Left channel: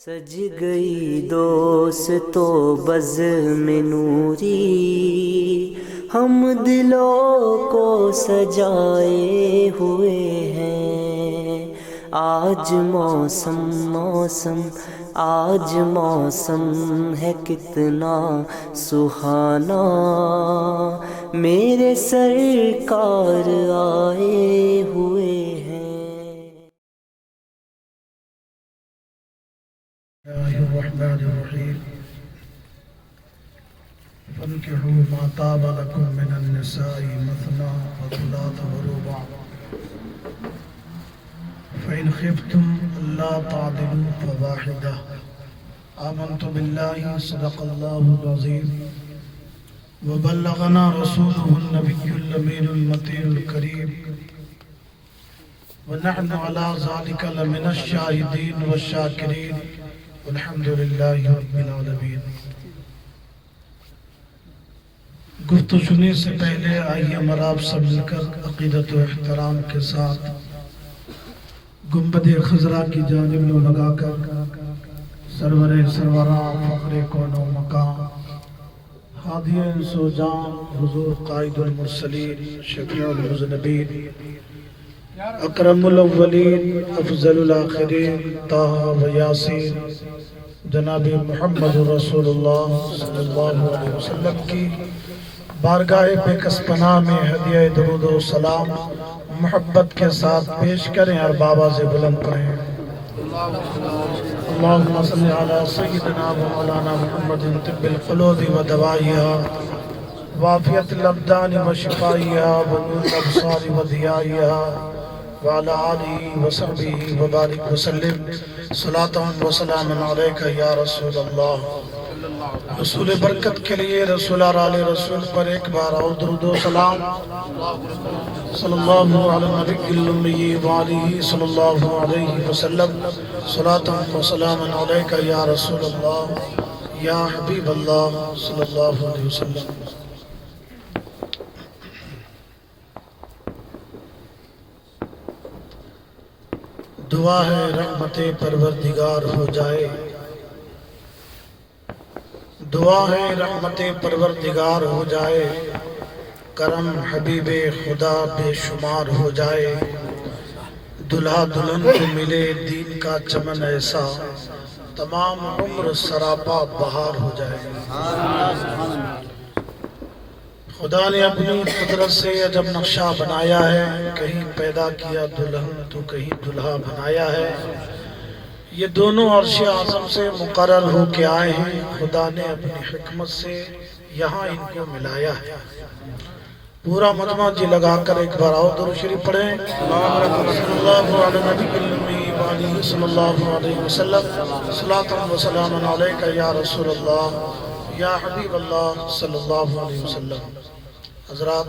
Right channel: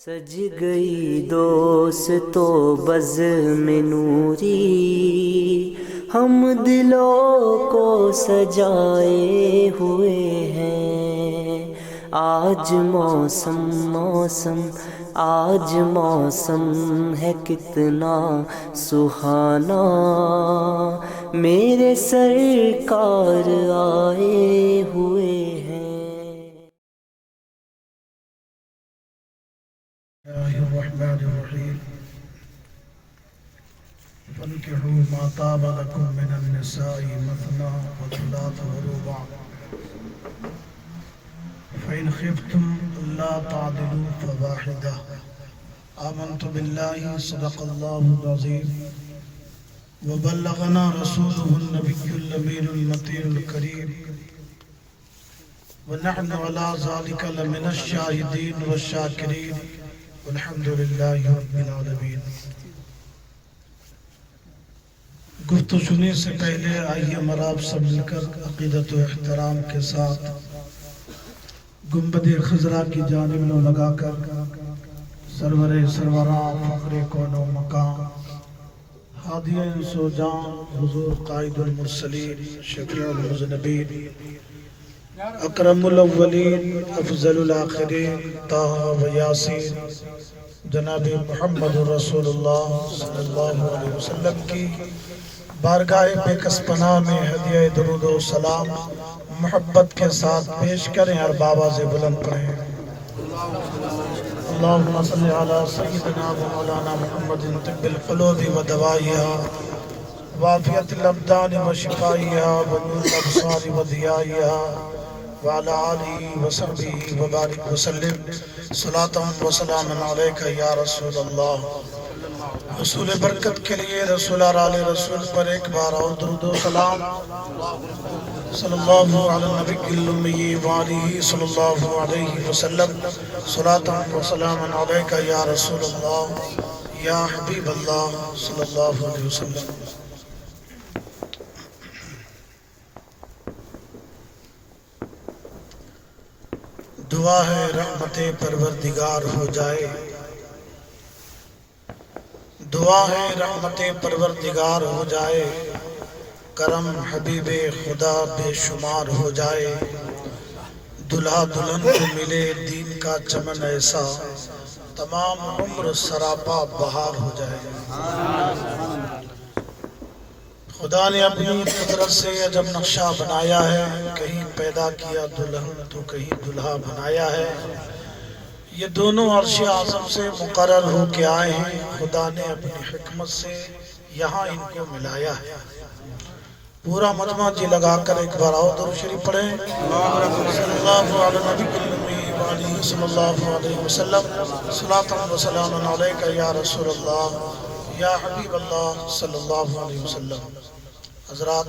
سج گئی دوستو بزم نوری، ہم دلوں کو سجائے ہوئے ہیں۔ آج موسم آج موسم ہے کتنا سہانا، میرے سرکار آئے ہوئے ہیں۔ اللہ الرحمن الرحیم فانکحوا ما طاب لکم من النساء مثنی وثلاث ورباع فإن خفتم ألا تعدلوا فواحدة۔ آمنت بالله صدق الله العظيم وبلغنا رسوله النبي الأمين المتين الكريم ونحن على ذلك لمن الشاهدين والشاكرين الحمد للہ رب العالمین۔ گفتگو سننے سے پہلے آئیے ہم آپ سب مل کر عقیدت و احترام کے ساتھ گنبد خضرا کی جانب لو لگا کر سرور سرورا فخر کون و مقام ہادی انس و جان حضور قائد المرسلین شفیع المذنبین اکرم الاولین افضل الاخرین طه و یاسین جناب محمد رسول اللہ صلی اللہ علیہ وسلم کی بارگاہ بے کس پناہ میں ہدیہ درود و سلام محبت کے ساتھ پیش کریں اور بابا سے بلند پڑھیں۔ اللہم صلی علی سیدنا و مولانا محمد طب القلوب و دوائیہا وعافیت الابدان و شفائیہا و نور الابصار و ضیائیہا وعلى آلہ وصحبہ وبارک وسلم صلاة و سلام علیکہ یا رسول اللہ۔ رسول برکت کے لیے رسول اور آل رسول پر ایک بار اور درود و سلام صلی اللہ علیہ نبی الامی وآلہ صلی اللہ علیہ وسلم صلاة و سلام علیکہ یا رسول اللہ یا حبیب اللہ صلی اللہ علیہ وسلم۔ دعا ہے رحمت پروردگار ہو جائے، دعا ہے رحمت پروردگار ہو جائے، کرم حبیب خدا بے شمار ہو جائے، دلہا دلہن کو ملے دین کا چمن ایسا، تمام عمر سراپا بہار ہو جائے۔ خدا نے اپنی قدرت سے عجب نقشہ بنایا ہے، کہیں پیدا کیا دلہن تو کہیں دلہا بنایا ہے۔ یہ دونوں عرش اعظم سے مقرر ہو کے آئے ہیں، خدا نے اپنی حکمت سے یہاں ان کو ملایا ہے۔ پورا مجمع جی لگا کر ایک بار اور درود شریف پڑھیں۔ صلی اللہ علیہ نبی الامی وآلہ صلی اللہ علیہ وسلم صلاۃ و سلام علیکہ یا رسول اللہ یا حبیب اللہ صلی اللہ علیہ وسلم۔ حضرات،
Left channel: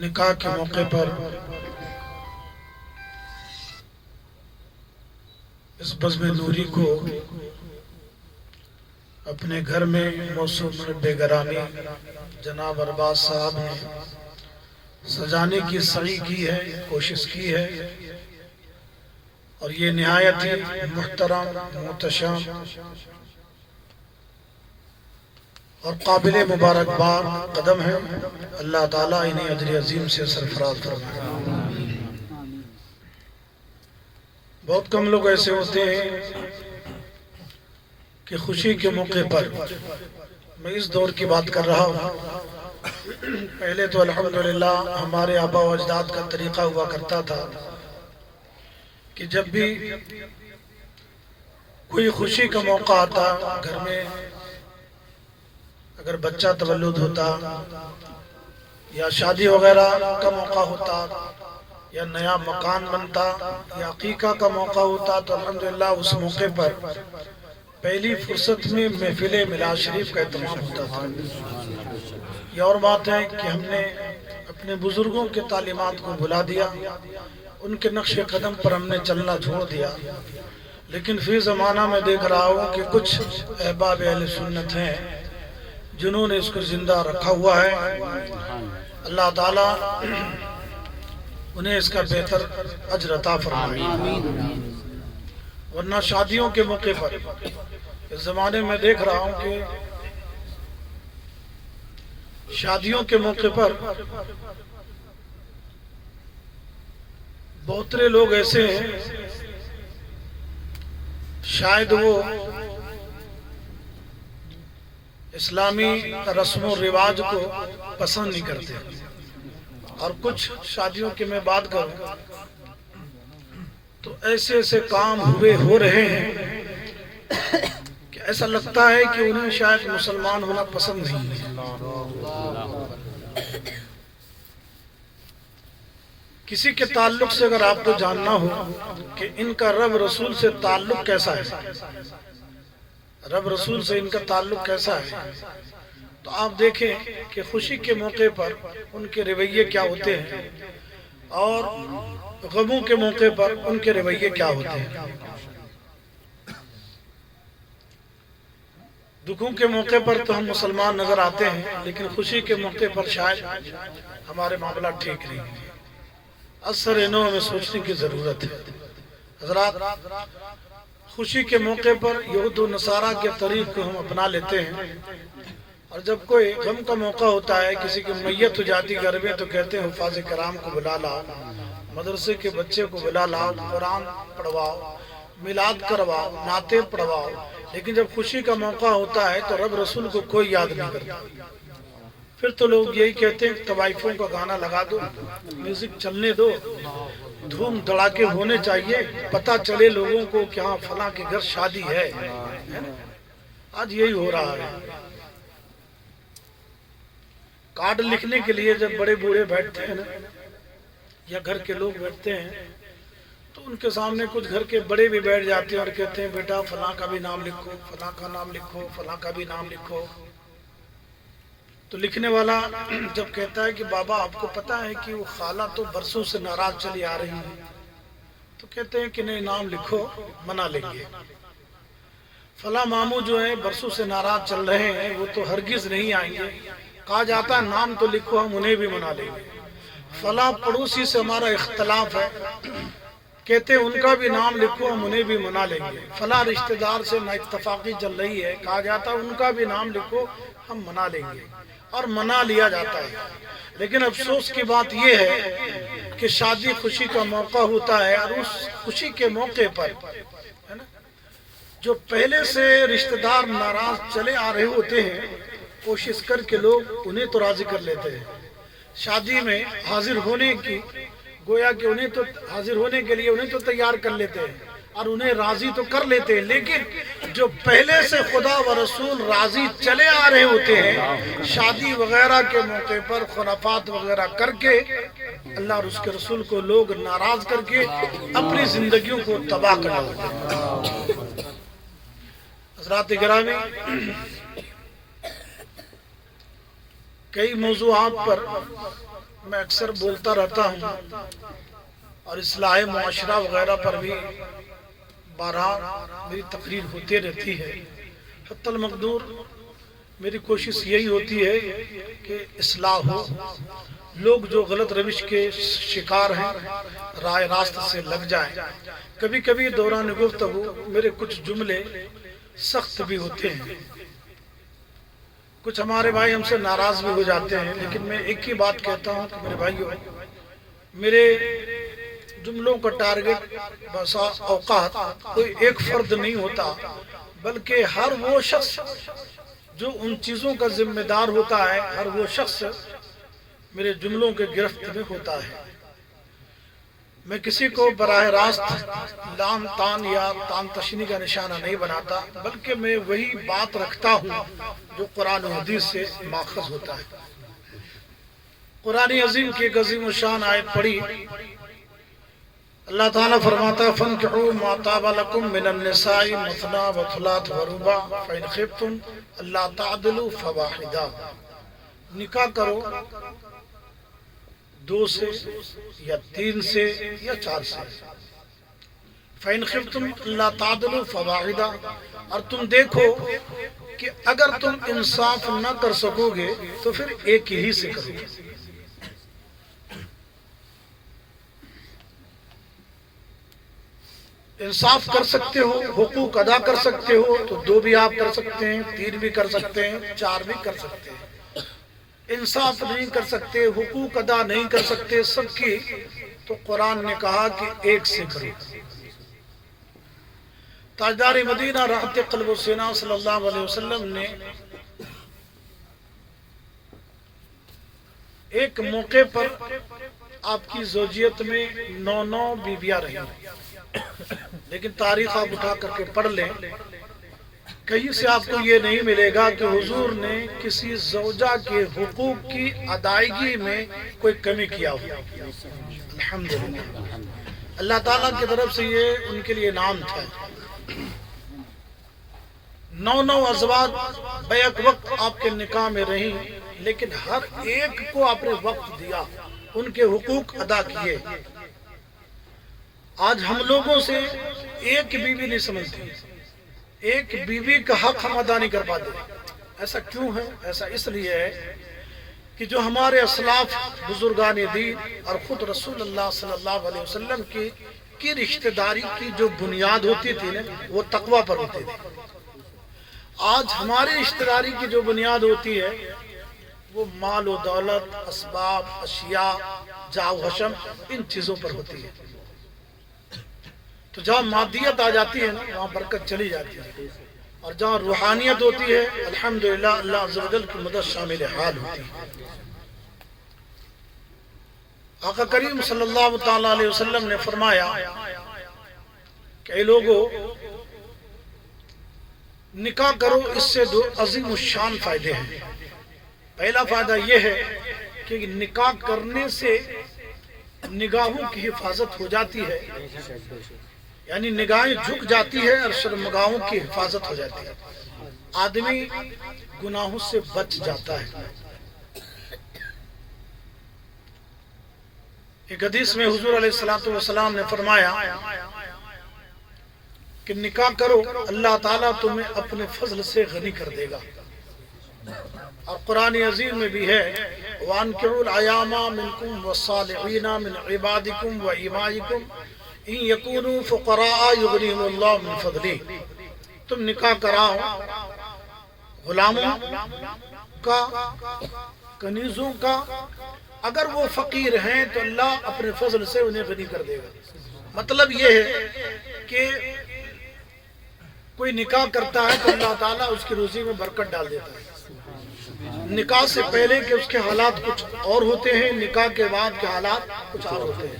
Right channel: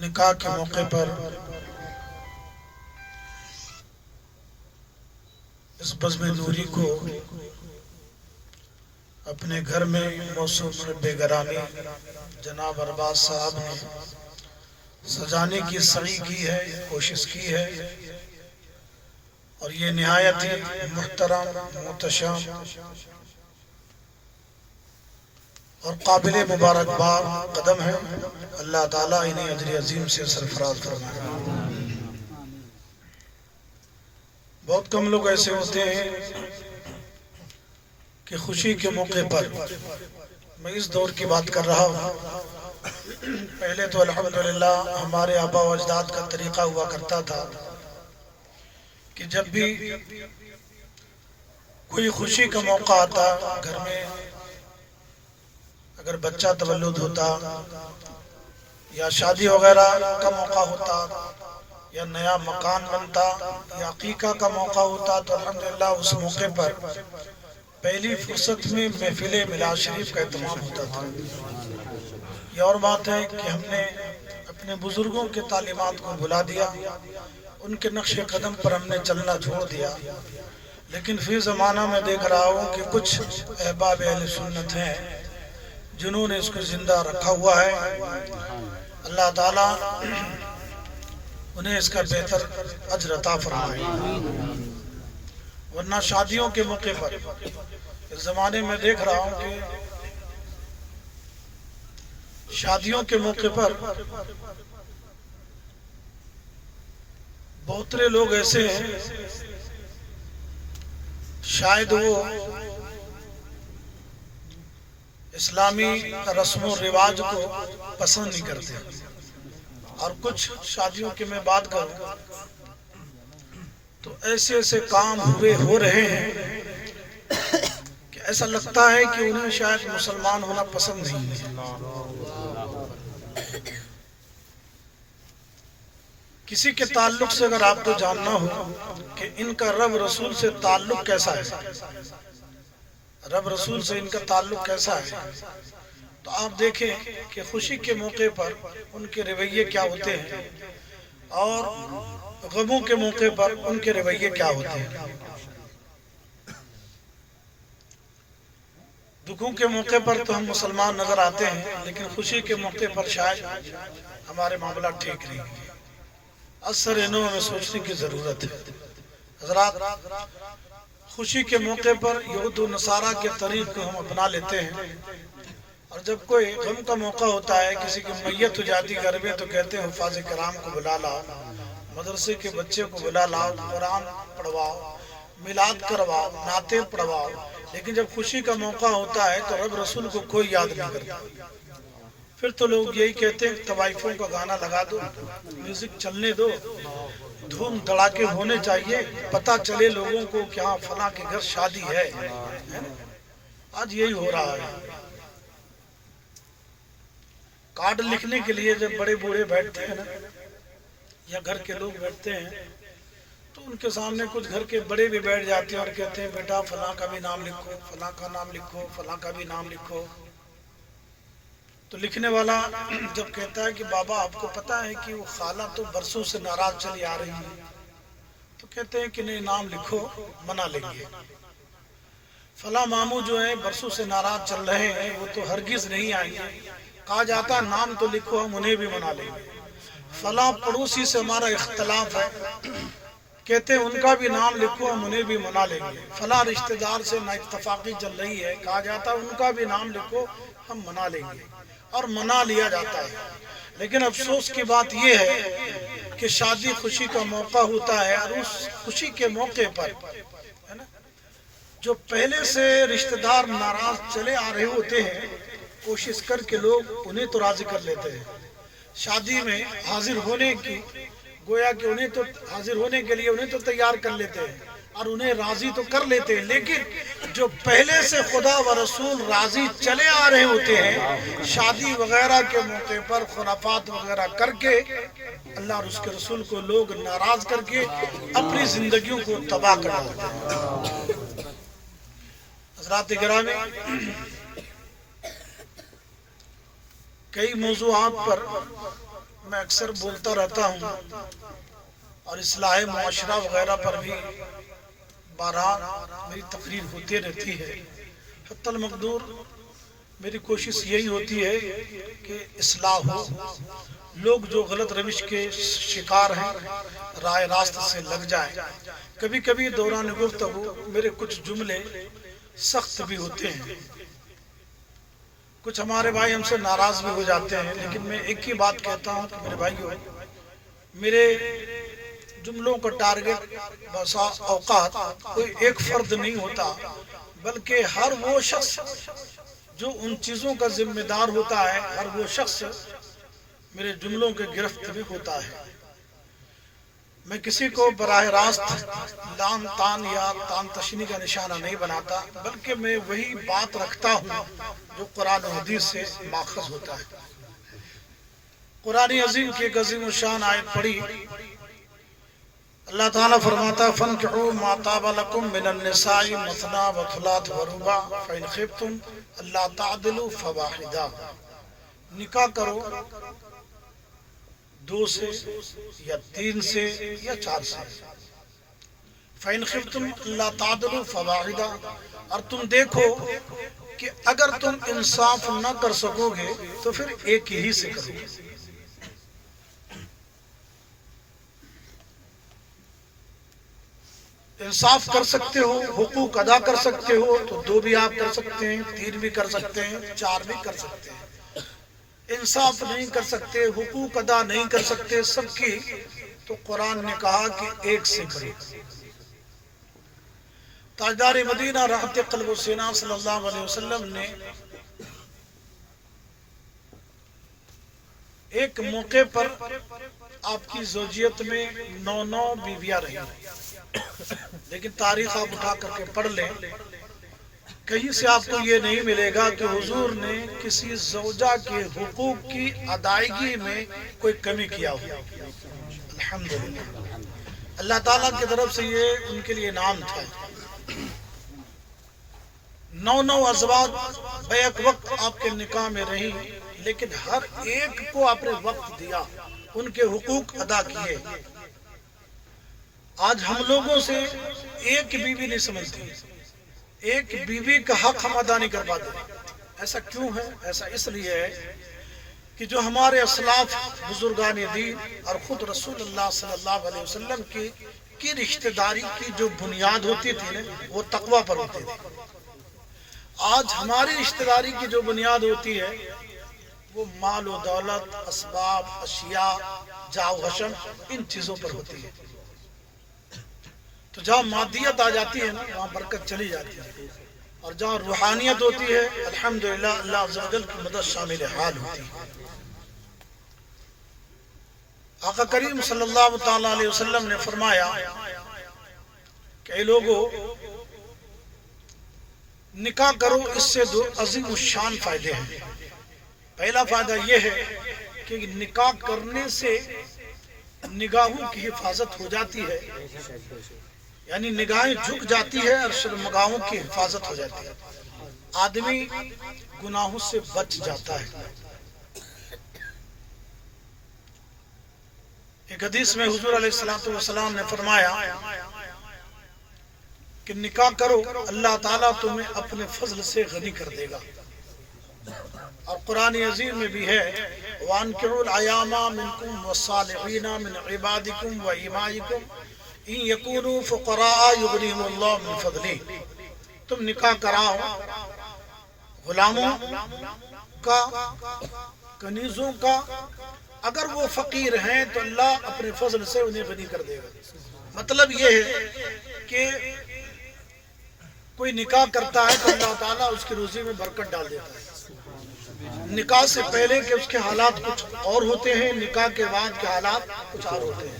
نکاح کے موقع پر اس بزم نوری کو اپنے گھر میں موسم بے گرامی جناب ارباز صاحب نے سجانے کی سعی کی ہے، کوشش کی ہے، اور یہ نہایت ہی محترم، محتشم اور قابل مبارکباد قدم ہے۔ اللہ تعالیٰ انہیں اجر عظیم سے سرفراز فرمائے۔ بہت کم لوگ ایسے ہوتے ہیں کہ خوشی کے موقع پر، میں اس دور کی بات کر رہا ہوں، پہلے تو الحمدللہ ہمارے آبا و اجداد کا طریقہ ہوا کرتا تھا کہ جب بھی کوئی خوشی کا موقع آتا، گھر میں اگر بچہ تولد ہوتا یا شادی وغیرہ کا موقع ہوتا یا نیا مکان بنتا یا عقیقہ کا موقع ہوتا، تو الحمدللہ اس موقع پر پہلی فرصت میں محفل میلاد شریف کا اہتمام ہوتا تھا۔ یہ اور بات ہے کہ ہم نے اپنے بزرگوں کے تعلیمات کو بھلا دیا، ان کے نقش قدم پر ہم نے چلنا چھوڑ دیا، لیکن فی زمانہ میں دیکھ رہا ہوں کہ کچھ احباب اہل سنت ہیں جنہوں نے اس کو زندہ رکھا ہوا ہے۔ اللہ تعالیٰ انہیں اس کا بہتر اجر عطا فرمائے۔ ورنہ شادیوں کے موقع پر اس زمانے میں دیکھ رہا ہوں کہ شادیوں کے موقع پر بہت سے لوگ ایسے ہیں شاید وہ اسلامی رسم و رواج کو پسند نہیں کرتے، اور کچھ شادیوں کی میں بات کروں تو ایسے ایسے کام ہو رہے ہیں کہ ایسا لگتا ہے کہ انہیں شاید مسلمان ہونا پسند نہیں ہے۔ کسی کے تعلق سے اگر آپ کو جاننا ہو کہ ان کا رب رسول سے تعلق کیسا ہے، رب رسول سے ان کا تعلق کیسا ہے، تو آپ دیکھیں کہ خوشی کے موقع پر ان کے رویے کیا ہوتے ہیں اور غموں کے موقع پر ان کے رویے کیا ہوتے ہیں۔ دکھوں کے موقع پر تو ہم مسلمان نظر آتے ہیں، لیکن خوشی کے موقع پر شاید ہمارے معاملات ٹھیک نہیں ہیں۔ اثر انہوں میں سوچنے کی ضرورت ہے۔ حضرات، خوشی کے موقع پر یہود و نصارہ کے طریق کو ہم اپنا لیتے ہیں، اور جب کوئی غم کا موقع ہوتا ہے، کسی کی میت ہو جاتی گھر میں، تو کہتے ہیں حفاظ کرام کو بلا لاؤ، مدرسے کے بچے کو بلا لاؤ، قرآن پڑھواؤ، میلاد کرواؤ، نعتیں پڑھواؤ۔ لیکن جب خوشی کا موقع ہوتا ہے تو رب رسول کو کوئی یاد نہیں کرتا۔ پھر تو لوگ یہی کہتے ہیں طوائفوں کا گانا لگا دو، میوزک چلنے دو، دھوم دھڑاکے ہونے چاہیے، پتہ چلے لوگوں کو کہ ہاں فلاں کے گھر شادی ہے۔ آج یہی ہو رہا ہے۔ کارڈ لکھنے کے لیے جب بڑے بوڑھے بیٹھتے ہیں نا، یا گھر کے لوگ بیٹھتے ہیں، تو ان کے سامنے کچھ گھر کے بڑے بھی بیٹھ جاتے ہیں اور کہتے ہیں بیٹا فلاں کا بھی نام لکھو، فلاں کا نام لکھو، فلاں کا بھی نام لکھو۔ تو لکھنے والا جب کہتا ہے کہ بابا آپ کو پتا ہے کہ وہ خالہ تو برسوں سے ناراض چلی آ رہی ہے، تو کہتے ہیں کہ نہیں، نام لکھو، منا لیں گے۔ فلاں ماموں جو ہیں برسوں سے ناراض چل رہے ہیں، وہ تو ہرگز نہیں آئیں گے۔ کہا جاتا ہے نام تو لکھو، ہم انہیں بھی منا لیں گے۔ فلاں پڑوسی سے ہمارا اختلاف ہے، کہتے ہیں ان کا بھی نام لکھو، ہم انہیں بھی منا لیں گے۔ فلاں رشتہ دار سے نا اتفاقی چل رہی ہے، کہا جاتا ہے ان کا بھی نام لکھو، ہم منا لیں گے، اور منا لیا جاتا ہے۔ لیکن افسوس کی بات یہ ہے کہ شادی خوشی کا موقع ہوتا ہے، اور اس خوشی کے موقع پر جو پہلے سے رشتہ دار ناراض چلے آ رہے ہوتے ہیں، کوشش کر کے لوگ انہیں تو راضی کر لیتے ہیں شادی میں حاضر ہونے کی، گویا کہ انہیں تو حاضر ہونے کے لیے انہیں تو تیار کر لیتے ہیں اور انہیں راضی تو کر لیتے ہیں، لیکن جو پہلے سے خدا و رسول راضی چلے آ رہے ہوتے ہیں، شادی وغیرہ کے موقع پر خرافات وغیرہ کر کے اللہ اور اس کے رسول کو لوگ ناراض کر کے اپنی زندگیوں کو تباہ کر ڈالتے ہیں۔ حضرات گرامی، کئی موضوعات پر میں اکثر بولتا رہتا ہوں، اور اصلاح معاشرہ وغیرہ پر بھی بارہا میری تقریر ہوتی رہتی ہے۔ حتی المقدور میری کوشش یہی ہوتی ہے کہ اصلاح ہو، لوگ جو غلط روش کے شکار ہیں راہ راست سے لگ جائیں۔ کبھی کبھی دوران گفتگو میرے کچھ جملے سخت بھی ہوتے ہیں، کچھ ہمارے بھائی ہم سے ناراض بھی ہو جاتے ہیں، لیکن میں ایک ہی بات کہتا ہوں کہ میرے بھائیوں، میرے جملوں کا ٹارگٹ بسا اوقات کوئی ایک فرد نہیں ہوتا، بلکہ ہر وہ شخص جو ان چیزوں کا ذمہ دار ہوتا ہے، ہر وہ شخص میرے جملوں کے گرفت میں ہوتا ہے۔ میں کسی کو براہ راست لان تان یا تان تشنی کا نشانہ نہیں بناتا، بلکہ میں وہی بات رکھتا ہوں جو قرآن و حدیث سے ماخذ ہوتا ہے۔ قرآن عظیم کی ایک عظیم الشان آیت پڑھی، اللہ تعالیٰ فرماتا ہے فَانْكِحُوا مَا طَابَ لَكُم مِّنَ النِّسَاءِ مَثْنَىٰ وَثُلَاثَ وَرُبَاعَ فَإِنْ خِفْتُمْ أَلَّا تَعْدِلُوا فَوَاحِدَةً، نکاح کرو 2 سے یا 3 سے یا 4 سے، فَإِنْ خِفْتُمْ أَلَّا تَعْدِلُوا فَوَاحِدَةً، اور تم دیکھو کہ اگر تم انصاف نہ کر سکو گے تو پھر ایک ہی سے کرو۔ انصاف کر سکتے ہو، حقوق ادا کر سکتے ہو تو 2 بھی آپ کر سکتے ہیں، 3 بھی کر سکتے ہیں، 4 بھی کر سکتے ہیں۔ انصاف نہیں کر سکتے، حقوق ادا نہیں کر سکتے سب کی، تو قرآن نے کہا کہ ایک سے کرو۔ تاجدار مدینہ راحت قلب و سینہ صلی اللہ علیہ وسلم نے ایک موقع پر آپ کی زوجیت میں 9 بیویاں رہی، لیکن تاریخ آپ اٹھا کر کے پڑھ لیں، کہیں سے آپ کو یہ نہیں ملے گا کہ حضور نے کسی زوجہ کے حقوق کی ادائیگی میں کوئی کمی کیا ہو۔ الحمدللہ، اللہ تعالیٰ کی طرف سے یہ ان کے لیے انعام تھا۔ 9 ازواج بیک وقت آپ کے نکاح میں رہی، لیکن ہر ایک کو آپ نے وقت دیا، ان کے حقوق ادا کیے۔ آج ہم لوگوں سے ایک بیوی نہیں سمجھتی، ایک بیوی کا حق ہم ادا نہیں کر پاتے۔ ایسا کیوں ہے؟ ایسا اس لیے ہے کہ جو ہمارے اسلاف بزرگان دین اور خود رسول اللہ صلی اللہ علیہ وسلم کی رشتہ داری کی جو بنیاد ہوتی تھی نا، وہ تقوی پر ہوتی تھی۔ آج ہماری رشتہ داری کی جو بنیاد ہوتی ہے وہ مال و دولت، اسباب، اشیاء، جاہ و حشم، ان چیزوں پر ہوتی ہے۔ تو جہاں مادیت آ جاتی ہے نا، وہاں برکت چلی جاتی ہے، اور جہاں روحانیت ہوتی ہے الحمدللہ اللہ عز و جل کی مدد شامل حال ہوتی ہے۔ آقا کریم صلی اللہ تعالی علیہ وسلم نے فرمایا کہ اے لوگو، نکاح کرو، اس سے 2 عظیم الشان فائدے ہیں۔ پہلا فائدہ یہ ہے کہ نکاح کرنے سے نگاہوں کی حفاظت ہو جاتی ہے، یعنی نگاہیں جھک جاتی ہے اور شرمگاہوں کی حفاظت ہو جاتی ہے، آدمی گناہوں سے بچ جاتا ہے۔ ایک حدیث میں حضور علیہ السلام نے فرمایا کہ نکاح کرو، اللہ تعالیٰ تمہیں اپنے فضل سے غنی کر دے گا۔ اور قرآن عظیم میں بھی ہے وَأَنكِحُوا الْأَيَامَ مِنكُمْ وَالصَّالِحِينَ مِنْ عِبَادِكُمْ وَإِمَائِكُمْ إِن يَكُونُوا فُقَرَاءَ يُغْنِهِمُ اللَّهُ مِنْ فَضْلِهِ۔ تم نکاح کراؤ غلاموں کا، کنیزوں کا، اگر وہ فقیر ہیں تو اللہ اپنے فضل سے انہیں غنی کر دے گا۔ مطلب یہ ہے کہ کوئی نکاح کرتا ہے تو اللہ تعالیٰ اس کی روزی میں برکت ڈال دیتا ہے۔ نکاح سے پہلے کہ اس کے حالات کچھ اور ہوتے ہیں، نکاح کے بعد کے حالات کچھ اور ہوتے ہیں۔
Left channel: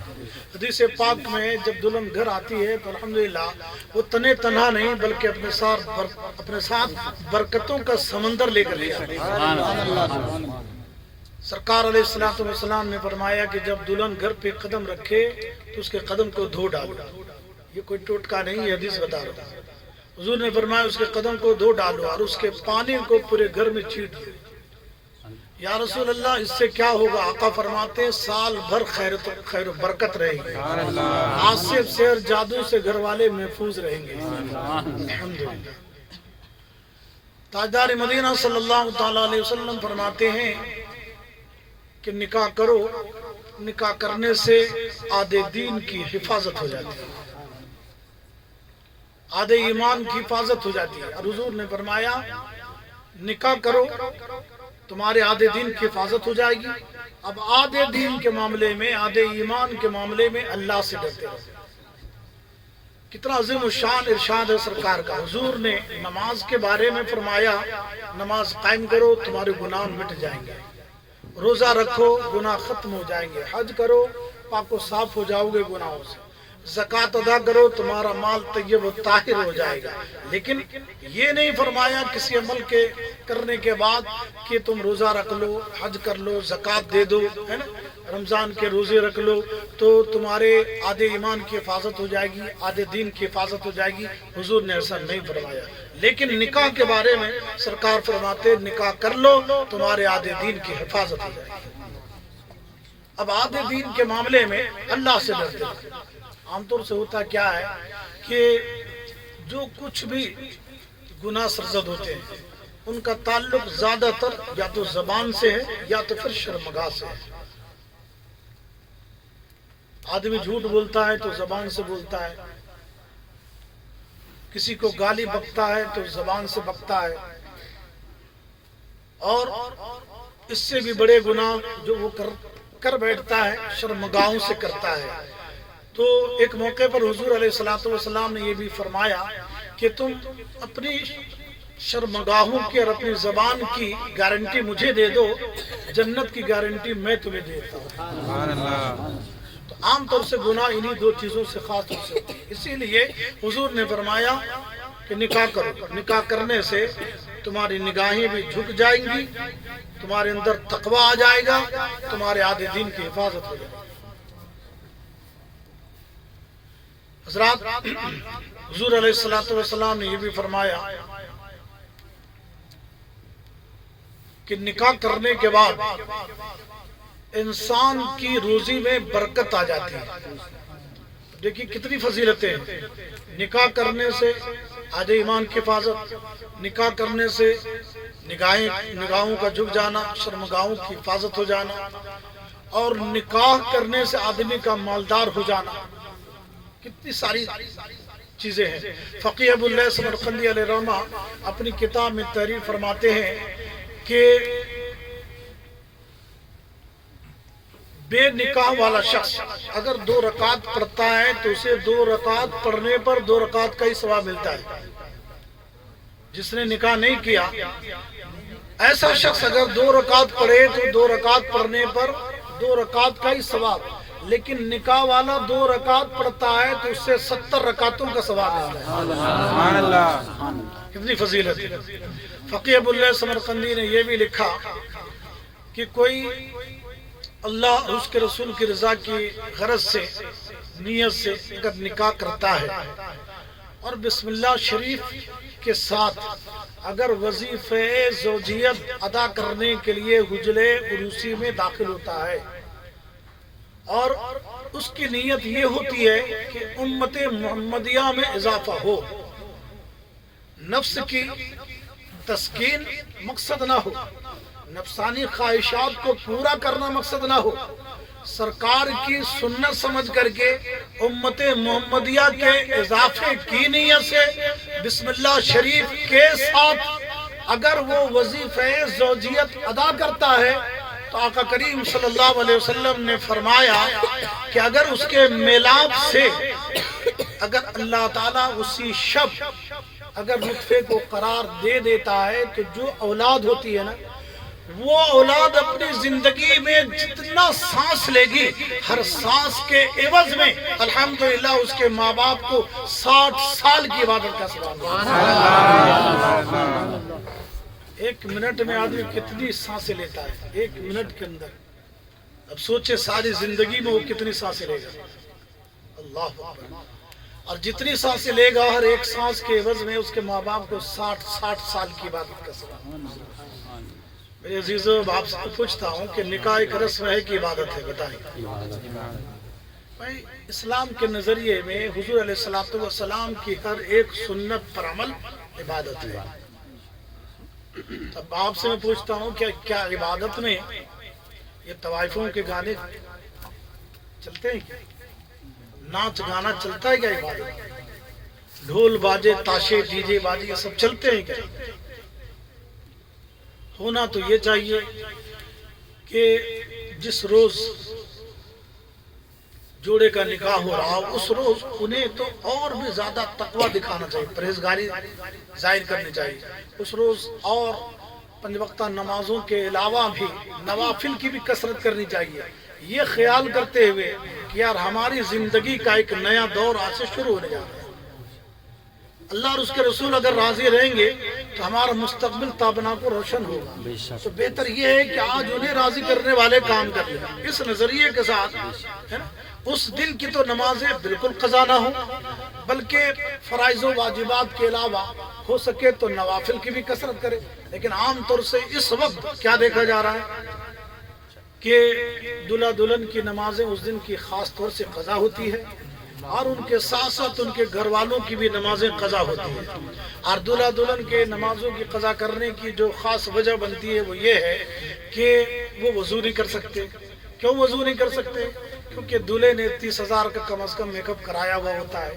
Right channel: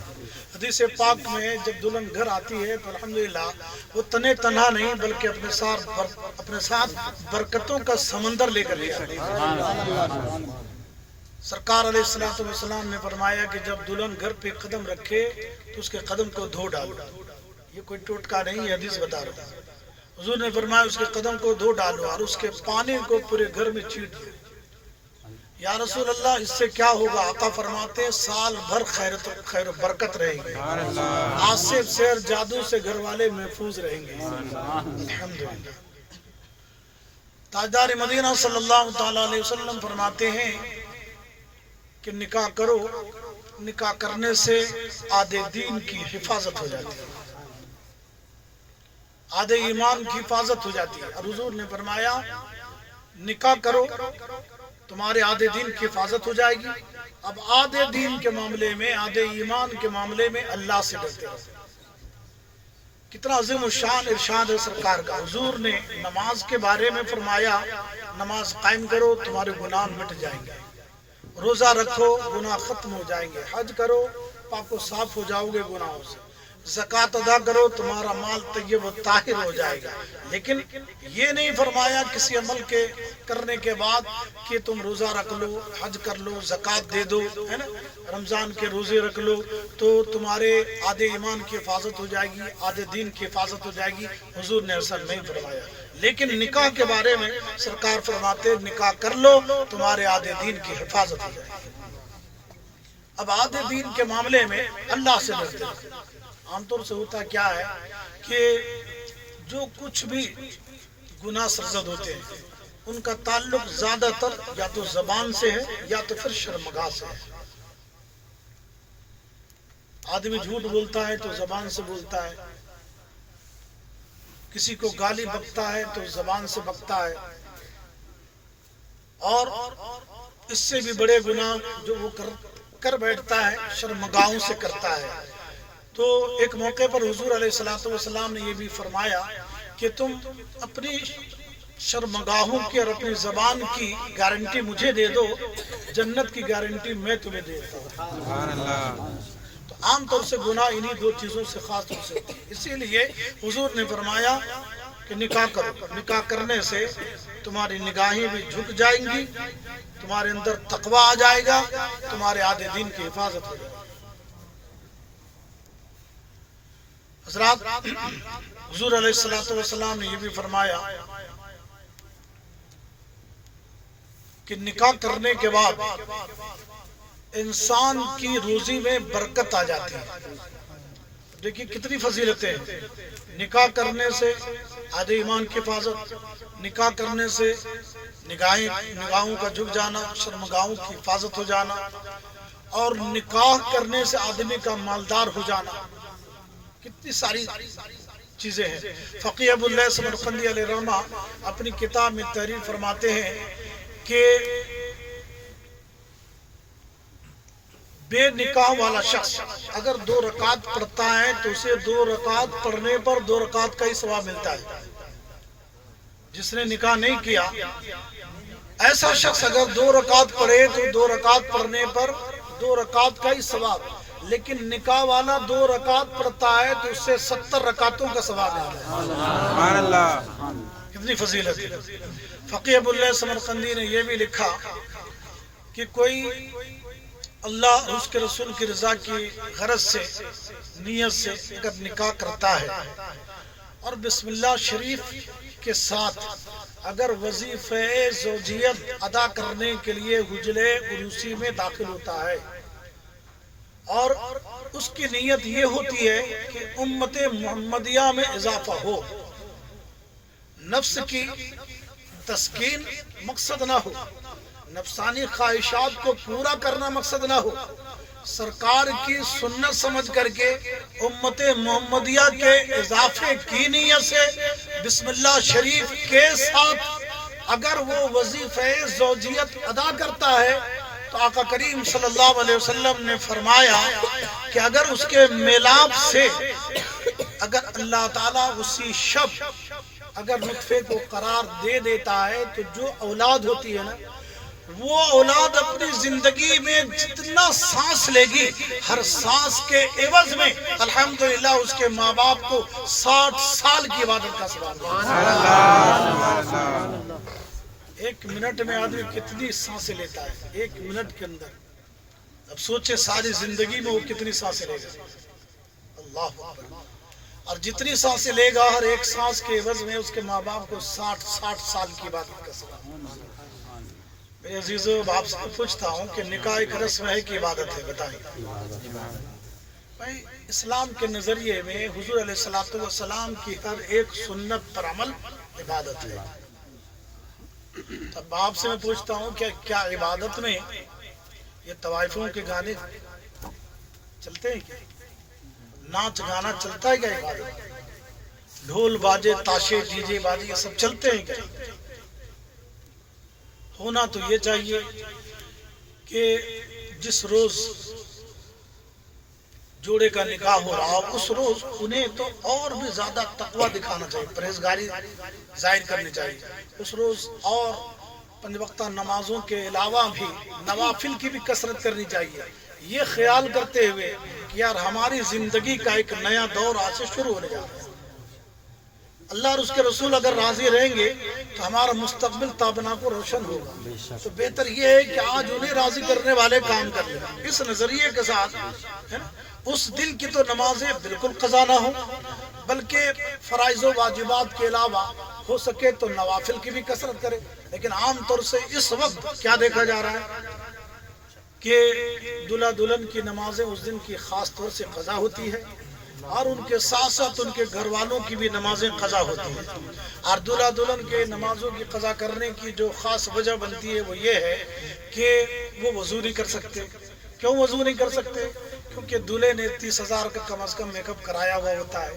حدیث پاک میں جب دلہن گھر آتی ہے تو الحمدللہ وہ تنہا نہیں بلکہ اپنے ساتھ برکتوں کا سمندر لے کر آتی ہے۔ سرکار علیہ السلام نے فرمایا کہ جب دلہن گھر پہ قدم رکھے تو اس کے قدم کو دھو ڈالو۔ یہ کوئی ٹوٹکا نہیں، حدیث بتا رہا ہے۔ حضور نے فرمایا اس کے قدم کو دھو ڈالو اور اس کے پانی کو پورے گھر میں چھینٹ دو۔ یا رسول اللہ اس سے کیا ہوگا؟ آقا فرماتے ہیں سال بھر خیر و برکت رہے گی، عاصف سحر جادو سے گھر والے محفوظ رہیں گے۔ الحمدللہ۔ تاجدار مدینہ صلی اللہ تعالی علیہ وسلم فرماتے ہیں کہ نکاح کرو، نکاح کرنے سے آدھے دین کی حفاظت ہو جاتی ہے، آدھے ایمان کی حفاظت ہو جاتی ہے۔ اور حضور نے فرمایا نکاح کرو تمہارے آدھے دین کی حفاظت ہو جائے گی۔ اب آدھے دین کے معاملے میں، آدھے ایمان کے معاملے میں اللہ سے ڈرتے رہو۔ کتنا عظیم الشان ارشاد ہے سرکار کا۔ حضور نے نماز کے بارے میں فرمایا نماز قائم کرو تمہارے گناہ مٹ جائیں گے، روزہ رکھو گناہ ختم ہو جائیں گے، حج کرو پاک و صاف ہو جاؤ گے گناہوں سے، زکوٰۃ ادا کرو تمہارا مال طیب و طاہر ہو جائے گا۔ لیکن یہ نہیں فرمایا کسی عمل کے کرنے کے بعد کہ تم روزہ رکھ لو، حج کر لو، زکوٰۃ دے دو، ہے نا، رمضان کے روزے رکھ لو تو تمہارے آدھے ایمان کی حفاظت ہو جائے گی، آدھے دین کی حفاظت ہو جائے گی۔ حضور نے ایسا نہیں فرمایا۔ لیکن نکاح کے بارے میں سرکار فرماتے نکاح کر لو تمہارے آدھے دین کی حفاظت ہو جائے گی۔ اب آدھے دین کے معاملے میں اللہ سے ڈرتے ہیں۔ عام طور سے ہوتا کیا ہے کہ جو کچھ بھی گناہ سرزد ہوتے ہیں ان کا تعلق زیادہ تر یا تو زبان سے ہے یا تو پھر شرمگاہ سے ہے۔ آدمی جھوٹ بولتا ہے تو زبان سے بولتا ہے، کسی کو گالی بکتا ہے تو زبان سے بکتا ہے، اور اس سے بھی بڑے گناہ جو وہ کر بیٹھتا ہے شرمگاہوں سے کرتا ہے۔ تو ایک موقع پر حضور علیہ الصلوۃ والسلام نے یہ بھی فرمایا کہ تم اپنی شرمگاہوں کی اور اپنی زبان کی گارنٹی مجھے دے دو، جنت کی گارنٹی میں تمہیں دیتا ہوں۔ سبحان اللہ۔ تو عام طور سے گناہ انہی دو چیزوں سے خاص طور سے ہوتی ہے، اسی لیے حضور نے فرمایا کہ نکاح کرو، نکاح کرنے سے تمہاری نگاہیں بھی جھک جائیں گی، تمہارے اندر تقوی آ جائے گا، تمہارے آدھے دین کی حفاظت ہو جائے گی۔ حضرات، حضور علیہ الصلوۃ والسلام نے یہ بھی فرمایا کہ نکاح کرنے کے بعد انسان کی روزی میں برکت آ جاتی ہے۔ دیکھیے کتنی فضیلتیں ہیں، نکاح کرنے سے آدھے ایمان کی حفاظت، نکاح کرنے سے نگاہوں کا جھک جانا، شرمگاہوں کی حفاظت ہو جانا، اور نکاح کرنے سے آدمی کا مالدار ہو جانا، کتنی ساری چیزیں ہیں۔ فقیہ ابو اللہ سمرقندی علیہ رحمہ اپنی کتاب میں تحریر فرماتے ہیں کہ بے نکاح والا شخص اگر 2 رکعت پڑھتا ہے تو اسے 2 رکعت پڑھنے پر 2 رکعت کا ہی ثواب ملتا ہے۔ جس نے نکاح نہیں کیا، ایسا شخص اگر 2 رکعت پڑھے تو 2 رکعت پڑھنے پر 2 رکعت کا ہی ثواب، لیکن نکاح والا 2 رکعت پڑھتا ہے تو اس سے 70 رکعتوں کا ثواب ملتا ہے۔ سبحان اللہ۔ کتنی فضیلت ہے۔ فقیہ ابو اللہ سمرقندی نے یہ بھی لکھا کہ کوئی اللہ اور اس کے رسول کی رضا کی غرض سے، نیت سے اگر نکاح کرتا ہے اور بسم اللہ شریف کے ساتھ اگر وظیفہ زوجیت ادا کرنے کے لیے حجرے عروسی میں داخل ہوتا ہے، اور اس کی نیت یہ ہوتی ہے کہ امت محمدیہ میں اضافہ ہو، نفس کی تسکین مقصد نہ ہو، نفسانی خواہشات کو پورا کرنا مقصد نہ ہو، سرکار کی سنت سمجھ کر کے امت محمدیہ کے اضافے کی نیت سے بسم اللہ شریف کے ساتھ اگر وہ وظیفہ زوجیت ادا کرتا ہے تو آقا کریم صلی اللہ علیہ وسلم نے فرمایا کہ اگر اس کے میلاب سے اگر اللہ تعالیٰ اسی شب اگر نطفے کو قرار دے دیتا ہے تو جو اولاد ہوتی ہے نا، وہ اولاد اپنی زندگی میں جتنا سانس لے گی، ہر سانس کے عوض میں الحمدللہ اس کے ماں باپ کو 60 سال کی عبادت کا ثواب ہے۔ 1 منٹ میں آدمی کتنی سانسیں لیتا ہے، 1 منٹ کے اندر، اب سوچے ساری زندگی میں وہ کتنی سانسیں لے گا۔ اللہ اکبر۔ اور جتنی سانسیں لے گا ہر ایک سانس کے عوض میں اس کے ماں باپ کو 60 سال کی عبادت کا ثواب۔ میرے عزیزو، آپ سے پوچھتا ہوں کہ نکاح ایک رسم ہے کہ عبادت ہے؟ بتائیں بھائی۔ اسلام کے نظریے میں حضور علیہ الصلوۃ والسلام کی ہر ایک سنت پر عمل عبادت ہے۔ تب آپ سے میں پوچھتا ہوں کہ کیا عبادت میں یہ طوائفوں کے گانے چلتے ہیں؟ کیا ناچ گانا چلتا ہے؟ کیا عبادت ڈھول باجے تاشے ڈی جے باجے یہ سب چلتے ہیں؟ کیا ہونا تو یہ چاہیے کہ جس روز جوڑے کا نکاح ہو رہا ہو اس روز انہیں تو اور بھی زیادہ تقوی دکھانا چاہیے، پرہیزگاری ظاہر کرنی چاہیے۔ اس روز اور 5 وقتہ نمازوں کے علاوہ بھی نوافل کی بھی کثرت کرنی چاہیے، یہ خیال کرتے ہوئے کہ یار ہماری زندگی کا ایک نیا دور آج سے شروع ہونے جا رہا ہے۔ اللہ اور اس کے رسول اگر راضی رہیں گے تو ہمارا مستقبل تابناک و روشن ہوگا۔ تو بہتر یہ ہے کہ آج انہیں راضی کرنے والے کام کر لیں۔ اس نظریے کے ساتھ ہے نا، اس دن کی تو نمازیں بالکل قضا نہ ہوں، بلکہ فرائض و واجبات کے علاوہ ہو سکے تو نوافل کی بھی کثرت کرے۔ لیکن عام طور سے اس وقت کیا دیکھا جا رہا ہے کہ دلہا دلہن کی نمازیں اس دن کی خاص طور سے قضا ہوتی ہے، اور ان کے ساتھ ساتھ ان کے گھر والوں کی بھی نمازیں قضا ہوتی ہیں۔ اور دلہا دلہن کے نمازوں کی قضا کرنے کی جو خاص وجہ بنتی ہے وہ یہ ہے کہ وہ وضو نہیں کر سکتے۔ کیوں وضو نہیں کر سکتے؟ کیونکہ دلہے نے 30,000 کا کم از کم میک اپ کرایا ہوا ہوتا ہے،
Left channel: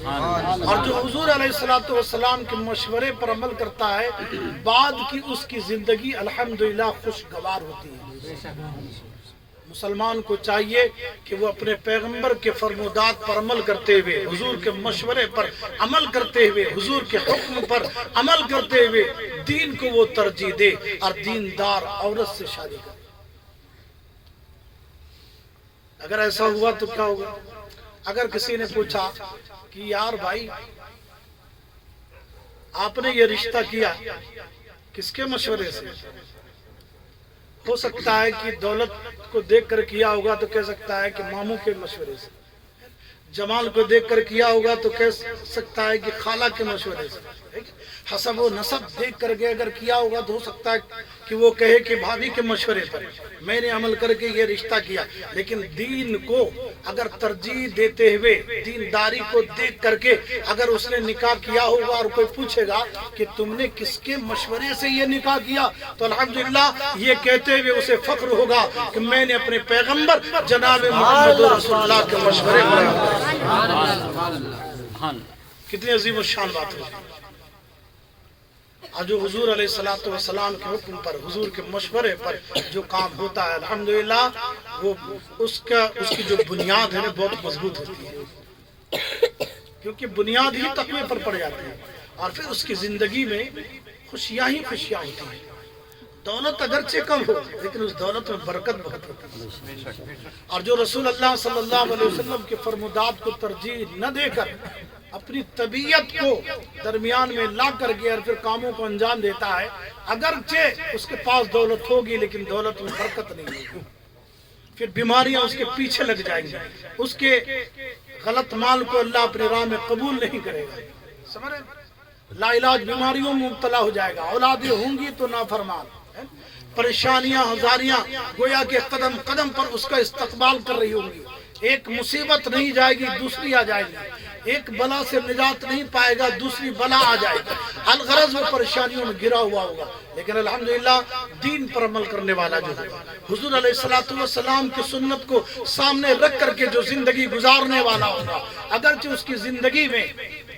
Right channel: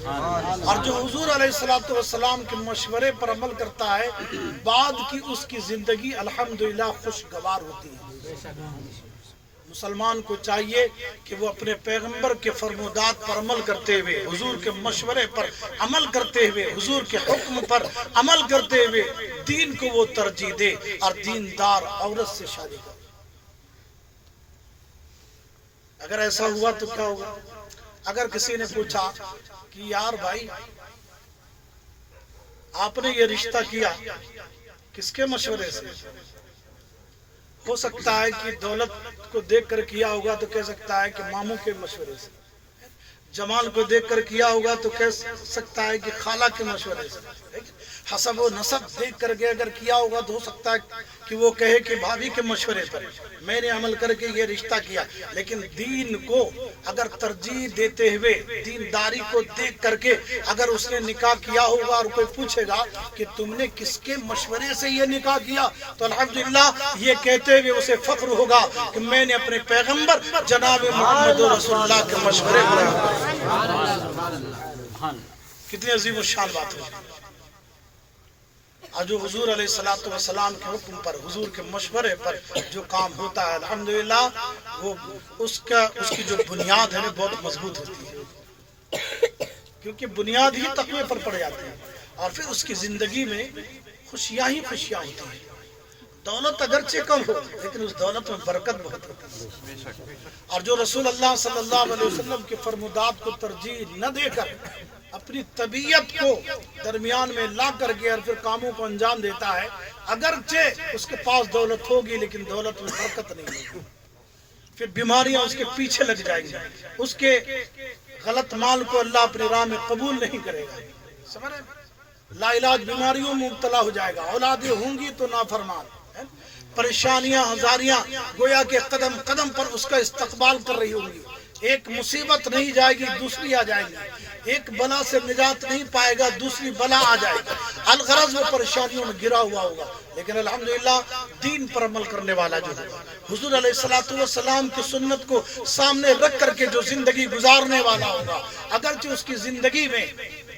اور جو حضور علیہ الصلوۃ والسلام کے مشورے پر عمل کرتا ہے بعد کی اس کی زندگی الحمدللہ خوشگوار ہوتی ہے۔ مسلمان کو چاہیے کہ وہ اپنے پیغمبر کے فرمودات پر عمل کرتے ہوئے، حضور کے مشورے پر عمل کرتے ہوئے، حضور کے حکم پر عمل کرتے ہوئے دین کو وہ ترجیح دے اور دیندار عورت سے شادی کرے۔ اگر ایسا ہوا تو کیا ہوگا؟ اگر کسی نے پوچھا کہ یار بھائی آپ نے یہ رشتہ کیا کس کے مشورے سے؟ ہو سکتا ہے کہ دولت کو دیکھ کر کیا ہوگا تو کہہ سکتا ہے کہ ماموں کے مشورے سے، جمال کو دیکھ کر کیا ہوگا تو کہہ سکتا ہے کہ خالہ کے مشورے سے، حسب و نسب دیکھ کر کے اگر کیا ہوگا تو ہو سکتا ہے کہ وہ کہے کہ بھابھی کے مشورے پر میں نے عمل کر کے یہ رشتہ کیا۔ لیکن دین کو اگر ترجیح دیتے ہوئے، دینداری کو دیکھ کر کے اگر اس نے نکاح کیا ہوگا اور کوئی پوچھے گا کہ تم نے کس کے مشورے سے یہ نکاح کیا، تو الحمدللہ یہ کہتے ہوئے اسے فخر ہوگا کہ میں نے اپنے پیغمبر جناب محمد رسول اللہ کے مشورے پر۔ کتنی عظیم الشان بات ہے۔ اور جو حضور علیہ الصلوۃ والسلام کے حکم پر، حضور کے مشورے پر جو کام ہوتا ہے الحمدللہ وہ اس کی جو بنیاد ہے بہت مضبوط ہوتی ہے، کیونکہ بنیاد ہی تقوی پر پڑ جاتی ہے اور پھر اس کی زندگی میں خوشیاں ہی خوشیاں ہوتی ہیں۔ دولت اگرچہ کم ہو لیکن اس دولت میں برکت بہت ہوتی ہے۔ اور جو رسول اللہ صلی اللہ علیہ وسلم کے فرمودات کو ترجیح نہ دے کر اپنی طبیعت کو درمیان میں لا کر کے اور پھر کاموں کو انجام دیتا ہے، اگرچہ اس کے پاس دولت ہوگی لیکن دولت میں برکت نہیں ہوگی، پھر بیماریاں اس کے پیچھے لگ جائیں گی، اس کے غلط مال کو اللہ اپنی راہ میں قبول نہیں کرے گا، سمجھ رہے؟ لا علاج بیماریوں میں مبتلا ہو جائے گا، اولادیں ہوں گی تو نافرمان، پریشانیاں ہزاریاں گویا کہ قدم قدم پر اس کا استقبال کر رہی ہوں گی، ایک مصیبت نہیں جائے گی دوسری آ جائے گی، ایک بلا سے نجات نہیں پائے گا دوسری بلا آ جائے گی، الغرض وہ پریشانیوں میں گرا ہوا ہوگا، لیکن الحمدللہ دین پر عمل کرنے والا جو ہوگا، حضور علیہ الصلوۃ والسلام کی سنت کو سامنے رکھ کر کے جو زندگی گزارنے والا ہوگا، اگرچہ اس کی زندگی میں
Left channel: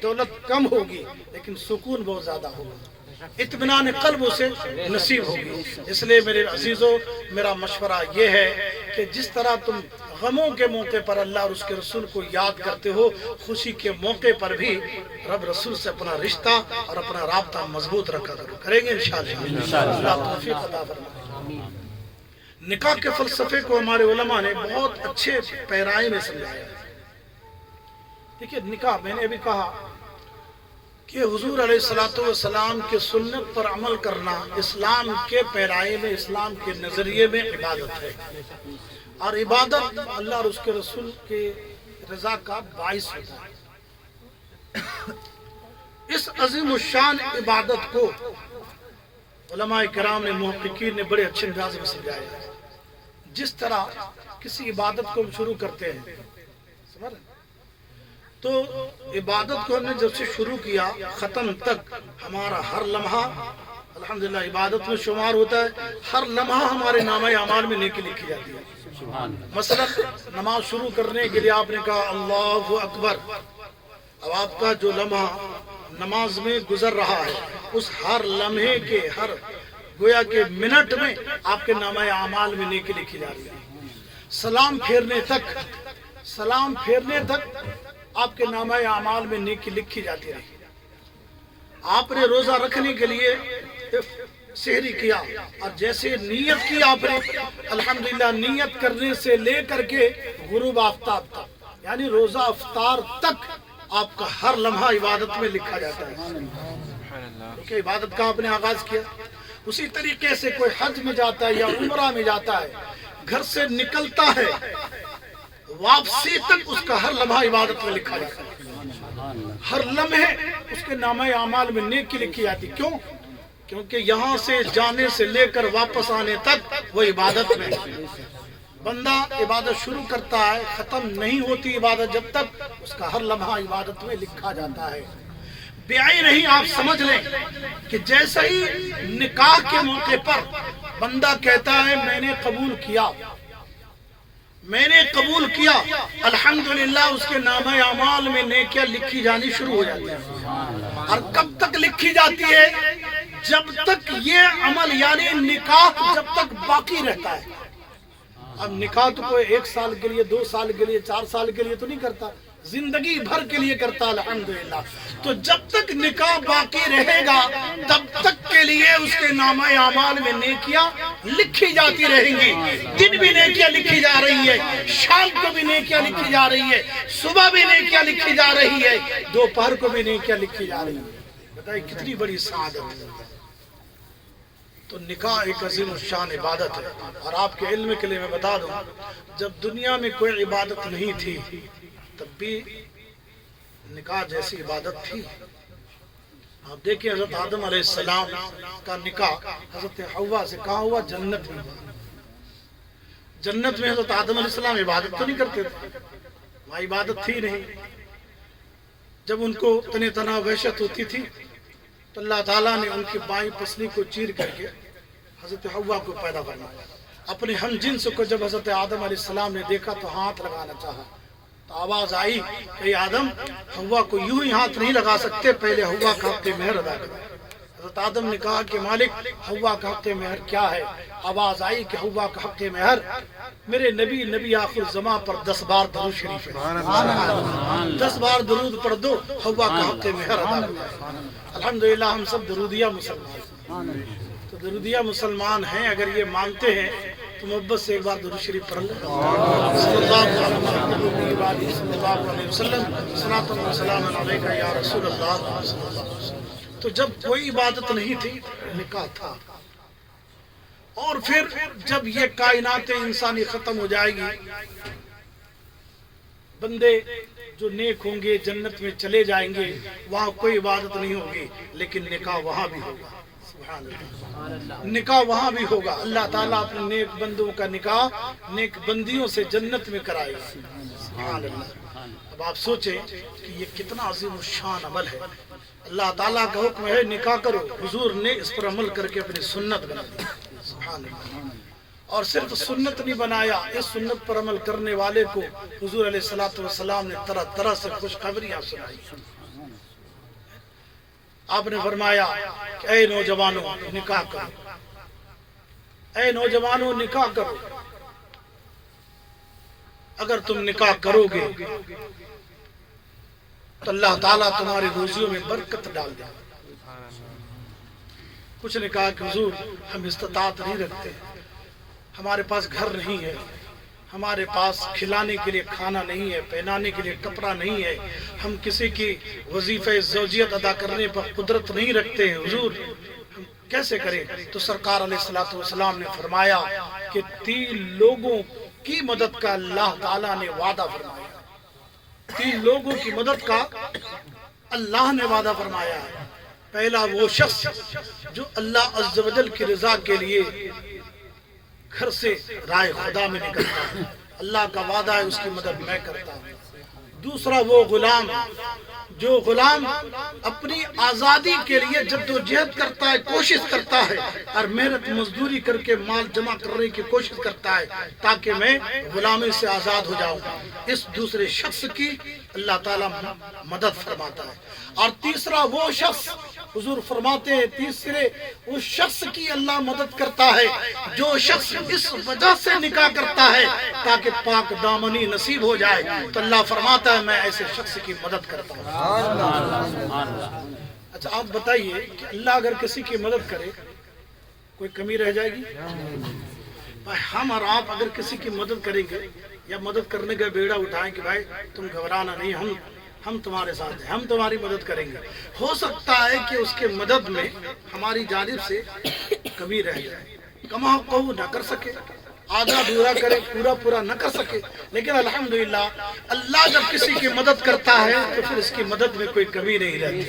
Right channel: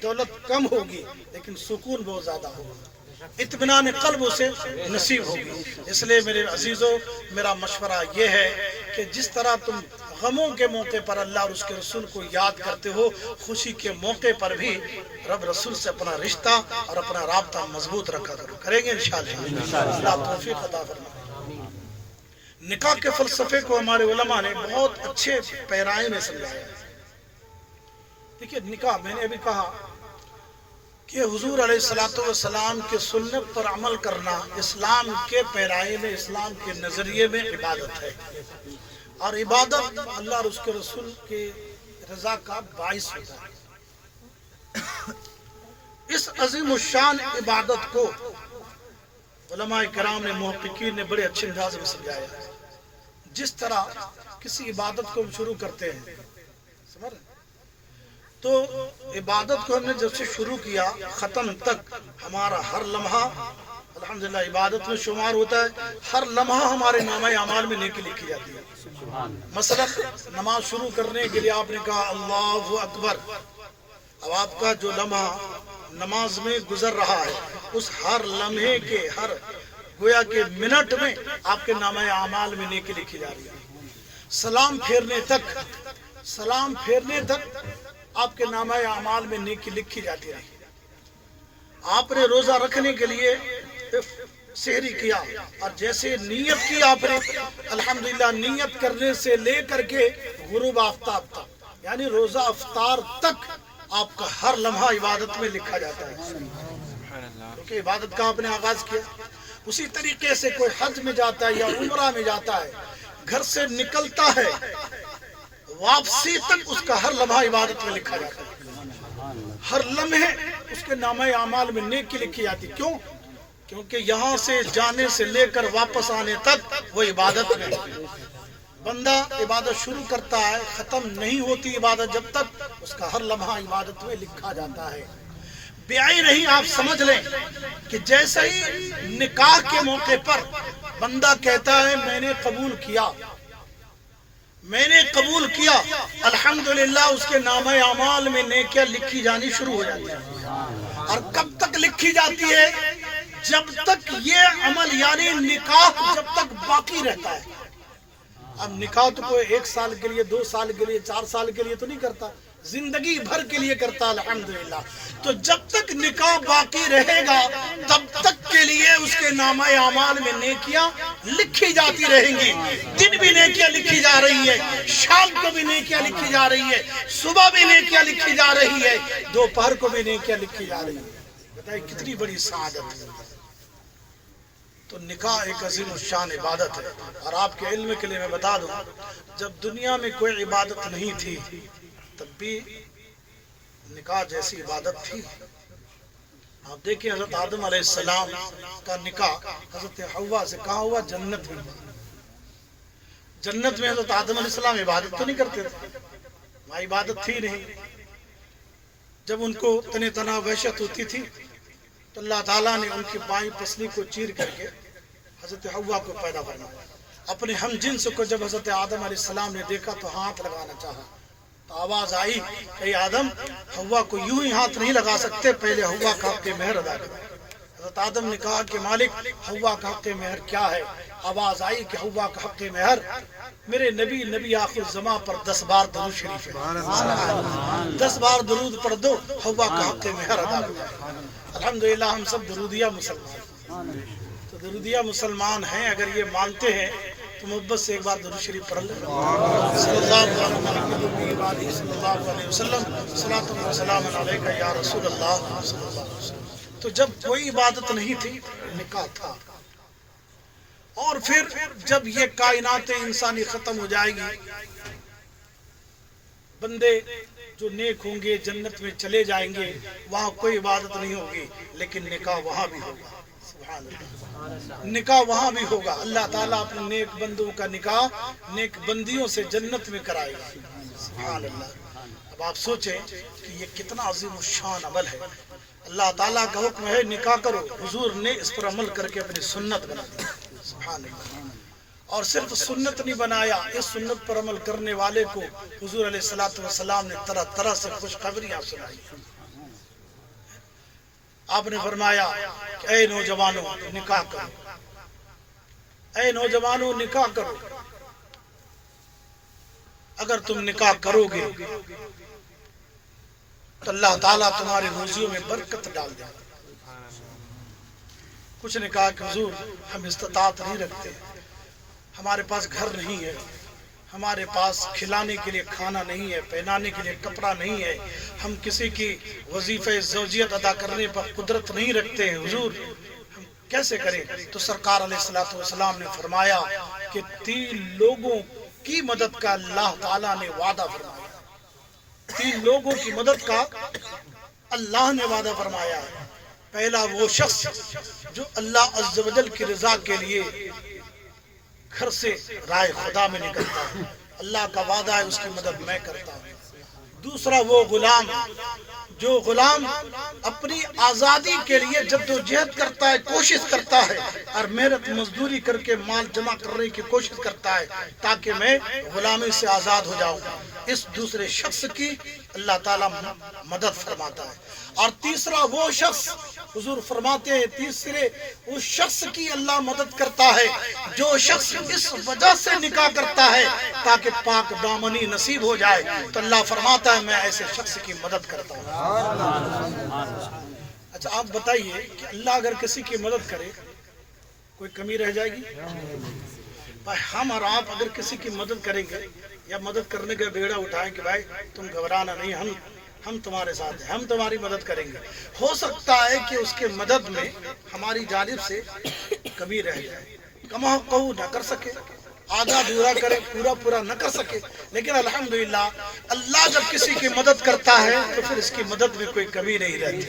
دولت کم ہوگی لیکن سکون بہت زیادہ ہوگا، اطمینان قلب اسے نصیب ہوگی۔ اس لیے میرے عزیزوں، میرا مشورہ یہ ہے کہ جس طرح تم غموں کے موقع پر اللہ اور اس کے رسول کو یاد کرتے ہو، خوشی کے موقع پر بھی رب رسول سے اپنا رشتہ اور اپنا رابطہ مضبوط رکھا کرو۔ کریں گے انشاءاللہ، اللہ توفیق عطا فرمائے۔ نکاح کے فلسفے کو ہمارے علماء نے بہت اچھے پیرائے میں سمجھایا۔ دیکھیے نکاح، میں نے ابھی کہا کہ حضور علیہ الصلوۃ والسلام کے سنت پر عمل کرنا اسلام کے پیرائے میں، اسلام کے نظریے میں عبادت ہے، اور عبادت اللہ اور اس کے رسول کے رضا کا باعث ہوتا ہے۔ اس عظیم الشان عبادت کو علماء کرام نے، محققین نے بڑے اچھے انداز میں سمجھایا۔ جس طرح کسی عبادت کو ہم شروع کرتے ہیں، سمجھ رہے ہیں، تو عبادت کو ہم نے جب سے شروع کیا ختم تک ہمارا ہر لمحہ الحمدللہ عبادت میں شمار ہوتا ہے، ہر لمحہ ہمارے نامہ اعمال میں نیکی لکھی جاتی ہے۔ مثلا نماز شروع کرنے کے لیے آپ نے کہا اللہ اکبر، اب آپ کا جو لمحہ نماز میں گزر رہا ہے اس ہر لمحے کے، ہر گویا کے منٹ میں آپ کے نامہ اعمال میں نیکی لکھی جا رہی ہے۔ سلام پھیرنے تک آپ کے نامہ اعمال میں نیکی لکھی جاتی رہی۔ آپ نے روزہ رکھنے کے لیے سحری کیا اور جیسے نیت کی آپ نے، الحمدللہ نیت کرنے سے لے کر کے غروب آفتاب تک، یعنی روزہ افطار تک آپ کا ہر لمحہ عبادت میں لکھا جاتا ہے، کیونکہ عبادت کا آپ نے آغاز کیا۔ اسی طریقے سے کوئی حج میں جاتا ہے یا عمرہ میں جاتا ہے، گھر سے نکلتا ہے واپسی تک اس کا ہر لمحہ عبادت میں لکھا جاتا ہے، ہر لمحے اس کے نامہ اعمال میں نیکی لکھی جاتی۔ کیوں؟ کیونکہ یہاں سے جانے سے لے کر واپس آنے تک وہ عبادت میں، بندہ عبادت شروع کرتا ہے ختم نہیں ہوتی عبادت جب تک اس کا ہر لمحہ عبادت میں لکھا جاتا ہے۔ بعین نہیں، آپ سمجھ لیں کہ جیسے ہی نکاح کے موقع پر بندہ کہتا ہے میں نے قبول کیا، میں نے قبول کیا، الحمدللہ اس کے نامہ اعمال میں نیکیاں لکھی جانی شروع ہو جاتی ہیں۔ اور کب تک لکھی جاتی ہے؟ جب تک یہ عمل یعنی نکاح جب تک باقی رہتا ہے۔ اب نکاح تو کوئی 1 سال کے لیے، 2 سال کے لیے، 4 سال کے لیے تو نہیں کرتا، زندگی بھر کے لیے کرتا الحمدللہ۔ تو جب تک نکاح باقی رہے گا تب تک کے لیے اس کے نامہ اعمال میں نیکیاں لکھی جاتی رہیں گی۔ دن بھی نیکیاں لکھی جا رہی ہے، شام کو بھی نیکیاں لکھی جا رہی ہے، صبح بھی نیکیاں لکھی جا رہی ہے، دوپہر کو بھی نیکیاں لکھی جا رہی ہے۔ بتائیے کتنی بڑی سعادت ہے۔ تو نکاح ایک عظیم الشان عبادت ہے۔ اور آپ کے علم کے لیے میں بتا دوں، جب دنیا میں کوئی عبادت نہیں تھی تب بھی نکاح جیسی عبادت تھی۔ آپ دیکھیں حضرت آدم علیہ السلام کا نکاح حضرت حوا سے کہاں ہوا؟ جنت میں۔ جنت میں حضرت آدم علیہ السلام عبادت تو نہیں کرتے تھے، وہاں عبادت تھی نہیں۔ جب ان کو تن تنہا وحشت ہوتی تھی تو اللہ تعالیٰ نے ان کی بائیں پسلی کو چیر کر کے حضرت حوا کو پیدا فرمایا۔ اپنے ہم جنس کو جب حضرت آدم علیہ السلام نے دیکھا تو ہاتھ لگانا چاہا، تو آواز آئی کہ آدم حوا کو یوں ہی ہاتھ نہیں لگا سکتے، پہلے حوا کا حق مہر ادا کرو۔ حضرت آدم نے کہا کہ مالک حوا کا حق مہر کیا ہے؟ آواز آئی کہ حوا کا حق مہر میرے نبی آخر زمان پر 10 بار درود شریف ہے، 10 بار درود پڑھ دو، حوا کا حق مہر ادا کرو۔ الحمدللہ ہم سب درودیہ مسلمان ہیں۔ تو درودیہ مسلمان ہیں، اگر یہ مانتے ہیں تو محبت سے ایک بار درود شریف پڑھ لیں۔ صلی اللہ علیہ وسلم، صلاۃ و سلام علیک یا رسول اللہ صلی اللہ علیہ وسلم۔ تو جب کوئی عبادت نہیں تھی نکاح تھا، اور پھر جب یہ کائنات انسانی ختم ہو جائے گی، بندے جو نیک ہوں گے جنت میں چلے جائیں گے، وہاں کوئی عبادت نہیں ہوگی، لیکن نکاح وہاں بھی ہوگا۔ سبحان اللہ، نکاح وہاں بھی ہوگا۔ اللہ تعالیٰ اپنے نیک بندوں کا نکاح نیک بندیوں سے جنت میں کرائے گا۔ سبحان اللہ۔ اب آپ سوچیں کہ یہ کتنا عظیم الشان عمل ہے۔ اللہ تعالیٰ کا حکم ہے نکاح کرو، حضور نے اس پر عمل کر کے اپنی سنت بنا دی۔ سبحان اللہ۔ اور صرف سنت نہیں بنایا، اس سنت پر عمل کرنے والے کو حضور علیہ الصلوۃ والسلام نے طرح طرح سے خوشخبریاں سنائی۔ آپ نے فرمایا کہ اے نوجوانوں نکاح کرو، اے نوجوانوں نکاح کرو، اگر تم نکاح کرو گے تو اللہ تعالیٰ تمہاری روزیوں میں برکت ڈال دے گا۔ کچھ نے کہا کہ حضور ہم استطاعت نہیں رکھتے، ہمارے پاس گھر نہیں ہے، ہمارے پاس کھلانے کے لیے کھانا نہیں ہے، پہنانے کے لیے کپڑا نہیں ہے، ہم کسی کی وظیفہ زوجیت ادا کرنے پر قدرت نہیں رکھتے ہیں، حضور ہم کیسے کریں؟ تو سرکار علیہ الصلوۃ والسلام نے فرمایا کہ 3 لوگوں کی مدد کا اللہ تعالیٰ نے وعدہ فرمایا ہے۔ 3 لوگوں کی مدد کا اللہ نے وعدہ فرمایا ہے۔ پہلا وہ شخص جو اللہ عز و جل کی رضا کے لیے گھر سے رائے خدا میں نکلتا ہے، اللہ کا وعدہ ہے اس کی مدد میں کرتا ہوں۔ دوسرا وہ غلام جو غلام اپنی آزادی کے لیے جدوجہد کرتا ہے، کوشش کرتا ہے اور محنت مزدوری کر کے مال جمع کرنے کی کوشش کرتا ہے تاکہ میں غلامی سے آزاد ہو جاؤں، اس دوسرے شخص کی اللہ تعالیٰ مدد فرماتا ہے۔ اور تیسرا وہ شخص، حضور فرماتے ہیں تیسرے اس شخص کی اللہ مدد کرتا ہے جو شخص اس وجہ سے نکاح کرتا ہے تاکہ پاک دامنی نصیب ہو جائے، تو اللہ فرماتا ہے میں ایسے شخص کی مدد کرتا ہوں۔ اچھا آپ بتائیے کہ اللہ اگر کسی کی مدد کرے کوئی کمی رہ جائے گی؟ ہم اور آپ اگر کسی کی مدد کریں گے یا مدد کرنے کا بیڑا اٹھائیں کہ بھائی تم گھبرانا نہیں، ہم تمہارے ساتھ ہیں، ہم تمہاری مدد کریں گے، ہو سکتا ہے کہ اس کے مدد میں ہماری جانب سے کمی رہ جائے، کما قہو نہ کر سکے، آدھا دورا کرے، پورا نہ کر سکے، لیکن الحمدللہ اللہ جب کسی کی مدد کرتا ہے تو پھر اس کی مدد میں کوئی کمی نہیں رہتی۔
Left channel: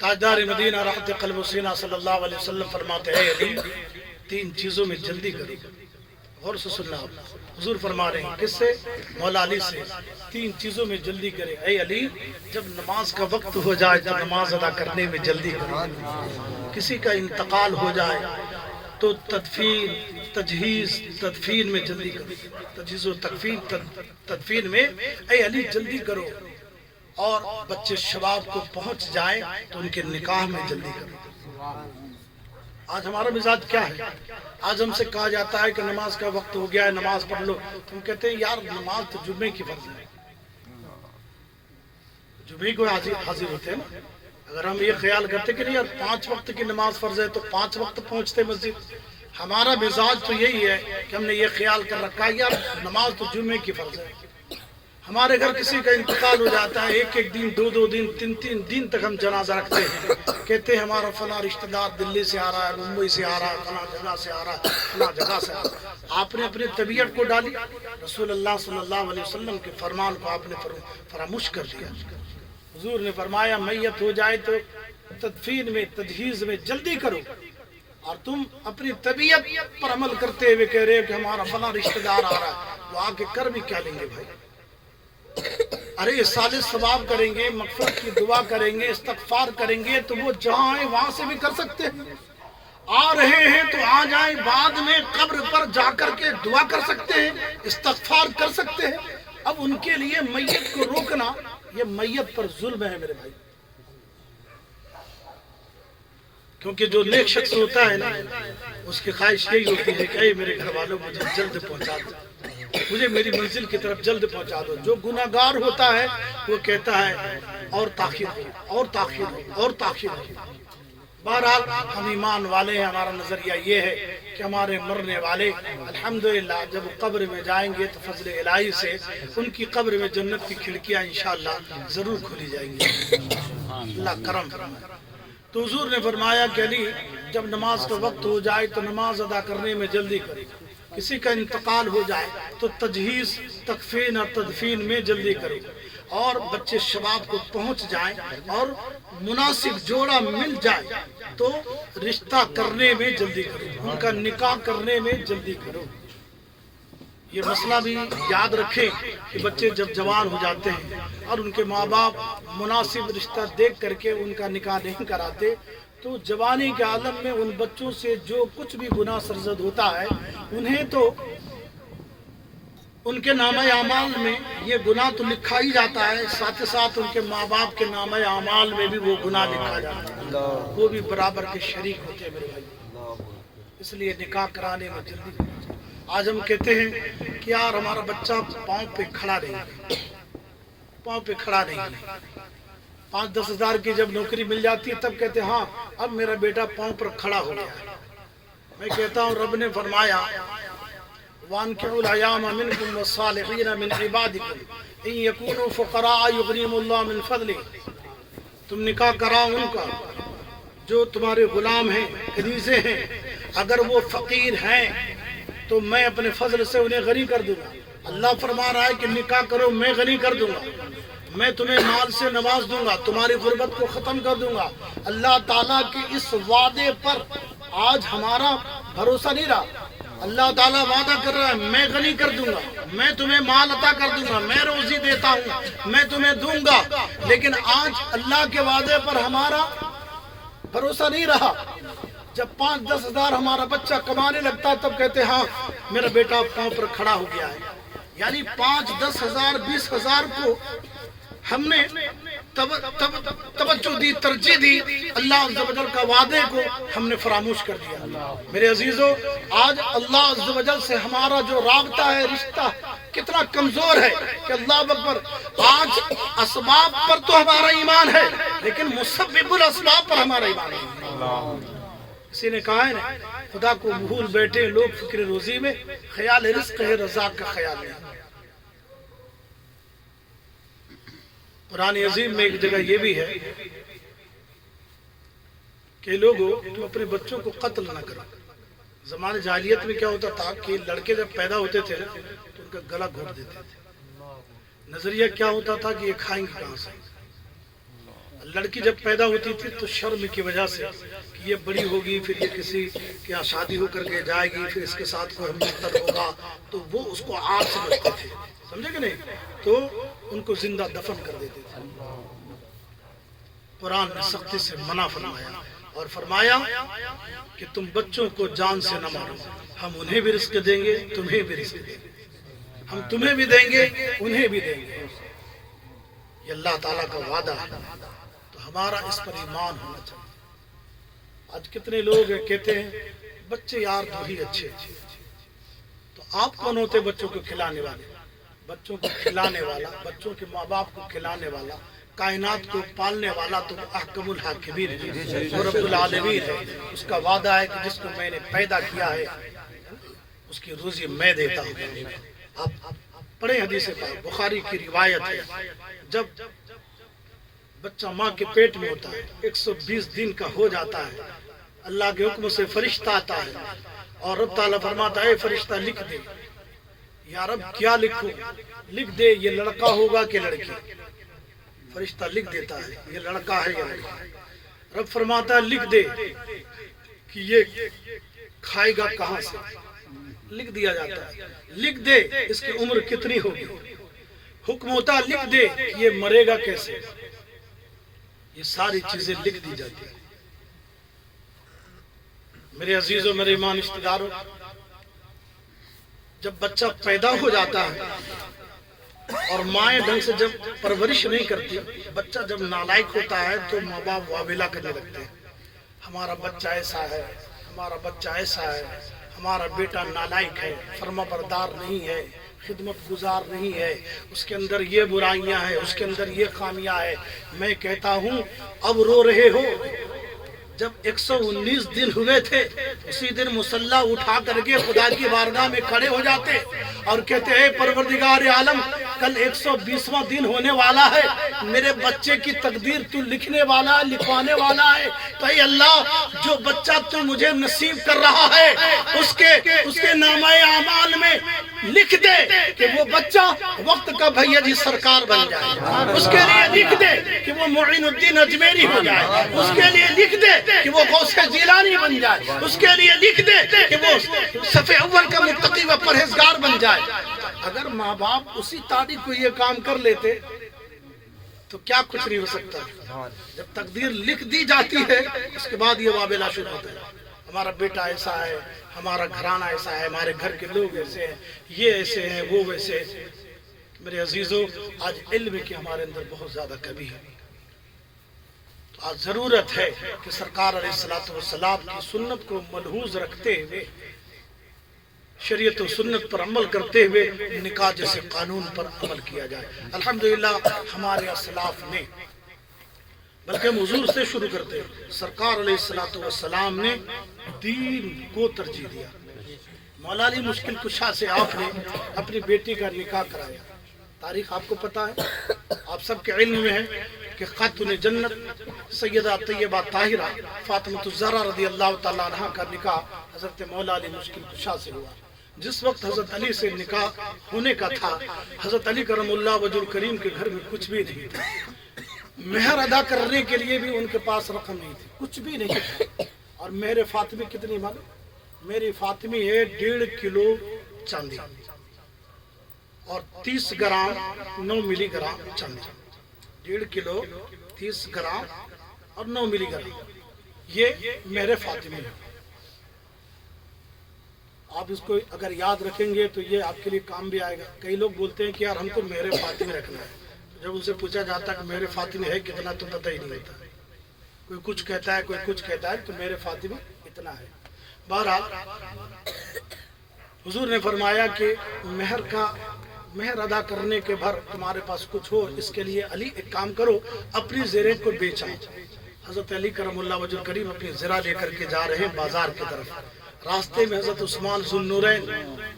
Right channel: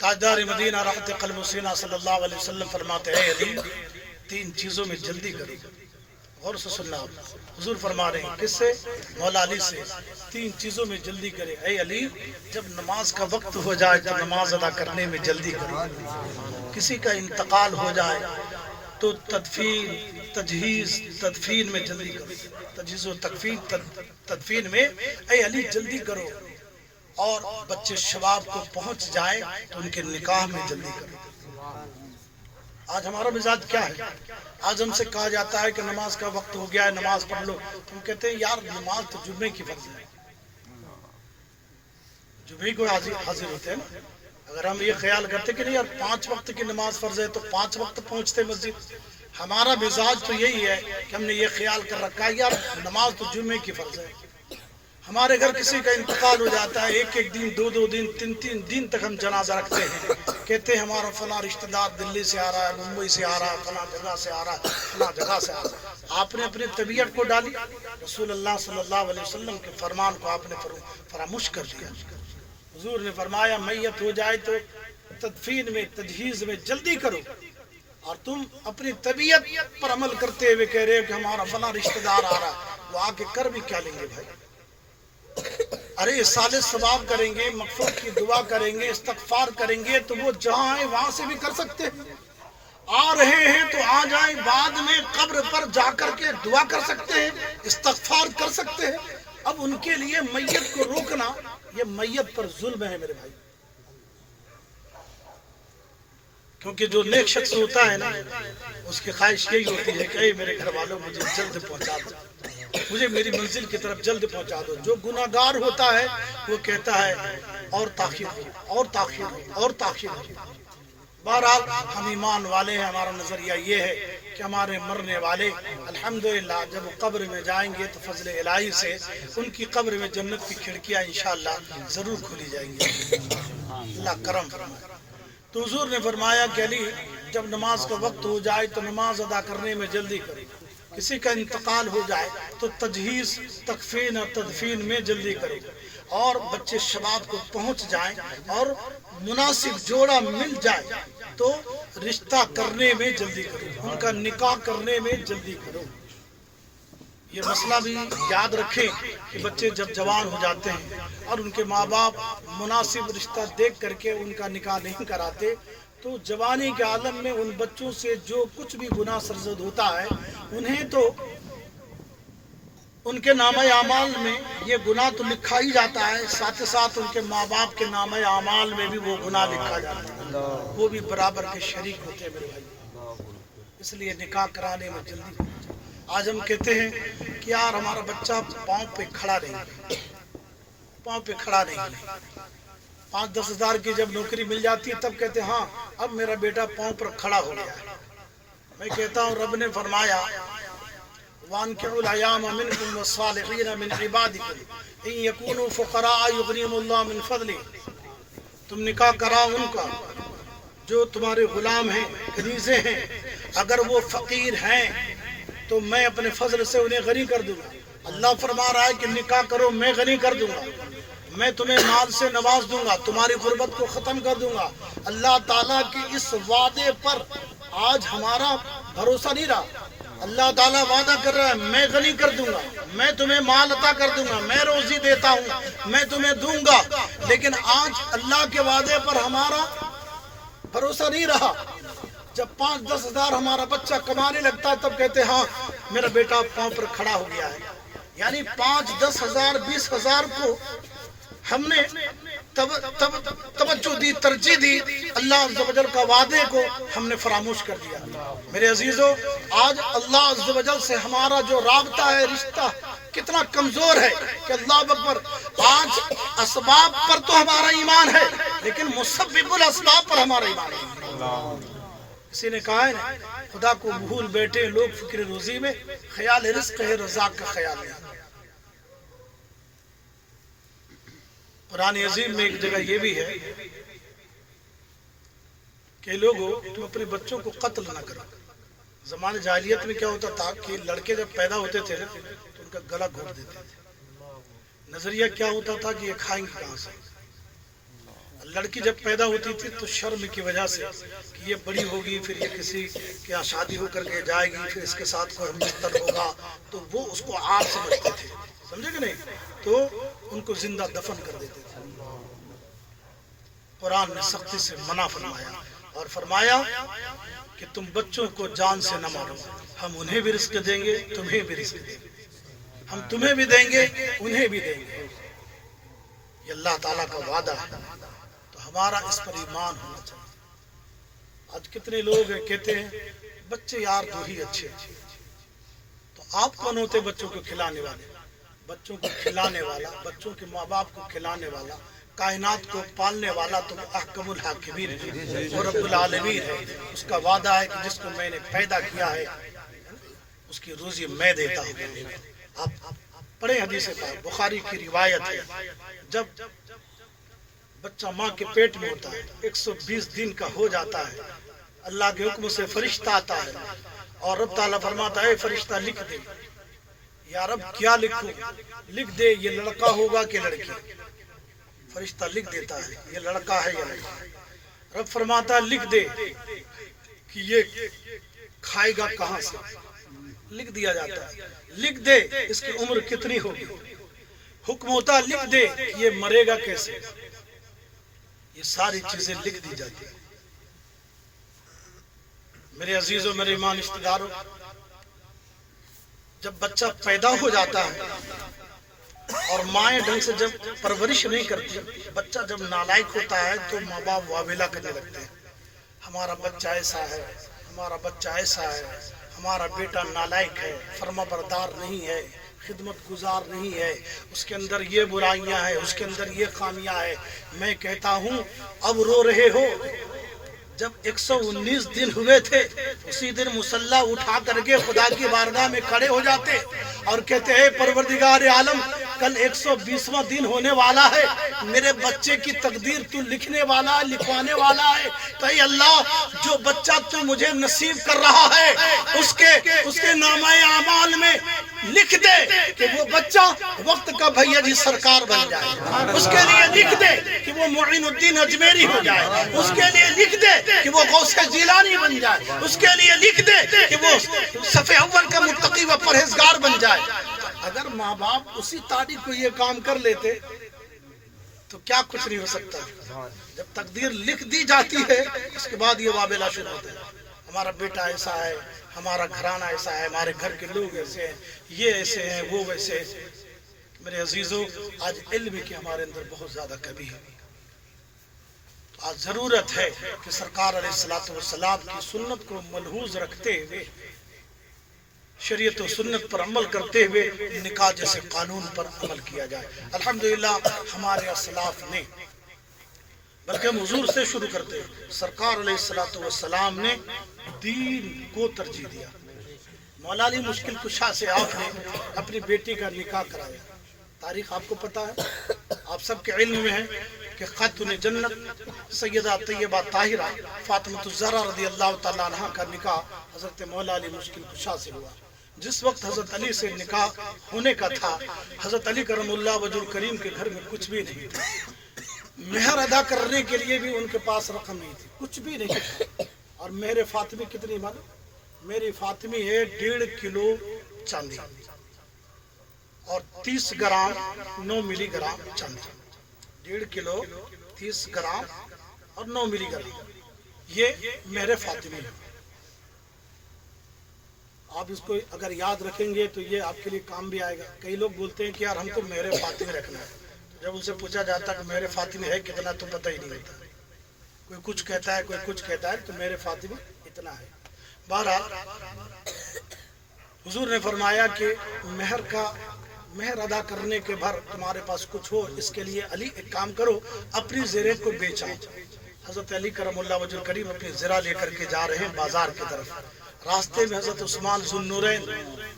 تاجدار مدینہ راحت قلب و سینہ صلی اللہ علیہ وسلم فرماتے ہیں علی 3 چیزوں میں جلدی کرو، غور سے سننا آپ، حضور فرما رہے ہیں کس سے؟ مولا علی سے، 3 چیزوں میں جلدی کرے، اے علی جب نماز کا وقت ہو جائے تو نماز ادا کرنے میں جلدی کرے، کسی کا انتقال ہو جائے تو تدفین میں جلدی کرو، تجہیز و تدفین میں اے علی جلدی کرو، اور بچے شباب کو پہنچ جائیں تو ان کے نکاح میں جلدی کرو۔ آج ہمارا مزاج کیا ہے؟ آج ہم سے کہا جاتا ہے کہ نماز کا وقت ہو گیا ہے، نماز پڑھ لو، تم کہتے ہیں یار نماز تو جمعے کی فرض ہے، جمعے کو حاضر ہوتے ہیں نا۔ اگر ہم یہ خیال کرتے کہ نہیں یار 5 وقت کی نماز فرض ہے تو 5 وقت پہنچتے مسجد، ہمارا مزاج تو یہی ہے کہ ہم نے یہ خیال کر رکھا ہے یار نماز تو جمعے کی فرض ہے۔ ہمارے گھر کسی کا انتقال ہو جاتا ہے، 1 دن 2 دن 3 دن تک ہم جنازہ رکھتے ہیں، کہتے ہیں ہمارا فلاں رشتہ دار دلی سے آ رہا ہے، ممبئی سے آ رہا ہے، فلاں جگہ سے آ رہا ہے، فلاں جگہ سے آ رہا ہے۔ آپ نے اپنی طبیعت کو ڈالی، رسول اللہ صلی اللہ علیہ وسلم کے فرمان کو آپ نے فراموش کر دیا۔ حضور نے فرمایا میت ہو جائے تو تدفین میں تجہیز میں جلدی کرو، اور تم اپنی طبیعت پر عمل کرتے ہوئے کہہ رہے ہو کہ ہمارا فلاں رشتہ دار آ رہا ہے، وہ آ کے کر بھی کیا لیں گے بھائی؟ ارے صالح ثواب کریں گے، مغفرت کی دعا کریں گے، استغفار کریں گے تو وہ جہاں ہیں وہاں سے بھی کر سکتے ہیں، آ رہے ہیں تو آ جائیں، بعد میں قبر پر جا کر کے دعا کر سکتے ہیں، استغفار کر سکتے ہیں۔ اب ان کے لیے میت کو روکنا یہ میت پر ظلم ہے میرے بھائی، کیونکہ جو نیک شخص ہوتا ہے نا اس کی خواہش یہی ہوتی ہے کہ اے میرے گھر والوں مجھے جلد پہنچا دو، مجھے میری منزل کی طرف جلد پہنچا دو۔ جو گناہ گار ہوتا ہے وہ کہتا ہے اور تاخیر ہو، اور تاخیر ہو، اور تاخیر ہو۔ بہرحال ہم ایمان والے ہیں، ہمارا نظریہ یہ ہے کہ ہمارے مرنے والے الحمدللہ جب وہ قبر میں جائیں گے تو فضل الہی سے ان کی قبر میں جنت کی کھڑکیاں انشاءاللہ ضرور کھولی جائیں گی، اللہ کرم فرمائے۔ تو حضور نے فرمایا کہ علی جب نماز کا وقت ہو جائے تو نماز ادا کرنے میں جلدی کرے، کسی کا انتقال ہو جائے تو تجہیز تکفین اور تدفین میں جلدی کرے، اور بچے شباب کو پہنچ جائیں اور مناسب جوڑا مل جائے تو رشتہ کرنے میں جلدی کرو، ان کا نکاح کرنے میں جلدی کرو۔ یہ مسئلہ بھی یاد رکھیں کہ بچے جب جوان ہو جاتے ہیں اور ان کے ماں باپ مناسب رشتہ دیکھ کر کے ان کا نکاح نہیں کراتے تو جوانی کے عالم میں ان بچوں سے جو کچھ بھی گناہ سرزد ہوتا ہے انہیں تو ان کے نامہ اعمال میں یہ گناہ تو لکھا ہی جاتا ہے، ساتھ ساتھ ان کے ماں باپ کے نامہ اعمال میں بھی وہ گناہ لکھا جاتا ہے، وہ بھی برابر کے شریک ہوتے ہیں میرے بھائی۔ اس لیے نکاح کرانے میں جلدی۔ آج ہم کہتے ہیں کہ یار ہمارا بچہ پاؤں پہ کھڑا نہیں ہے، پاؤں پہ کھڑا نہیں ہے، 5-10 ہزار کی جب نوکری مل جاتی ہے تب کہتے ہیں ہاں اب میرا بیٹا پاؤں پر کھڑا ہو گیا ہے۔ میں کہتا ہوں رب نے فرمایا وَانْكِحُوا الْأَيَامَ مِنْكُمْ وَالصَّالِحِينَ مِنْ عِبَادِكُمْ إِنْ يَكُونُوا فُقَرَاءَ يُغْنِيهِمُ اللَّهُ مِنْ فَضْلِهِ، تم نکاح کراؤ ان کا جو تمہارے غلام ہیں، کنیزیں ہیں، اگر وہ فقیر ہیں تو میں اپنے فضل سے انہیں غنی کر دوں گا۔ اللہ فرما رہا ہے کہ نکاح کرو میں غنی کر دوں گا، میں تمہیں مال سے نواز دوں گا، تمہاری غربت کو ختم کر دوں گا۔ اللہ تعالیٰ کے اس وعدے پر آج ہمارا بھروسہ نہیں رہا۔ اللہ تعالیٰ وعدہ کر رہا ہے میں غنی کر دوں گا، میں تمہیں مال عطا کر دوں گا، میں روزی دیتا ہوں، میں تمہیں دوں گا، لیکن آج اللہ کے وعدے پر ہمارا بھروسہ نہیں رہا۔ جب 5-10 ہزار ہمارا بچہ کمانے لگتا تب کہتے ہاں میرا بیٹا پاؤں پر کھڑا ہو گیا ہے، یعنی 5-10 ہزار 20 ہزار کو ہم نے توجہ دی، ترجیح دی، اللہ عز و جل کا وعدے کو ہم نے فراموش کر دیا۔ میرے عزیزو آج اللہ عز و جل سے ہمارا جو رابطہ ہے، رشتہ کتنا کمزور ہے کہ اللہ اکبر، آج اسباب پر تو ہمارا ایمان ہے لیکن مسبب الاسباب پر ہمارا ایمان نہیں۔ کسی نے کہا ہے نا خدا کو بھول بیٹھے لوگ فکر روزی میں، خیال رزق ہے رزاق کا خیال نہیں۔ قرآن عظیم میں ایک جگہ یہ بھی ہے کہ لوگوں تم اپنے بچوں کو قتل نہ کرو۔ زمانے جاہلیت میں کیا ہوتا تھا کہ لڑکے جب پیدا ہوتے تھے نا تو ان کا گلا گھونٹ دیتے تھے۔ نظریہ کیا ہوتا تھا کہ یہ کھائیں گے کہاں سے؟ لڑکی جب پیدا ہوتی تھی تو شرم کی وجہ سے کہ یہ بڑی ہوگی، پھر یہ کسی کے یہاں شادی ہو کر کے جائے گی، پھر اس کے ساتھ کوئی مرتد ہوگا، تو وہ اس کو عار سمجھتے تھے، سمجھے کہ نہیں؟ تو ان کو زندہ دفن کر دیتے تھے۔ قرآن نے سختی سے منع فرمایا اور فرمایا کہ تم بچوں کو جان سے نہ مارو، ہم انہیں بھی رزق دیں گے، تمہیں بھی رزق دیں گے، ہم تمہیں بھی دیں گے، انہیں بھی دیں گے۔ یہ اللہ تعالیٰ کا وعدہ ہے، تو ہمارا اس پر ایمان ہونا چاہیے۔ آج کتنے لوگ کہتے ہیں بچے یار دو ہی اچھے، تو آپ کون ہوتے بچوں کو کھلانے والے؟ بچوں کو کھلانے والا، بچوں کے ماں باپ کو کھلانے والا، کائنات کو پالنے والا تو احکم الحاکمین ہے، وہ رب العالمین ہے۔ اس کا وعدہ ہے کہ جس کو میں نے پیدا کیا ہے اس کی روزی میں دیتا ہوں۔ آپ پڑھیں حدیث کا، بخاری کی روایت ہے، جب بچہ ماں کے پیٹ میں ہوتا ہے 120 دن کا ہو جاتا ہے، اللہ کے حکم سے فرشتہ آتا ہے اور رب تعالیٰ فرماتا ہے فرشتہ لکھ دے۔ یا رب کیا لکھوں؟ لکھ دے یہ لڑکا ہوگا کہ لڑکی؟ فرشتہ لکھ دیتا ہے یہ لڑکا ہے یا لڑکی۔ رب فرماتا ہے لکھ دے کہ یہ کھائے گا کہاں سے؟ لکھ دیا جاتا ہے۔ لکھ دے اس کی عمر کتنی ہوگی؟ حکم ہوتا ہے لکھ دے کہ یہ مرے گا کیسے؟ یہ ساری چیزیں لکھ دی جاتی ہیں۔ میرے عزیزوں، میرے ایمان رشتہ داروں، جب بچہ پیدا ہو جاتا ہے اور مائیں ڈھنگ سے جب پرورش نہیں کرتی، بچہ جب نالائق ہوتا ہے تو ماں باپ واویلا کرنے لگتے ہیں، ہمارا بچہ ایسا ہے، ہمارا بچہ ایسا ہے، ہمارا بیٹا نالائق ہے، فرما بردار نہیں ہے، خدمت گزار نہیں ہے، اس کے اندر یہ برائیاں ہیں، اس کے اندر یہ خامیاں ہیں۔ میں کہتا ہوں اب رو رہے ہو، جب 119 دن ہوئے تھے اسی دن مصلی اٹھا کر کے خدا کی بارگاہ میں کھڑے ہو جاتے اور کہتے ہیں پروردگار عالم کل 120واں دن ہونے والا ہے، میرے بچے کی تقدیر تو لکھنے والا ہے، لکھوانے والا ہے، تو اے اللہ جو بچہ تو مجھے نصیب کر رہا ہے اس کے نامہ اعمال میں لکھ دے کہ وہ بچہ وقت کا بھیا جی سرکار بن جائے، اس کے لیے لکھ دے کہ وہ معین الدین اجمیری ہو جائے، اس کے لیے لکھ دے کہ وہ غوث جیلانی بن جائے، اس کے لیے لکھ دے کہ وہ صف اول کا متقی و پرہیزگار بن جائے۔ اگر ماں باپ اسی تاریخ کو یہ کام کر لیتے تو کیا کچھ نہیں ہو سکتا۔ جب تقدیر لکھ دی جاتی ہے اس کے بعد یہ واویلا شروع ہوتا ہے، ہمارا بیٹا ایسا ہے، ہمارا گھرانہ ایسا ہے، ہمارے گھر کے لوگ ایسے ہیں، یہ ایسے ہیں، وہ ویسے ہیں۔ میرے عزیزوں، آج علم کی ہمارے اندر بہت زیادہ کمی ہے، آج ضرورت ہے کہ سرکار علیہ الصلوۃ والسلام کی سنت کو ملحوظ رکھتے ہوئے، شریعت و سنت پر عمل کرتے ہوئے نکاح جیسے قانون پر عمل کیا جائے۔ الحمدللہ ہمارے اسلاف نے، بلکہ ہم حضور سے شروع کرتے ہیں، سرکار علیہ الصلوۃ والسلام نے دین کو ترجیح دیا۔ مولا علی مشکل کشا سے آپ نے اپنی بیٹی کا نکاح کرایا۔ تاریخ آپ کو پتا ہے، آپ سب کے علم میں ہے کہ خاتون جنت سیدہ طیبہ طاہرہ فاطمۃ الزہرا رضی اللہ تعالیٰ عنہ کا نکاح حضرت مولا علی مشکل کشا سے ہوا۔ جس وقت حضرت علی سے نکاح ہونے کا تھا، حضرت علی کرم اللہ وجہ الکریم کے گھر میں کچھ بھی نہیں تھا، مہر ادا کرنے کے لیے بھی ان کے پاس رقم نہیں تھی، کچھ بھی نہیں تھا۔ اور مہر فاطمی کتنی معلوم؟ میری فاطمی ہے 1.5 کلو چاندی اور 30 گرام 9 ملی گرام چاندی، 1.5 کلو 30 گرام اور 9 ملی گرام، یہ مہر فاطمی ہے۔ آپ اس کو اگر یاد رکھیں گے تو یہ آپ کے لیے کام بھی آئے گا۔ کئی لوگ بولتے ہیں کہ یار ہم کو مہر فاطمی رکھنا ہے، جب ان سے پوچھا جاتا ہے کہ مہر فاطمی ہے کتنا تو پتہ ہی نہیں ہوتا، کوئی کچھ کہتا ہے کوئی کچھ کہتا ہے، تو مہر فاطمی اتنا ہے۔ بہرحال حضور نے فرمایا کہ مہر ادا کرنے کے بھر تمہارے پاس کچھ ہو، اس کے لیے علی ایک کام کرو، اپنی زریں کو بیچا۔ حضرت علی کرم اللہ وجہ الکریم اپنی زرہ لے کر کے جا رہے ہیں بازار کی طرف، راستے میں حضرت عثمان ذو النورین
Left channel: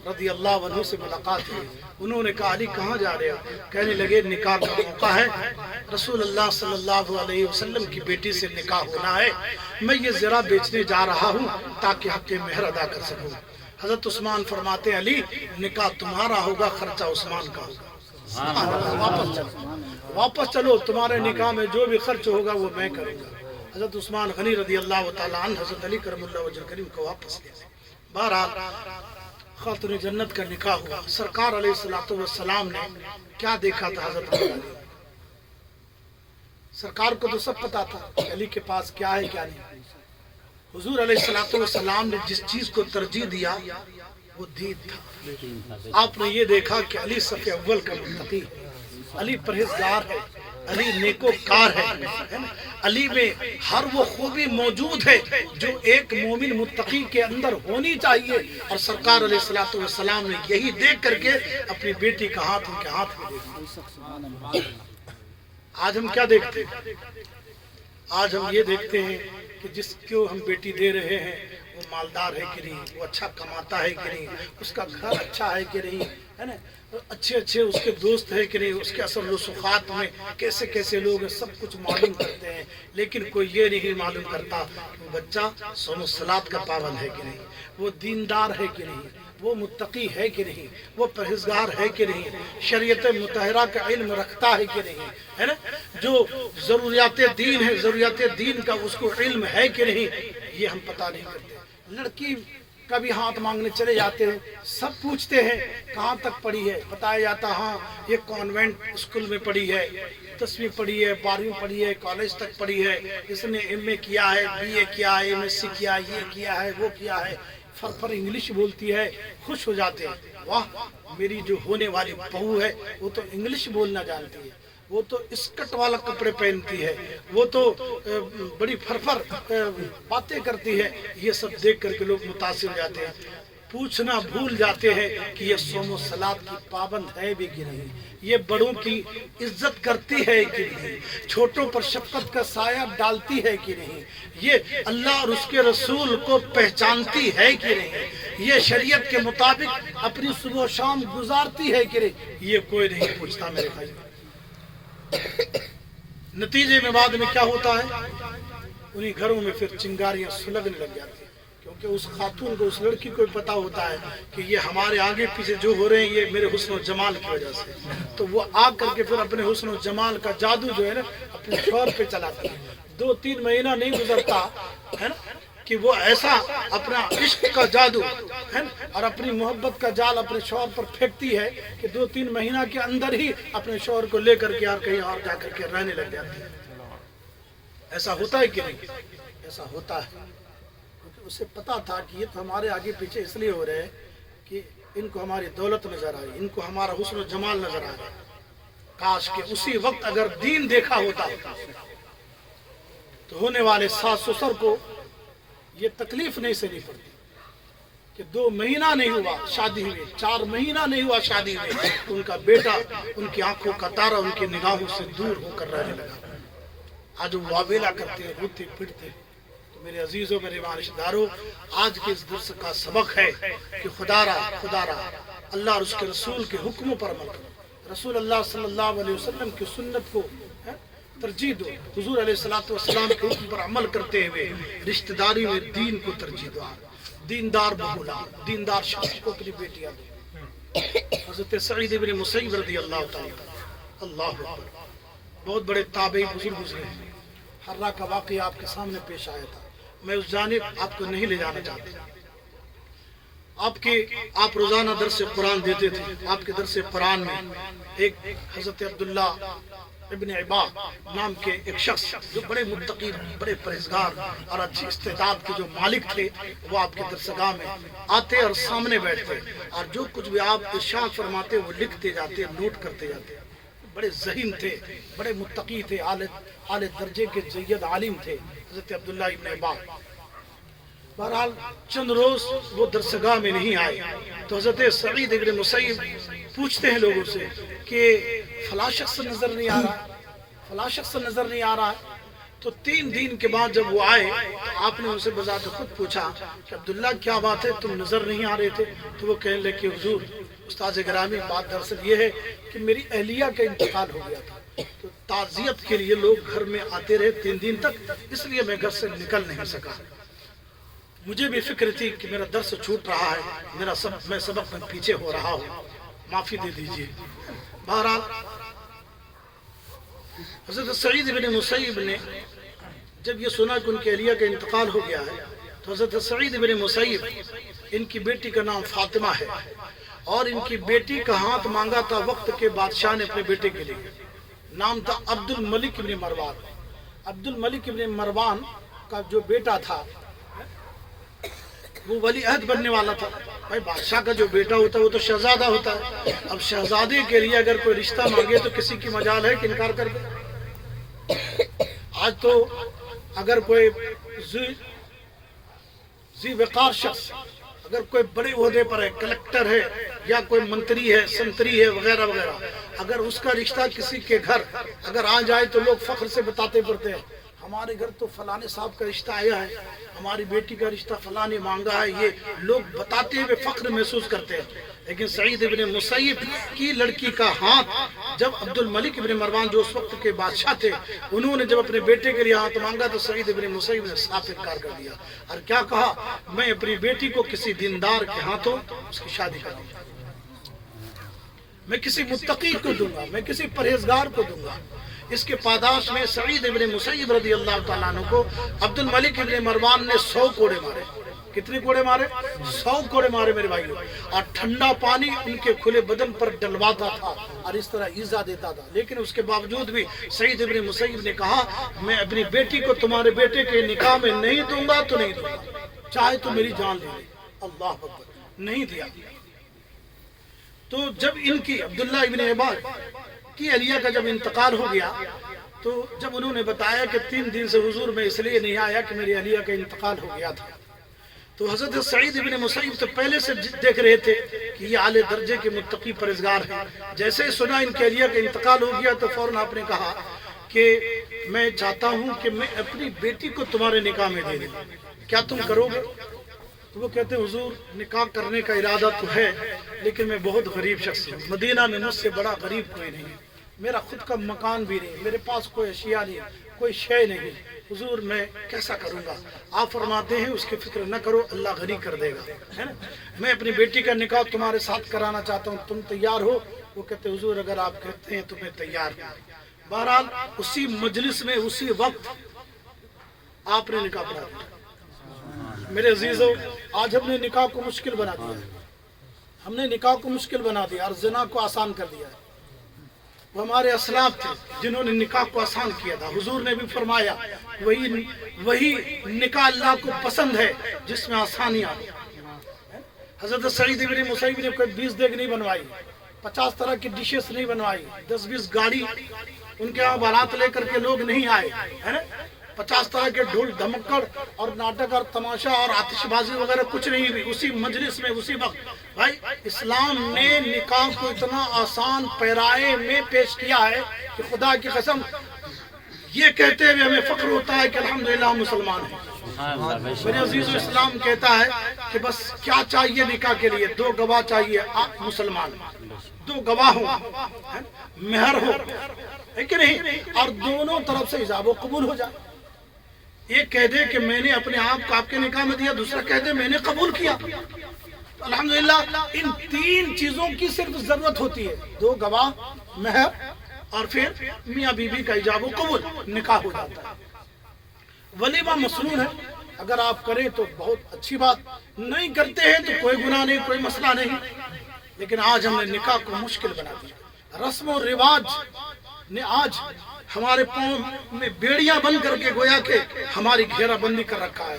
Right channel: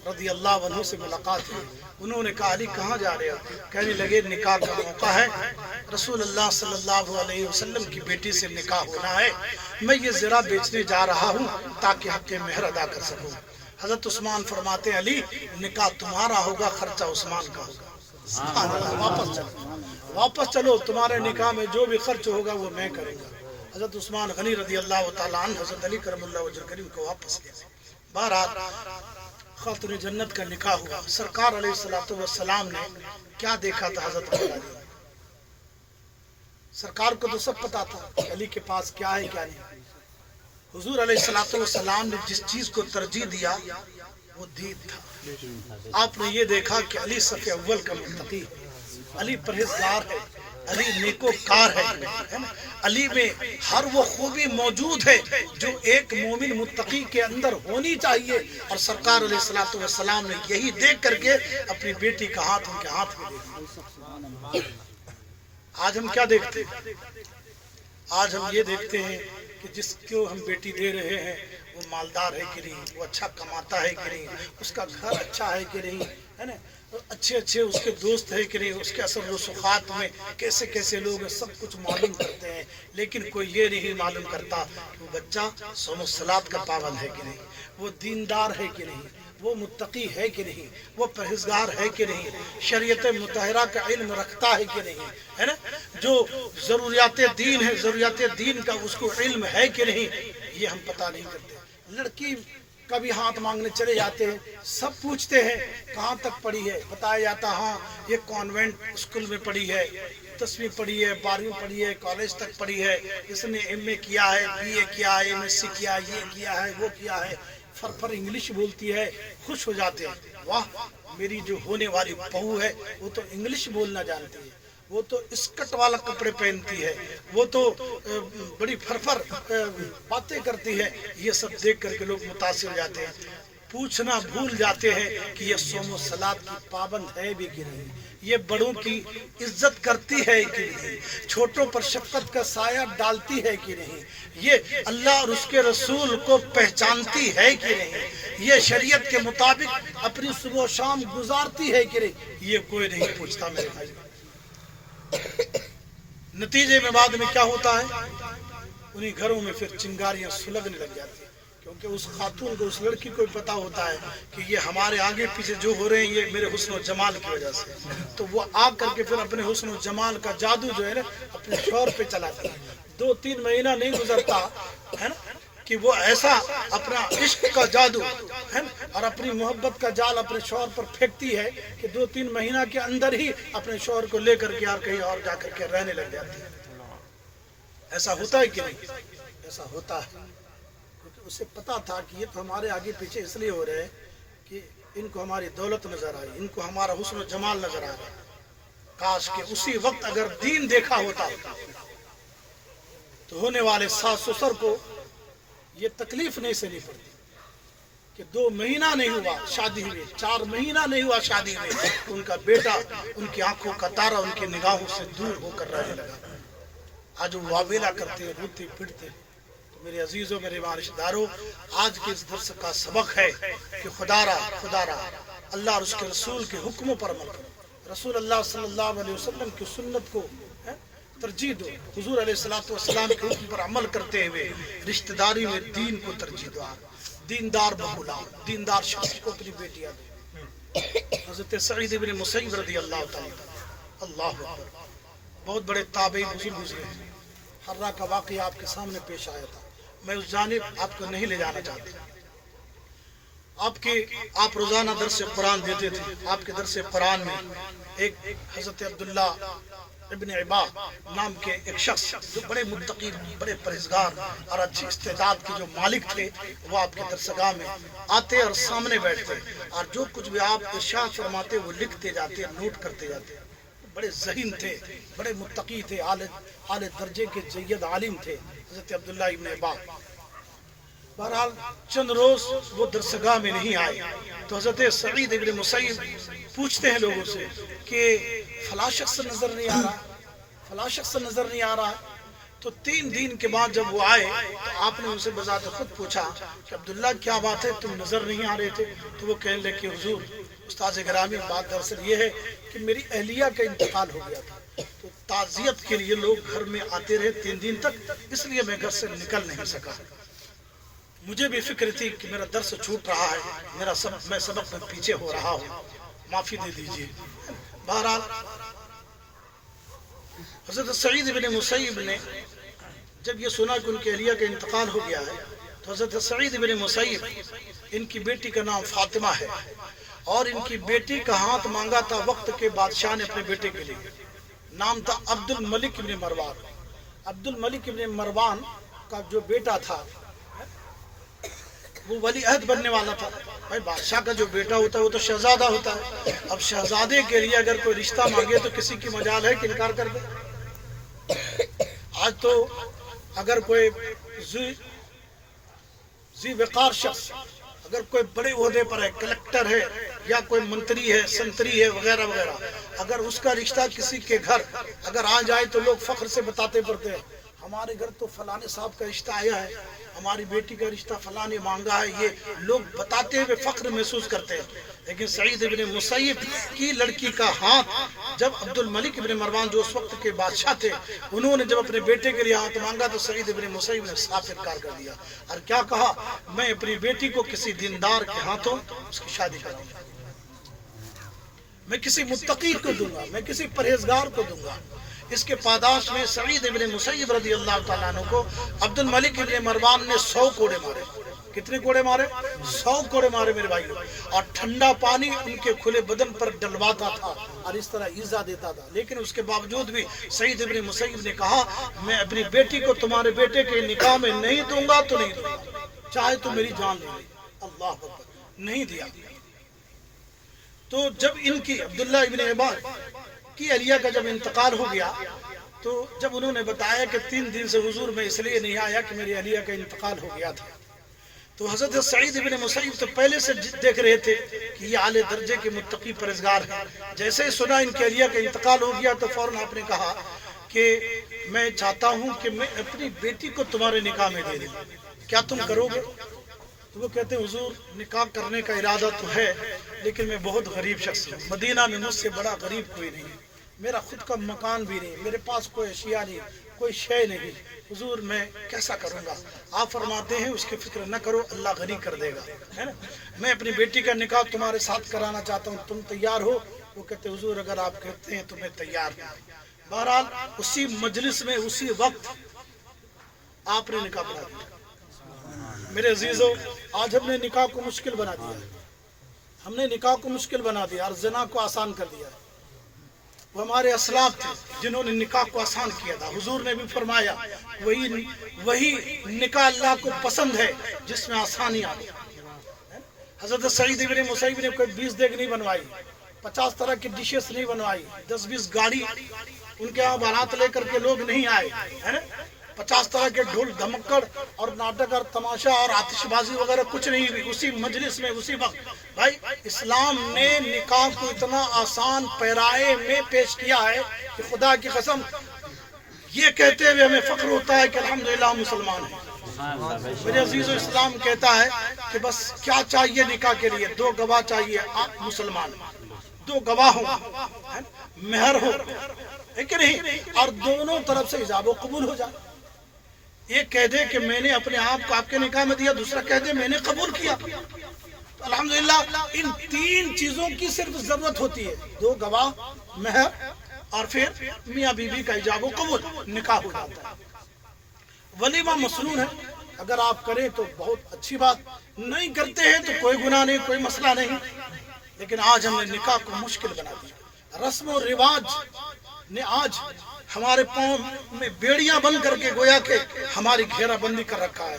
رضی اللہ عنہ سے ملاقات ہوئی۔ انہوں نے کہا علی کہاں جا رہے ہو؟ کہنے لگے نکاح کا موقع ہے، رسول اللہ صلی اللہ علیہ وسلم کی بیٹی سے نکاح ہونا ہے، میں یہ زرہ بیچنے جا رہا ہوں تاکہ حق مہر ادا کر سکوں۔ حضرت عثمان فرماتے ہیں علی نکاح تمہارا ہوگا، خرچہ عثمان کا ہوگا۔ سبحان اللہ، واپس چلو تمہارے نکاح میں جو بھی خرچ ہوگا وہ میں کروں گا۔ حضرت عثمان غنی رضی اللہ تعالیٰ عنہ حضرت علی کرم اللہ وجہ کریم کو واپس لے گئے. بہرحال خاتون جنت کا نکاح ہوا. سرکار علیہ الصلوۃ والسلام نے کیا دیکھا تھا حضرت علی نے؟ سرکار کو تو سب پتا تھا کہ علی کے پاس کیا ہے کیا نہیں. حضور علیہ الصلوۃ والسلام نے جس چیز کو ترجیح دیا وہ دین تھا. آپ نے یہ دیکھا کہ علی صف اول کا متقی ہے، علی پرہیزگار ہے، علی نیکوکار ہے نا؟ علی میں ہر وہ خوبی موجود ہے جو ایک مومن متقی کے اندر ہونی چاہیے. اور سرکار علیہ الصلوۃ والسلام نے یہی دیکھ کر کے اپنی بیٹی کا ہاتھ ان کے ہاتھ میں دے دیا. آج ہم کیا دیکھتے ہیں؟ آج ہم یہ دیکھتے ہیں کہ جس کو ہم بیٹی دے رہے ہیں وہ مالدار ہے کہ نہیں، وہ اچھا کماتا ہے کہ نہیں، اس کا گھر اچھا ہے کہ نہیں، ہے نا، اچھے اچھے اس کے دوست ہے کہ نہیں، اس کے اثر رسوخات میں کیسے کیسے لوگ ہیں، سب کچھ معلوم کرتے ہیں. لیکن کوئی یہ نہیں معلوم کرتا کہ وہ بچہ صوم و صلات کا پابند ہے کہ نہیں، وہ دیندار ہے کہ نہیں، وہ متقی ہے کہ نہیں، وہ پرہیزگار ہے کہ نہیں، شریعت مطہرہ کا علم رکھتا ہے کہ نہیں، ہے نا، جو ضروریات دین ہے ضروریات دین کا اس کو علم ہے کہ نہیں، یہ ہم پتہ نہیں کرتے. لڑکی کبھی ہاتھ مانگنے چلے جاتے ہیں، سب پوچھتے ہیں کہاں تک پڑھی ہے، بتایا جاتا ہاں یہ کانوینٹ اسکول میں پڑھی ہے، 10ویں پڑھی ہے، 12ویں پڑھی ہے، کالج تک پڑھی ہے، اس نے ایم اے کیا ہے، بی اے کیا ہے، ایم ایس سی کیا ہے، یہ کیا ہے، وہ کیا ہے. فر انگلش بولتی ہے، خوش ہو جاتے ہیں، واہ میری جو ہونے والی بہو ہے وہ تو انگلش بولنا جانتی ہے، وہ تو اسکٹ والا کپڑے پہنتی ہے، وہ تو بڑی فرفر باتیں کرتی ہے. یہ سب دیکھ کر کے لوگ متاثر ہو جاتے ہیں. پوچھنا بھول جاتے ہیں کہ یہ صوم و صلات کی پابند ہے بھی کہ نہیں، یہ بڑوں کی عزت کرتی ہے کہ نہیں، چھوٹوں پر شفقت کا سایہ ڈالتی ہے کہ نہیں، یہ اللہ اور اس کے رسول کو پہچانتی ہے کہ نہیں، یہ شریعت کے مطابق اپنی صبح و شام گزارتی ہے کہ نہیں. یہ کوئی نہیں پوچھتا میرے بھائی. نتیجے میں بعد میں کیا ہوتا ہے؟ انہی گھروں میں پھر چنگاریاں سلگنے لگ جاتی ہیں، کیونکہ اس خاتون کو، اس لڑکی کو پتا ہوتا ہے کہ یہ ہمارے آگے پیچھے جو ہو رہے ہیں یہ میرے حسن و جمال کی وجہ سے. تو وہ آ کر کے پھر اپنے حسن و جمال کا جادو جو ہے نا اپنے شوہر پہ چلاتی ہے. 2-3 مہینہ نہیں گزرتا ہے نا کہ وہ ایسا اپنا عشق کا جادو ہے اور اپنی محبت کا جال اپنے شوہر پر پھینکتی ہے کہ 2-3 مہینہ کے اندر ہی اپنے شوہر کو لے کر کے اور کہیں اور جا کر کے رہنے لگ جاتی ہے. ایسا ہوتا ہے کہ نہیں؟ ایسا ہوتا ہے، کیونکہ اسے پتا تھا کہ یہ تو ہمارے آگے پیچھے اس لیے ہو رہے ہیں کہ ان کو ہماری دولت نظر آئی، ان کو ہمارا حسن و جمال نظر آ گیا. کاش کہ اسی وقت اگر دین دیکھا ہوتا تو ہونے والے ساس سسر کو یہ تکلیف نہیں سہنی پڑتی کہ 2 مہینہ نہیں ہوا شادی ہوئے، 4 مہینہ نہیں ہوا شادی ہوئے، ان کا بیٹا ان کی آنکھوں کا تارا ان کی نگاہوں سے دور ہو کر رہنے لگا. آج وہ واویلا کرتے ہیں، روتے پھرتے. تو میرے عزیزوں، میرے رشتہ داروں، آج کے اس درس کا سبق ہے کہ خدا را اللہ اور اس کے رسول کے حکموں پر عمل کرو. رسول اللہ صلی اللہ علیہ وسلم کی سنت کو ترجیح دو. حضور علیہ الصلوۃ والسلام کے حکم پر عمل کرتے ہوئے رشتہ داری میں دین کو ترجیح دو. دیندار بہو لاؤ، دیندار شخص کو اپنی بیٹیاں دو. حضرت سعید بن مسیب رضی اللہ تعالیٰ اللہ اکبر، بہت بڑے تابعی بزرگ گزرے تھے. حرہ کا واقعہ آپ کے سامنے پیش آیا تھا، میں اس جانب آپ کو نہیں لے جانا چاہتا. آپ روزانہ درس قرآن دیتے تھے. آپ کے درس قرآن میں ایک حضرت عبداللہ ابن عبا نام کے ایک شخص جو بڑے متقی، بڑے پرہیزگار اور اچھی استعداد کے جو مالک تھے، وہ آپ کے درسگاہ میں آتے اور سامنے بیٹھتے اور جو کچھ بھی آپ ارشاد فرماتے وہ لکھتے جاتے، نوٹ کرتے جاتے. بڑے ذہین تھے، بڑے متقی تھے، اعلی درجے کے جید عالم تھے حضرت عبداللہ ابن عبا. بہرحال چند روز وہ درسگاہ میں نہیں آئے تو حضرت سعید ابن مسیب پوچھتے ہیں لوگوں سے کہ فلاں شخص نظر نہیں آ رہا ہے، فلاں شخص نظر نہیں آ رہا ہے. تو 3 دن کے بعد جب وہ آئے تو آپ نے ان سے بذات خود پوچھا کہ عبداللہ کیا بات ہے، تم نظر نہیں آ رہے تھے؟ تو وہ کہنے لگے کہ حضور استاذ گرامی، بات دراصل یہ ہے کہ میری اہلیہ کا انتقال ہو گیا تھا، تو تعزیت کے لیے لوگ گھر میں آتے رہے 3 دن تک، اس لیے میں گھر سے نکل نہیں سکا. مجھے بھی فکر تھی کہ میرا درس چھوٹ رہا ہے، میں سبق میں پیچھے ہو رہا ہوں، معافی دے دیجیے. بہرحال حضرت سعید بن مسیب نے جب یہ سنا کہ ان کی اہلیہ کا انتقال ہو گیا ہے تو حضرت سعید بن مسیب، ان کی بیٹی کا نام فاطمہ ہے، اور ان کی بیٹی کا ہاتھ مانگا تھا وقت کے بادشاہ نے اپنے بیٹے کے لیے، نام تھا عبد الملک ابن مروان۔ عبد الملک ابن مروان کا جو بیٹا تھا وہ ولی عہد بننے والا تھا۔ بھائی بادشاہ کا جو بیٹا ہوتا ہے وہ تو شہزادہ ہوتا ہے، اب شہزادے کے لیے اگر کوئی رشتہ مانگے تو کسی کی مجال ہے کہ انکار کر دے؟ آج تو اگر کوئی ذی وقار شخص اگر کوئی بڑے عہدے پر ہے، کلکٹر ہے یا کوئی منتری ہے، سنتری ہے وغیرہ وغیرہ، اگر اس کا رشتہ کسی کے گھر اگر آ جائے تو لوگ فخر سے بتاتے پڑتے ہیں ہمارے گھر تو فلانے صاحب کا رشتہ آیا ہے، ہماری بیٹی کا رشتہ فلانے مانگا ہے، یہ لوگ بتاتے ہوئے فخر محسوس کرتے ہیں۔ لیکن سعید ابن مسیب کی لڑکی کا ہاتھ جب عبد الملک ابن مروان جو اس وقت کے بادشاہ تھے انہوں نے جب اپنے بیٹے کے لیے ہاتھ مانگا تو سعید ابن مسیب نے صاف انکار کر دیا اور کیا کہا، میں اپنی بیٹی کو کسی دیندار کے ہاتھوں اس کی شادی کروں گا، میں کسی متقی کو دوں گا، میں کسی پرہیزگار کو دوں گا۔ اس کے پاداش میں سعید ابن مسیب رضی اللہ تعالیٰ عنہ کو عبد الملک ابن مروان نے 100 کوڑے مارے۔ کتنے کوڑے مارے؟ 100 کوڑے مارے میرے بھائیو، اور ٹھنڈا پانی ان کے کھلے بدن پر ڈلواتا تھا اور اس طرح ایذا دیتا تھا۔ لیکن اس کے باوجود بھی سعید ابن مسیب نے کہا میں اپنی بیٹی کو تمہارے بیٹے کے نکاح میں نہیں دوں گا تو نہیں دوں گا، چاہے تو میری جان لے لے۔ اللہ اکبر، نہیں دیا۔ تو جب ان کی عبداللہ ابن عباد کی اہلیہ کا جب انتقال ہو گیا تو جب انہوں نے بتایا کہ 3 دن سے حضور میں اس لیے نہیں آیا کہ میری اہلیہ کا انتقال ہو گیا تھا، تو حضرت سعید ابن مسیب تو پہلے سے دیکھ رہے تھے کہ یہ اعلی درجے کے متقی پرہیزگار ہیں۔ جیسے ہی سنا ان کے اہلیہ کا انتقال ہو گیا تو فوراً آپ نے کہا کہ میں چاہتا ہوں کہ میں اپنی بیٹی کو تمہارے نکاح میں دے دوں، کیا تم کرو گے؟ تو وہ کہتے ہیں حضور نکاح کرنے کا ارادہ تو ہے لیکن میں بہت غریب شخص ہوں، مدینہ میں مجھ سے بڑا غریب کوئی نہیں ہے، میرا خود کا مکان بھی نہیں، میرے پاس کوئی اشیاء نہیں، کوئی شے نہیں، حضور میں کیسا کروں گا؟ آپ فرماتے ہیں اس کی فکر نہ کرو، اللہ غنی کر دے گا، ہے نا؟ میں اپنی بیٹی کا نکاح تمہارے ساتھ کرانا چاہتا ہوں، تم تیار ہو؟ وہ کہتے حضور اگر آپ کہتے ہیں تو میں تیار ہوں۔ بہرحال اسی مجلس میں اسی وقت آپ نے نکاح پڑھا دیا۔ میرے عزیزوں، آج ہم نے نکاح کو مشکل بنا دیا ہے، ہم نے نکاح کو مشکل بنا دیا اور زنا کو آسان کر دیا ہے۔ وہ ہمارے اسلاف تھے جنہوں نے نکاح کو آسان کیا تھا۔ حضور نے بھی فرمایا وہی نکاح اللہ کو پسند ہے جس میں آسانی آتی۔ حضرت سعید ابن مسیب نے کوئی 20 دیگ نہیں بنوائی، 50 طرح کی ڈشز نہیں بنوائی، 10-20 گاڑی ان کے یہاں بارات لے کر کے لوگ نہیں آئے، ہے نا؟ 50 طرح کے ڈھول دھمکڑ اور ناٹک اور تماشا اور آتش بازی وغیرہ کچھ نہیں ہوئی۔ اسی مجلس میں اسی وقت بھائی اسلام نے نکاح کو اتنا آسان پیرائے میں پیش کیا ہے کہ خدا کی قسم یہ کہتے ہوئے ہمیں فخر ہوتا ہے کہ الحمدللہ ہم مسلمان ہیں۔ میرے عزیز اسلام کہتا ہے کہ بس کیا چاہیے نکاح کے لیے؟ 2 گواہ چاہیے، آپ مسلمان 2 گواہ ہوں، مہر ہو، ہے کہ نہیں؟ اور دونوں طرف سے ایجاب و قبول ہو جائے۔ ایک کہہ دے کہ میں نے اپنے آپ کو آپ کے نکاح میں دیا، دوسرا کہہ دے میں نے قبول کیا۔ الحمدللہ ان 3 چیزوں کی صرف ضرورت ہوتی ہے، 2 گواہ، مہر اور پھر میاں بیوی کا ایجاب و قبول، نکاح ہو جاتا ہے۔ ولیمہ مسنون ہے، اگر آپ کریں تو بہت اچھی بات، نہیں کرتے ہیں تو کوئی گناہ نہیں، کوئی مسئلہ نہیں۔ لیکن آج ہم نے نکاح کو مشکل بنا دیا، رسم و رواج نے آج ہمارے پاؤں میں بیڑیاں بند کر کے گویا کہ ہماری گھیرا بندی کر رکھا ہے۔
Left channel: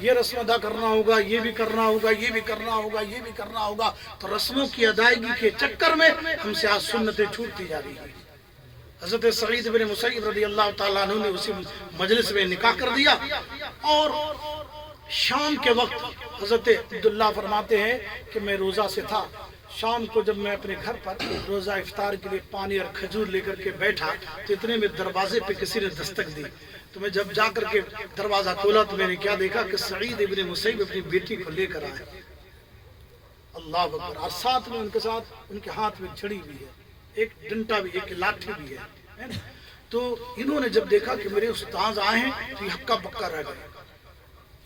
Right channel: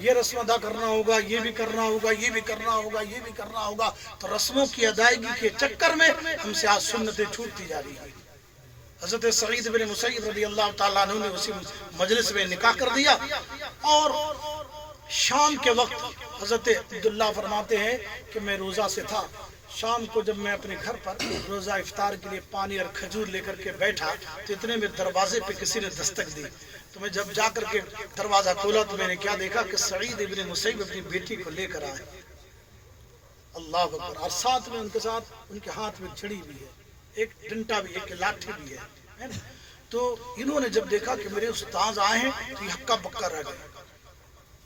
یہ رسم ادا کرنا ہوگا، یہ بھی کرنا ہوگا، یہ بھی کرنا ہوگا، یہ بھی کرنا ہوگا، تو رسموں کی ادائیگی کے چکر میں ہم سے آج سنتیں چھوٹتی جا رہی ہیں۔ حضرت سعید بن مسیب رضی اللہ تعالیٰ عنہ نے اسی مجلس میں نکاح کر دیا، اور شام کے وقت حضرت عبداللہ فرماتے ہیں کہ میں روزہ سے تھا، شام کو جب میں اپنے گھر پر روزہ افطار کے لیے پانی اور کھجور لے کر کے بیٹھا تو اتنے میں دروازے پہ کسی نے دستک دی، تو میں جب جا کر کے دروازہ کھولا تو میں نے کیا دیکھا کہ سعید ابن مسیب اپنی بیٹی کو لے کر آئے۔ اللہ اکبر، اور ساتھ میں ان کے ساتھ ان کے ہاتھ میں چھڑی بھی ہے، ایک ڈنٹا بھی، ایک لاٹھی بھی ہے۔ تو انہوں نے جب دیکھا کہ میرے استاذ آئے ہیں تو یہ ہکا بکا رہ گئے،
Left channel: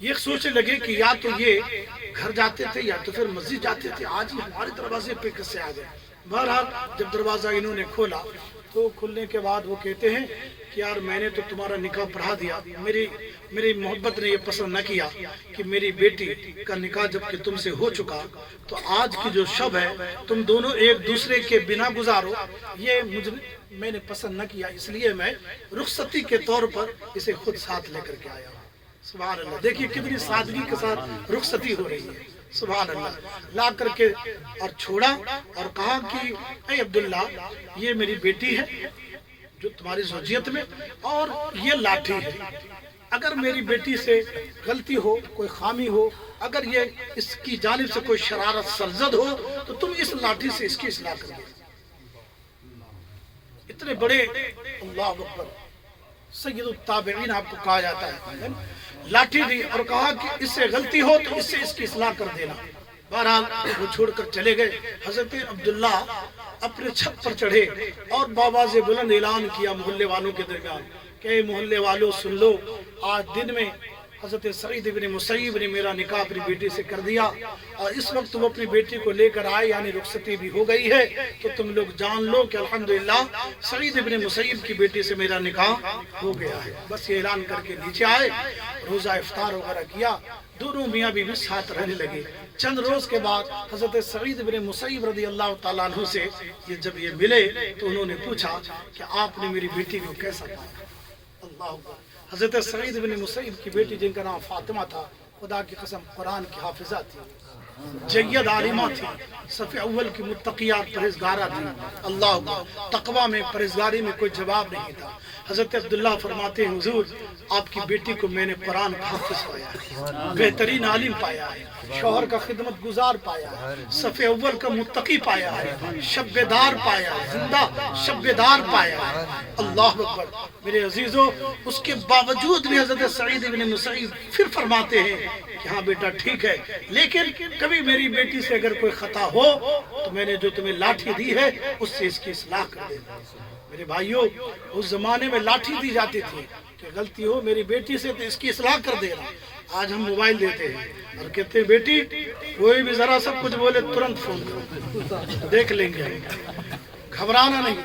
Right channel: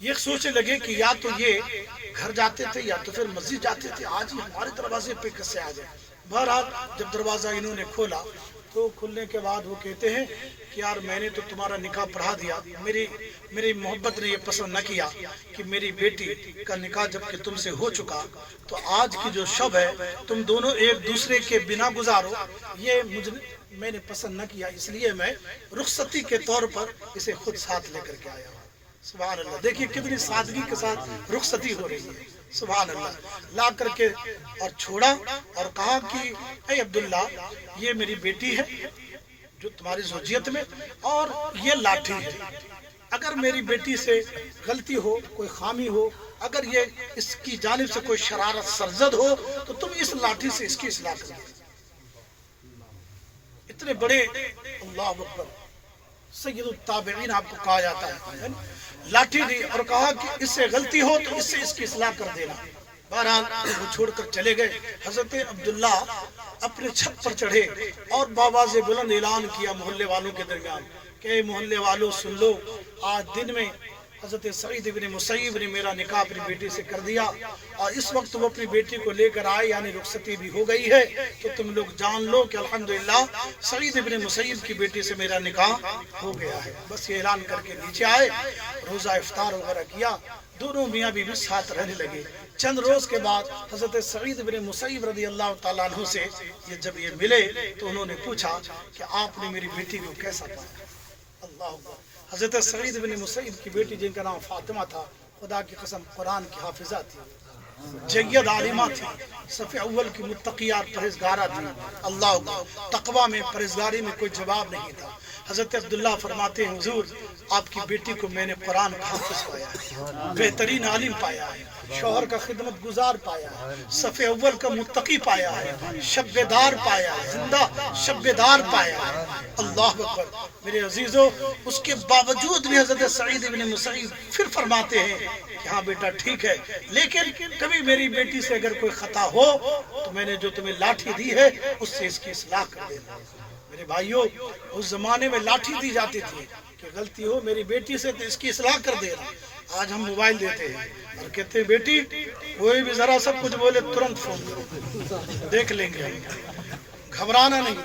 یہ سوچنے لگے کہ یا تو یہ گھر جاتے تھے یا تو پھر مسجد جاتے تھے، آج ہی ہمارے دروازے پہ کیسے آ گئے۔ بہرحال جب دروازہ انہوں نے کھولا تو کھلنے کے بعد وہ کہتے ہیں کہ یار میں نے تو تمہارا نکاح پڑھا دیا، میری محبت نے یہ پسند نہ کیا کہ میری بیٹی کا نکاح جب کہ تم سے ہو چکا تو آج کی جو شب ہے تم دونوں ایک دوسرے کے بنا گزارو، یہ میں نے پسند نہ کیا، اس لیے میں رخصتی کے طور پر اسے خود ساتھ لے کر کے آیا ہوں۔ سبحان اللہ، دیکھیے کتنی سادگی کے ساتھ رخصتی ہو رہی ہے، سبحان اللہ۔ لا کر کے اور چھوڑا اور کہا کہ اے عبداللہ یہ میری بیٹی ہے جو تمہاری زوجیت میں، اور یہ لاٹھی ہے، اگر میری بیٹی سے غلطی ہو، کوئی خامی ہو، اگر یہ اس کی جانب سے کوئی شرارت سرزد ہو تو تم اس لاٹھی سے اس کی اصلاح کر دو۔ اتنے بڑے اللہ اکبر سید التابعین آپ کو کہا جاتا ہے، لاٹھی دی اور کہا کہ اس سے غلطی ہو تو اس سے اس کی اصلاح کر دینا۔ بہرحال وہ چھوڑ کر چلے گئے۔ حضرت عبداللہ اپنے چھت پر چڑھے اور بآواز بلند اعلان کیا محلے والوں کے درمیان کہ اے محلے والوں سن لو، آج دن میں حضرت سعید بن مسیب نے میرا نکاح اپنی بیٹی سے کر دیا، اور اس وقت وہ اپنی بیٹی کو لے کر آئے، یعنی رخصتی بھی ہو گئی ہے، تو تم لوگ جان لو کہ الحمدللہ سعید بن مسیب کی بیٹی سے میرا نکاح ہو گیا ہے۔ بس یہ اعلان کر کے نیچے آئے، روزہ افطار وغیرہ کیا، دونوں میاں بیوی ساتھ رہنے لگے۔ چند روز کے بعد حضرت سعید بن مسیب رضی اللہ تعالیٰ عنہ سے جب یہ ملے تو انہوں نے پوچھا کہ آپ نے میری بیٹی کو کیسا پایا؟ اللہ اکبر۔ حضرت سعید بن مسیب کی بیٹی جن کا نام فاطمہ تھا، خدا کی قسم قرآن کی حافظہ تھی، جید عالمہ تھی، صف اول کی متقیہ پرہیزگارہ تھی۔ اللہ اکبر۔ تقوی میں پرہیزگاری میں کوئی جواب نہیں تھا۔ حضرت عبداللہ فرماتے ہیں حضور آپ کی بیٹی کو میں نے قرآن حافظ پایا ہے، بہترین عالم پایا ہے، شوہر کا خدمت گزار پایا ہے، صف اول کا متقی پایا ہے، شبیدار پایا ہے، زندہ شبیدار پایا ہے۔ اللہ اکبر۔ میرے عزیزو، اس کے باوجود بھی حضرت سعید بن مسیب پھر فرماتے ہیں کہ ہاں بیٹا ٹھیک ہے، لیکن کبھی میری بیٹی سے اگر کوئی خطا ہو تو میں نے جو تمہیں لاٹھی دی ہے اس سے اس کی اصلاح کر دینا۔ میرے بھائیوں، اس زمانے میں لاٹھی دی جاتی تھی کہ غلطی ہو میری بیٹی سے تو اس کی اصلاح کر دینا۔ آج ہم موبائل دیتے ہیں اور کہتے ہیں بیٹی کوئی بھی ذرا سب کچھ بولے ترنت فون کرو، دیکھ لیں گے۔ گھبرانا نہیں،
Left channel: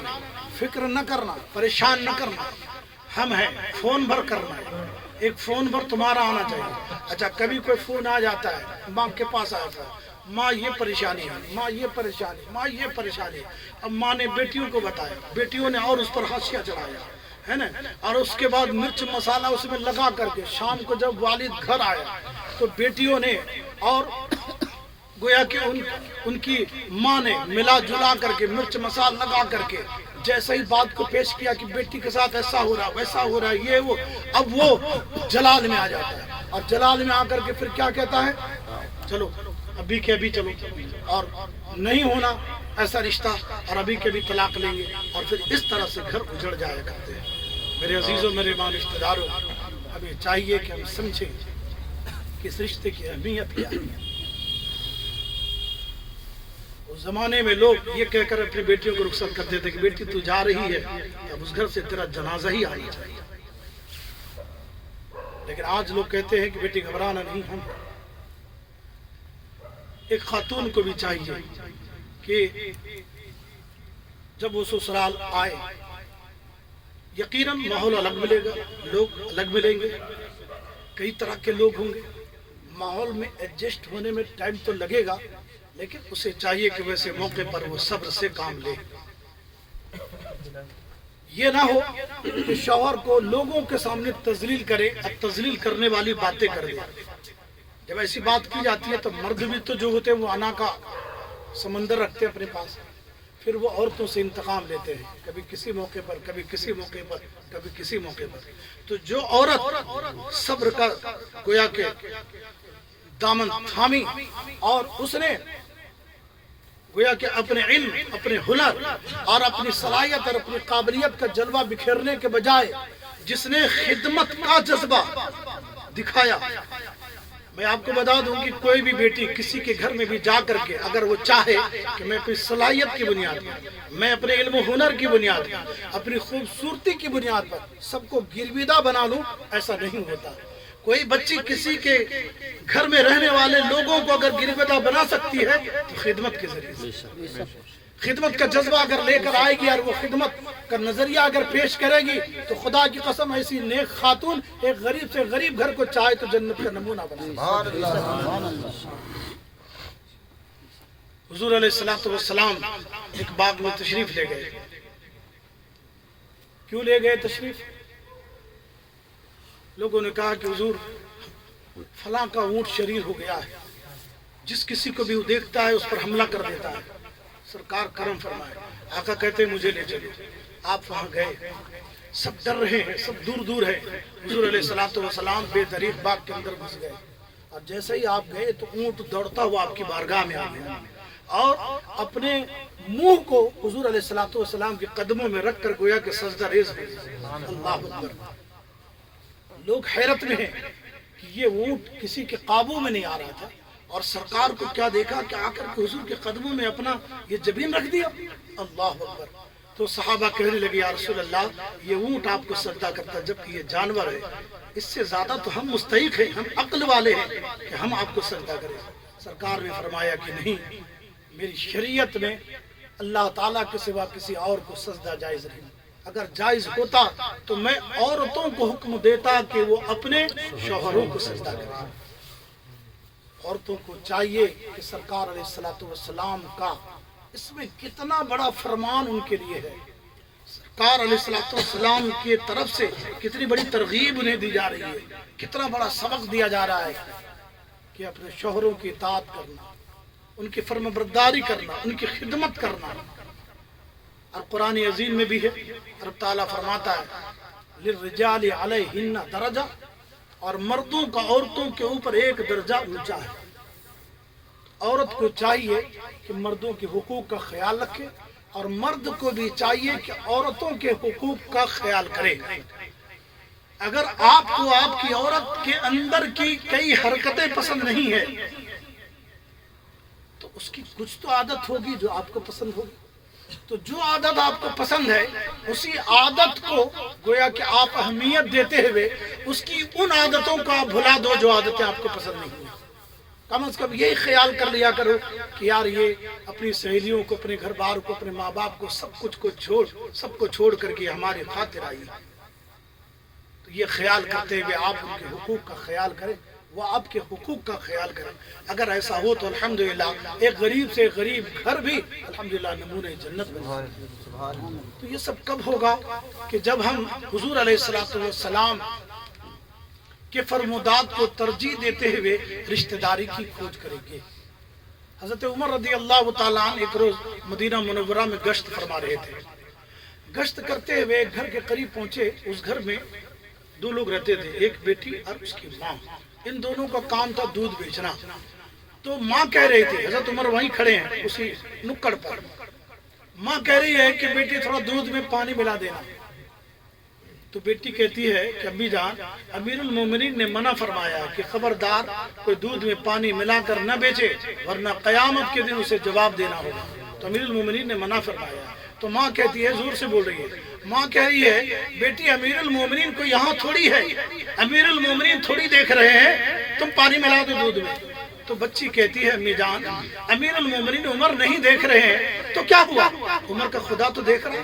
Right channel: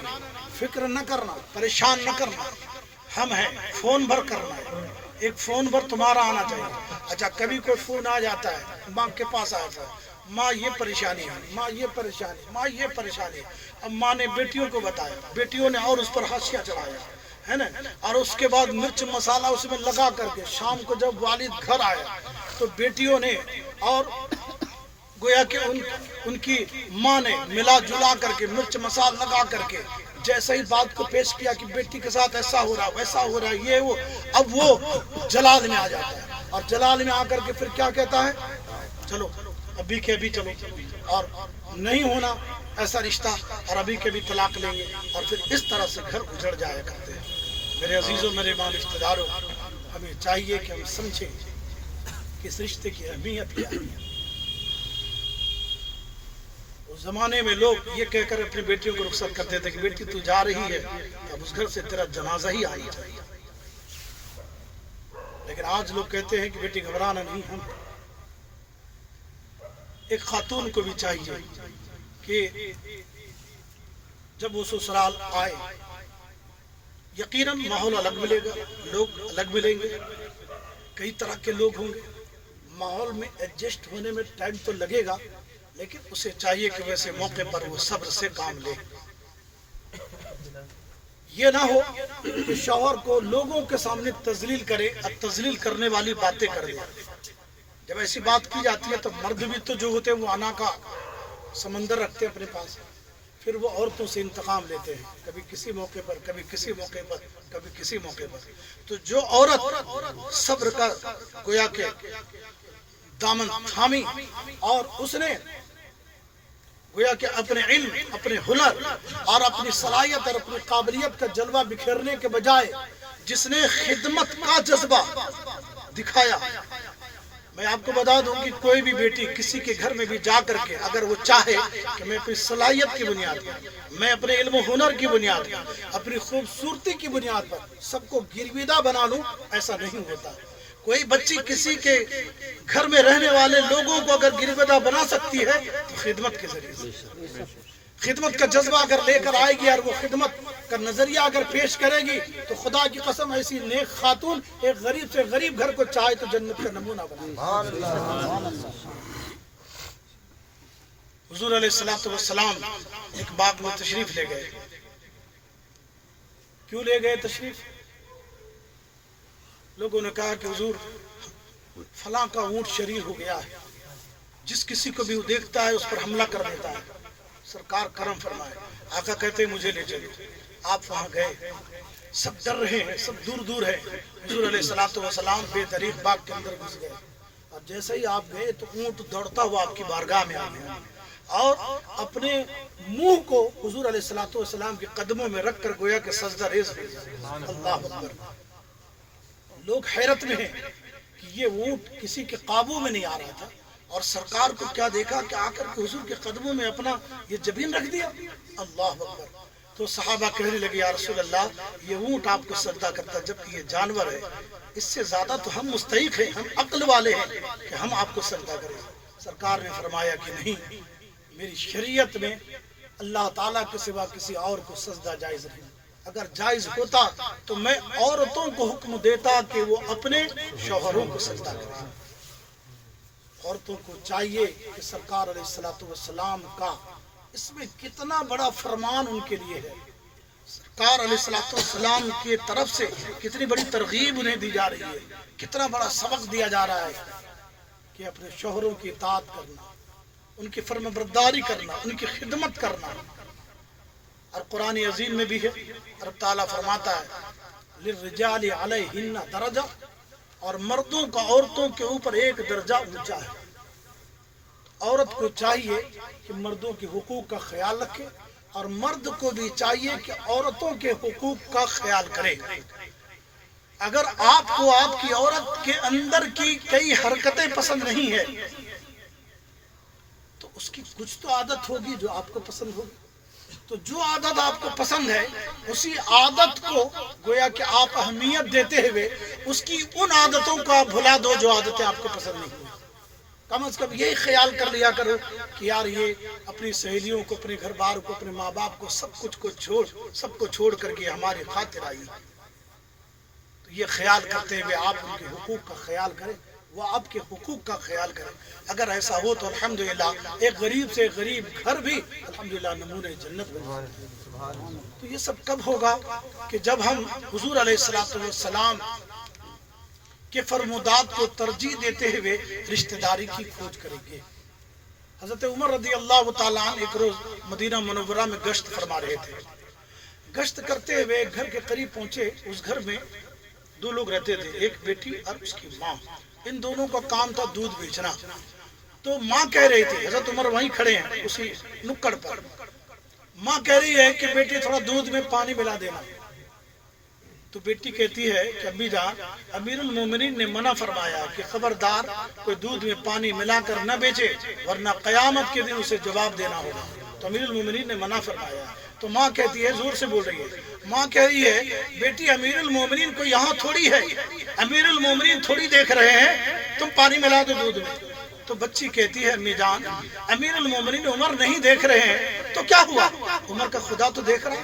فکر نہ کرنا، پریشان نہ کرنا، ہم ہیں، فون بھر کرنا ہے، ایک فون بھر تمہارا آنا چاہیے۔ اچھا کبھی کوئی فون آ جاتا ہے، ماں کے پاس آتا ہے، ماں یہ پریشانی ہے، ماں یہ پریشانی، ماں یہ پریشانی۔ اب ماں نے بیٹیوں کو بتایا، بیٹیوں نے اور اس پر حاشیہ چڑھایا ہے نا، اور اس کے بعد مرچ مسالہ اس میں لگا کر کے شام کو جب والد گھر آیا تو بیٹیوں نے اور گویا کہ ان کی ماں نے ملا جلا کر کے مرچ مسالہ لگا کر کے جیسا ہی بات کو پیش کیا کہ بیٹی کے ساتھ ایسا ہو رہا ویسا ہو رہا ہے یہ وہ، اب وہ جلال میں آ جاتا ہے، اور جلال میں آ کر کے پھر کیا کہتا ہے، چلو ابھی کے ابھی چلو، اور نہیں ہونا ایسا رشتہ اور ابھی کے بھی طلاق لیں گے، اور پھر اس طرح سے گھر اجڑ جایا کرتے ہیں۔ میرے عزیزوں، میرے ماں رشتہ داروں، ہمیں چاہیے کہ ہم سمجھیں کہ اس رشتے کی اہمیت کیا ہے۔ اس زمانے میں لوگ یہ کہہ کر اپنی بیٹیوں کو رخصت کرتے تھے کہ بیٹی تو جا رہی ہے، اب اس گھر سے تیرا جنازہ ہی آنا چاہیے، لیکن آج لوگ کہتے ہیں کہ بیٹی گھبرانا نہیں۔ ہم ایک خاتون کو بھی چاہیے کہ جب وہ سسرال آئے یقیناً ماحول الگ ملے گا، لوگ الگ ملیں گے، کئی طرح کے لوگ ہوں گے، ماحول میں ایڈجسٹ ہونے میں ٹائم تو لگے گا، لیکن اسے چاہیے کہ ویسے موقع پر وہ صبر سے کام لے۔ یہ نہ ہو کہ شوہر کو لوگوں کے سامنے تذلیل کرے اور تذلیل کرنے والی باتیں کر دے۔ جب ایسی بات کی جاتی ہے تو مرد بھی تو جو ہوتے ہیں وہ انا کا سمندر رکھتے ہیں اپنے پاس، پھر وہ عورتوں سے انتقام لیتے ہیں، کبھی کسی موقع پر، کبھی کسی موقع پر، کبھی کسی موقع پر۔ تو جو عورت صبر کا گویا کہ دامن تھامی اور اس نے گویا کہ اپنے علم، اپنے ہنر اور اپنی صلاحیت اور اپنی قابلیت کا جلوہ بکھیرنے کے بجائے جس نے خدمت کا جذبہ دکھایا۔ میں آپ کو بتا دوں کہ کوئی بھی بیٹی کسی کے گھر میں بھی جا کر کے اگر وہ چاہے کہ میں اپنی صلاحیت کی بنیاد پر، میں اپنے علم و ہنر کی بنیاد پر، اپنی خوبصورتی کی بنیاد پر سب کو گرویدہ بنا لوں، ایسا نہیں ہوتا۔ کوئی بچی کسی کے گھر میں رہنے والے لوگوں کو اگر گرویدہ بنا سکتی ہے تو خدمت کے ذریعے سے۔ خدمت کا جذبہ اگر لے کر آئے گی اور وہ خدمت کا نظریہ اگر پیش کرے گی تو خدا کی قسم ایسی نیک خاتون ایک غریب سے غریب گھر کو چاہے تو جنت کا نمونہ بنائے. حضور علیہ السلام ایک باغ میں تشریف لے گئے. کیوں لے گئے تشریف؟ لوگوں نے کہا کہ حضور فلاں کا اونٹ شریر ہو گیا ہے، جس کسی کو بھی وہ دیکھتا ہے اس پر حملہ کر دیتا ہے، سرکار کرم فرمائے. آقا کہتے ہیں مجھے لے چلو. آپ وہاں گئے، سب ڈر رہے ہیں، سب دور دور ہیں. حضور علیہ السلام بے دریغ باغ کے اندر گھس گئے اور جیسے ہی آپ گئے تو اونٹ دوڑتا ہوا آپ کی بارگاہ میں آ گیا اور اپنے منہ کو حضور علیہ السلام کے قدموں میں رکھ کر گویا کہ سجدہ ریز ہو گیا. اللہ اکبر. لوگ حیرت میں ہیں کہ یہ اونٹ کسی کے قابو میں نہیں آ رہا تھا اور سرکار کو کیا دیکھا کہ آ کر کے حضور کے قدموں میں اپنا یہ جبین رکھ دیا. اللہ اکبر. تو صحابہ کہنے لگے یا رسول اللہ یہ اونٹ آپ کو سجدہ کرتا جبکہ یہ جانور ہے، اس سے زیادہ تو ہم مستحق ہیں، ہم عقل والے ہیں کہ ہم آپ کو سجدہ کریں. سرکار نے فرمایا کہ نہیں، میری شریعت میں اللہ تعالیٰ کے سوا کسی اور کو سجدہ جائز نہیں. اگر جائز ہوتا تو میں عورتوں کو حکم دیتا کہ وہ اپنے شوہروں کو سجدہ کریں. عورتوں کو چاہیے کہ سرکار علیہ السلام کا اس میں کتنا بڑا فرمان ان کے لیے ہے. سرکار علیہ السلام کی طرف سے کتنی بڑی ترغیب انہیں دی جا رہی ہے، کتنا بڑا سبق دیا جا رہا ہے کہ اپنے شوہروں کی اطاعت کرنا، ان کی فرم برداری کرنا، ان کی خدمت کرنا. اور قرآن عظیم میں بھی ہے، رب تعالیٰ فرماتا ہے للرجال علیہن درجہ، اور مردوں کا عورتوں کے اوپر ایک درجہ اونچا ہے. عورت کو چاہیے کہ مردوں کے حقوق کا خیال رکھے اور مرد کو بھی چاہیے کہ عورتوں کے حقوق کا خیال کرے. اگر آپ کو آپ کی عورت کے اندر کی کئی حرکتیں پسند نہیں ہے تو اس کی کچھ تو عادت ہوگی جو آپ کو پسند ہوگی. تو جو عادت آپ کو پسند ہے اسی عادت کو گویا کہ آپ اہمیت دیتے ہوئے اس کی ان عادتوں کو آپ بھلا دو جو عادتیں آپ کو پسند نہیں ہیں. کم از کم یہی خیال کر لیا کرو کہ یار یہ اپنی سہیلیوں کو، اپنے گھر بار کو، اپنے ماں باپ کو، سب کچھ کو چھوڑ کر کے ہماری خاطر آئی. تو یہ خیال کرتے ہوئے آپ ان کے حقوق کا خیال کریں، وہ آپ کے حقوق کا خیال کریں. اگر ایسا ہو تو الحمدللہ ایک غریب سے غریب گھر بھی الحمدللہ نمونہ جنت بن جائے. تو یہ سب کب ہوگا؟ کہ جب ہم حضور علیہ السلام کے فرمودات کو ترجیح دیتے ہوئے رشتہ داری کی کھوج کریں گے. حضرت عمر رضی اللہ تعالیٰ عنہ ایک روز مدینہ منورہ میں گشت فرما رہے تھے. گشت کرتے ہوئے ایک گھر کے قریب پہنچے. اس گھر میں دو لوگ رہتے تھے، ایک بیٹی اور اس کی ماں. ان دونوں کا کام تھا دودھ بیچنا. تو ماں کہہ رہی تھی، حضرت عمر وہیں کھڑے ہیں اسی نکڑ پر، ماں کہہ رہی ہے کہ بیٹی تھوڑا دودھ میں پانی ملا دینا. تو بیٹی کہتی ہے کہ امی جان، امیر المومنین نے منع فرمایا کہ خبردار کوئی دودھ میں پانی ملا کر نہ بیچے ورنہ قیامت کے دن اسے جواب دینا ہوگا. تو امیر المومنین نے منع فرمایا. تو ماں کہتی ہے، زور سے بول رہی ہے، ماں کہہ رہی ہے بیٹی امیر المومنین کو یہاں تھوڑی ہے، امیر المومنین تھوڑی دیکھ رہے ہیں، تم پانی ملا دو دودھ میں. تو بچی کہتی ہے امی جان، امیر المومنین عمر نہیں دیکھ رہے ہیں تو کیا ہوا؟ عمر کا خدا تو دیکھ رہا،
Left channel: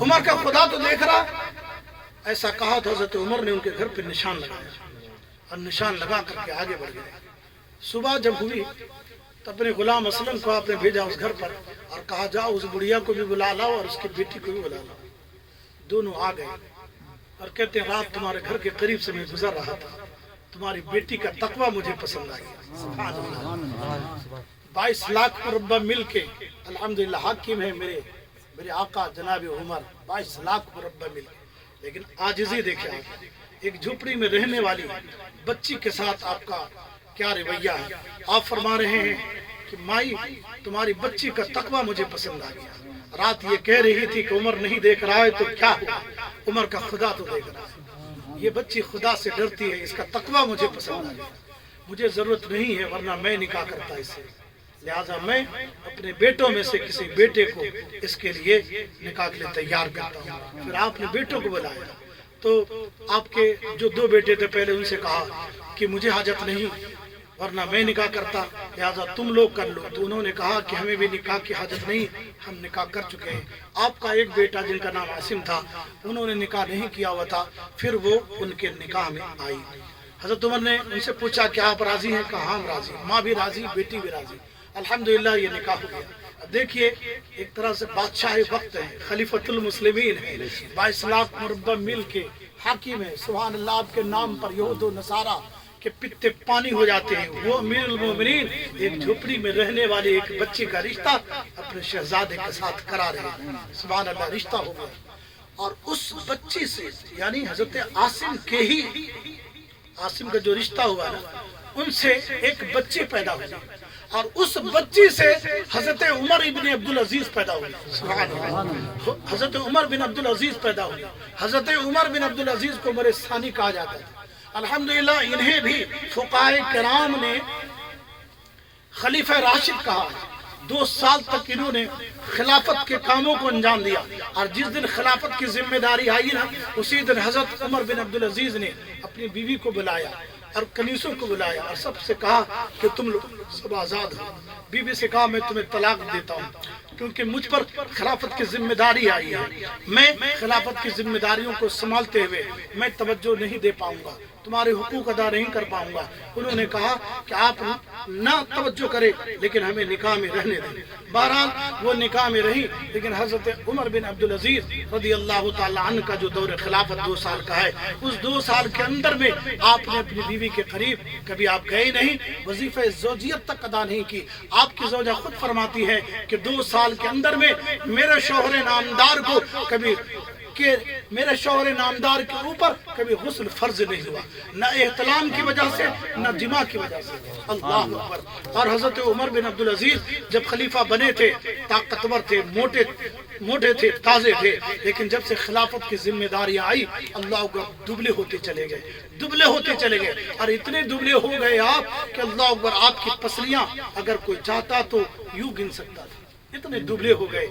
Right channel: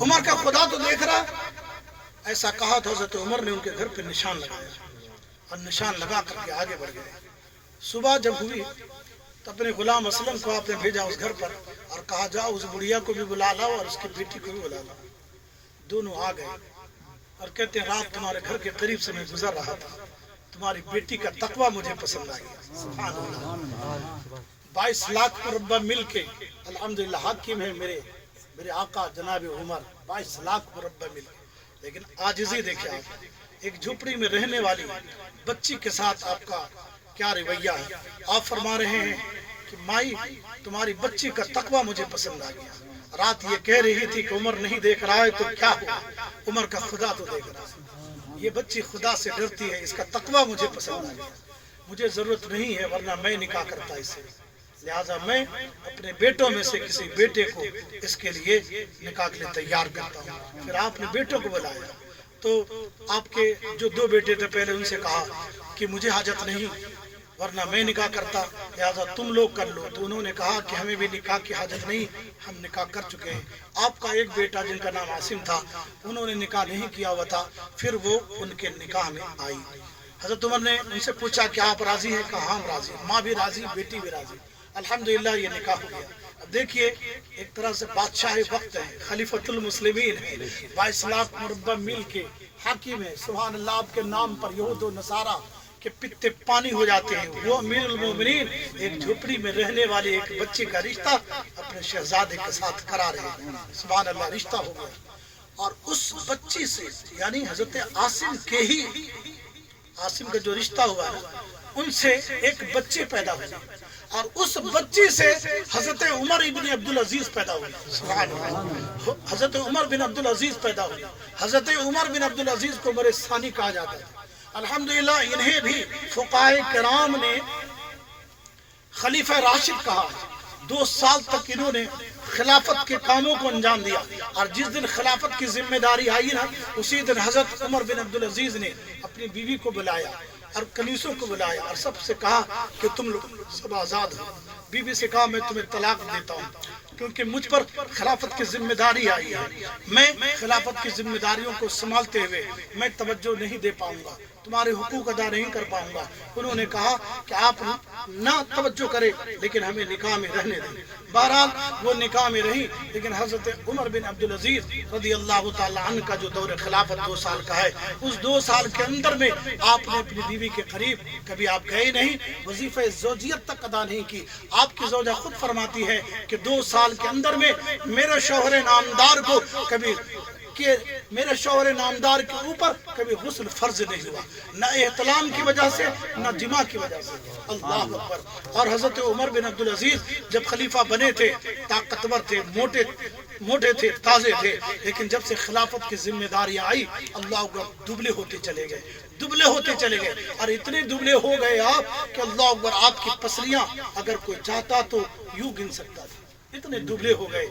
عمر کا خدا تو دیکھ رہا. ایسا کہا تو حضرت عمر نے ان کے گھر پہ نشان لگایا اور نشان لگا کر کے آگے بڑھ گئے. صبح جب ہوئی تو اپنے غلام اسلم کو آپ نے بھیجا اس گھر پر اور کہا جاؤ اس بڑھیا کو بھی بلا لاؤ اور اس کی بیٹی کو بھی بلا لاؤ. دونوں آ گئے اور کہتے ہیں رات تمہارے گھر کے قریب سے میں گزر رہا تھا، تمہاری بیٹی کا تقوی مجھے پسند آ گیا. سبحان اللہ. 22 لاکھ مربع مل کے الحمدللہ حاکم ہے میرے آقا جناب عمر. 22 لاکھ مربع مل کے، لیکن عاجزی دیکھیں آپ، ایک جھوپڑی میں رہنے والی بچی کے ساتھ آپ کا کیا رویہ ہے. آپ فرما رہے ہیں کہ مائی تمہاری بچی کا تقوی مجھے پسند آ گیا. رات یہ کہہ رہی تھی کہ عمر نہیں دیکھ رہا ہے تو کیا ہوا، عمر کا خدا تو دیکھ رہا ہے. یہ بچی خدا سے ڈرتی ہے، اس کا تقوی مجھے پسند آ گیا. مجھے ضرورت نہیں ہے ورنہ میں نکاح کرتا اس سے، لہٰذا میں اپنے بیٹوں میں سے کسی بیٹے کو اس کے لیے نکاح کے لیے تیار کرتا ہوں. پھر آپ نے بیٹوں کو بلایا تو آپ کے جو 2 بیٹے تھے پہلے ان سے کہا کہ مجھے حاجت نہیں ورنہ میں نکاح کرتا، لہذا تم لوگ کر لو۔ تو انہوں نے کہا کہ ہمیں بھی نکاح کی حاجت نہیں، ہم نکاح کر چکے ہیں۔ آپ کا ایک بیٹا جن کا نام عاصم تھا، انہوں نے نکاح نہیں کیا ہوا تھا، پھر وہ ان کے نکاح میں آئی۔ حضرت عمر نے ان سے پوچھا کہ آپ راضی ہیں؟ کہا ہم راضی، ماں بھی راضی، بیٹی بھی راضی۔ الحمدللہ یہ نکاح ہو گیا۔ اب دیکھیے ایک طرح سے بادشاہ وقت ہے، خلیفۃ المسلمین ہے، 22 لاکھ مربع میل کے حاکم ہے، سبحان اللہ۔ آپ کے نام پر یہود و نصارہ کے پتے پانی ہو جاتے ہیں۔ وہ امیر المومنین ایک جھوپڑی میں رہنے والے ایک بچے کا رشتہ اپنے شہزادے کے ساتھ کرا رہے ہیں، سبحان اللہ، رشتہ ہو گیا۔ اور اس بچی سے یعنی حضرت عاصم کے ہی، عاصم کا جو رشتہ ہوا نا، ان سے ایک بچے پیدا ہوئے، اور اس بچی سے حضرت عمر ابن عبدالعزیز پیدا ہوئے، سبحان اللہ۔ حضرت عمر بن عبدالعزیز پیدا ہوئے۔ حضرت عمر بن عبدالعزیز کو عمر ثانی کہا جاتا ہے۔ الحمدللہ انہیں بھی فقہائے کرام نے خلیفہ راشد کہا ہے۔ 2 سال تک انہوں نے خلافت کے کاموں کو انجام دیا، اور جس دن خلافت کی ذمہ داری آئی نا، اسی دن حضرت عمر بن عبدالعزیز نے اپنی بیوی کو بلایا اور کنیسوں کو بلایا اور سب سے کہا کہ تم لوگ سب آزاد ہو۔ بیوی سے کہا میں تمہیں طلاق دیتا ہوں، کیونکہ مجھ پر خلافت کی ذمہ داری آئی ہے، میں خلافت کی ذمہ داریوں کو سنبھالتے ہوئے میں توجہ نہیں دے پاؤں گا، تمہارے حقوق ادا نہیں کر پاؤں گا۔ انہوں نے کہا کہ آپ نہ توجہ کرے لیکن ہمیں نکاح میں رہنے دیں۔ بہرحال وہ نکاح میں رہی، لیکن حضرت عمر بن عبدالعزیز رضی اللہ تعالیٰ عنہ کا جو دور خلافت 2 سال کا ہے، اس 2 سال کے اندر میں آپ نے اپنی بیوی کے قریب کبھی آپ گئے نہیں، وظیفہ زوجیت تک ادا نہیں کی۔ آپ کی زوجہ خود فرماتی ہے کہ 2 سال کے اندر میں میرے شوہر نامدار کو کبھی کہ میرے شوہر نامدار کے اوپر کبھی غسل فرض نہیں ہوا، نہ احتلام کی وجہ سے نہ جماع کی وجہ سے، اللہ اکبر۔ اور حضرت عمر بن عبدالعزیز جب خلیفہ بنے تھے، طاقتور تھے، موٹے تھے، تازے تھے، لیکن جب سے خلافت کی ذمہ داری آئی، اللہ اکبر، دبلے ہوتے چلے گئے، اور اتنے دبلے ہو گئے آپ کہ اللہ اکبر، آپ کی پسلیاں اگر کوئی چاہتا تو یوں گن سکتا تھا، اتنے دبلے ہو گئے۔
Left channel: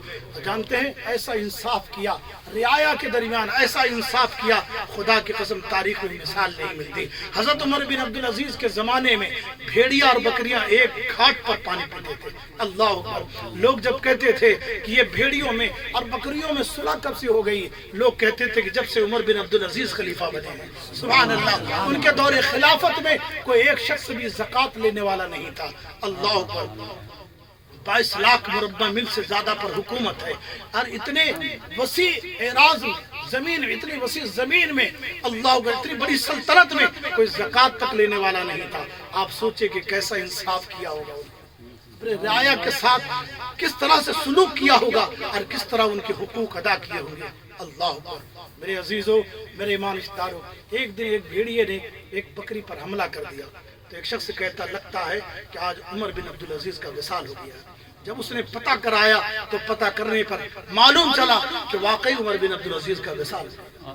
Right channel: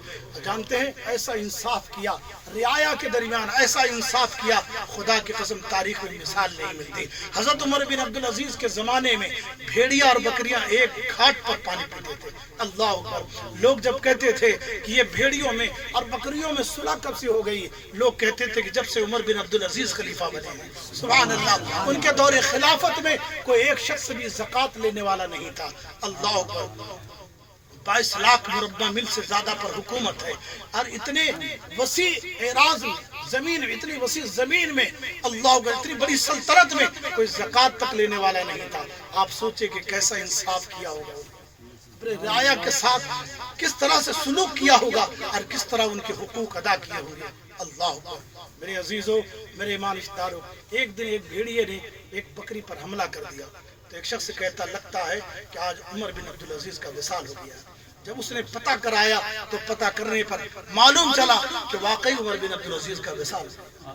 جانتے ہیں ایسا انصاف کیا، رعایا کے درمیان ایسا انصاف کیا، خدا کی قسم تاریخ میں مثال نہیں ملتی۔ حضرت عمر بن عبدالعزیز کے زمانے میں بھیڑیاں اور بکریاں ایک گھاٹ پر پانی پیتے تھے، اللہ اکبر۔ لوگ جب کہتے تھے کہ یہ بھیڑیوں میں اور بکریوں میں صلح کب سے ہو گئی، لوگ کہتے تھے کہ جب سے عمر بن عبدالعزیز خلیفہ بنے ہیں، سبحان اللہ۔ ان کے دور خلافت میں کوئی ایک شخص بھی زکوٰۃ لینے والا نہیں تھا، اللہ اکبر۔ 22 لاکھ مربع میل سے زیادہ پر حکومت ہے، اور اتنے وسیع اعراض زمین، اتنی وسیع زمین میں اللہ اکبر، اتنی بڑی سلطنت میں کوئی زکوٰۃ تک لینے والا نہیں تھا۔ آپ سوچے کہ کیسا انصاف کیا ہوگا، اپنے رعایا کے ساتھ کس طرح سے سلوک کیا ہوگا، اور کس طرح ان کے حقوق ادا کیے ہوں گے، اللہ اکبر۔ میرے عزیزوں، میرے ایمان اشتاروں، ایک دن ایک بھیڑیے نے ایک بکری پر حملہ کر دیا، تو ایک شخص کہتا لگتا ہے کہ آج عمر بن عبدالعزیز کا وصال ہو گیا۔ جب اس نے پتہ کرایا تو پتہ کرنے پر معلوم چلا کہ واقعی عمر بن عبدالعزیز کا وصال ہو۔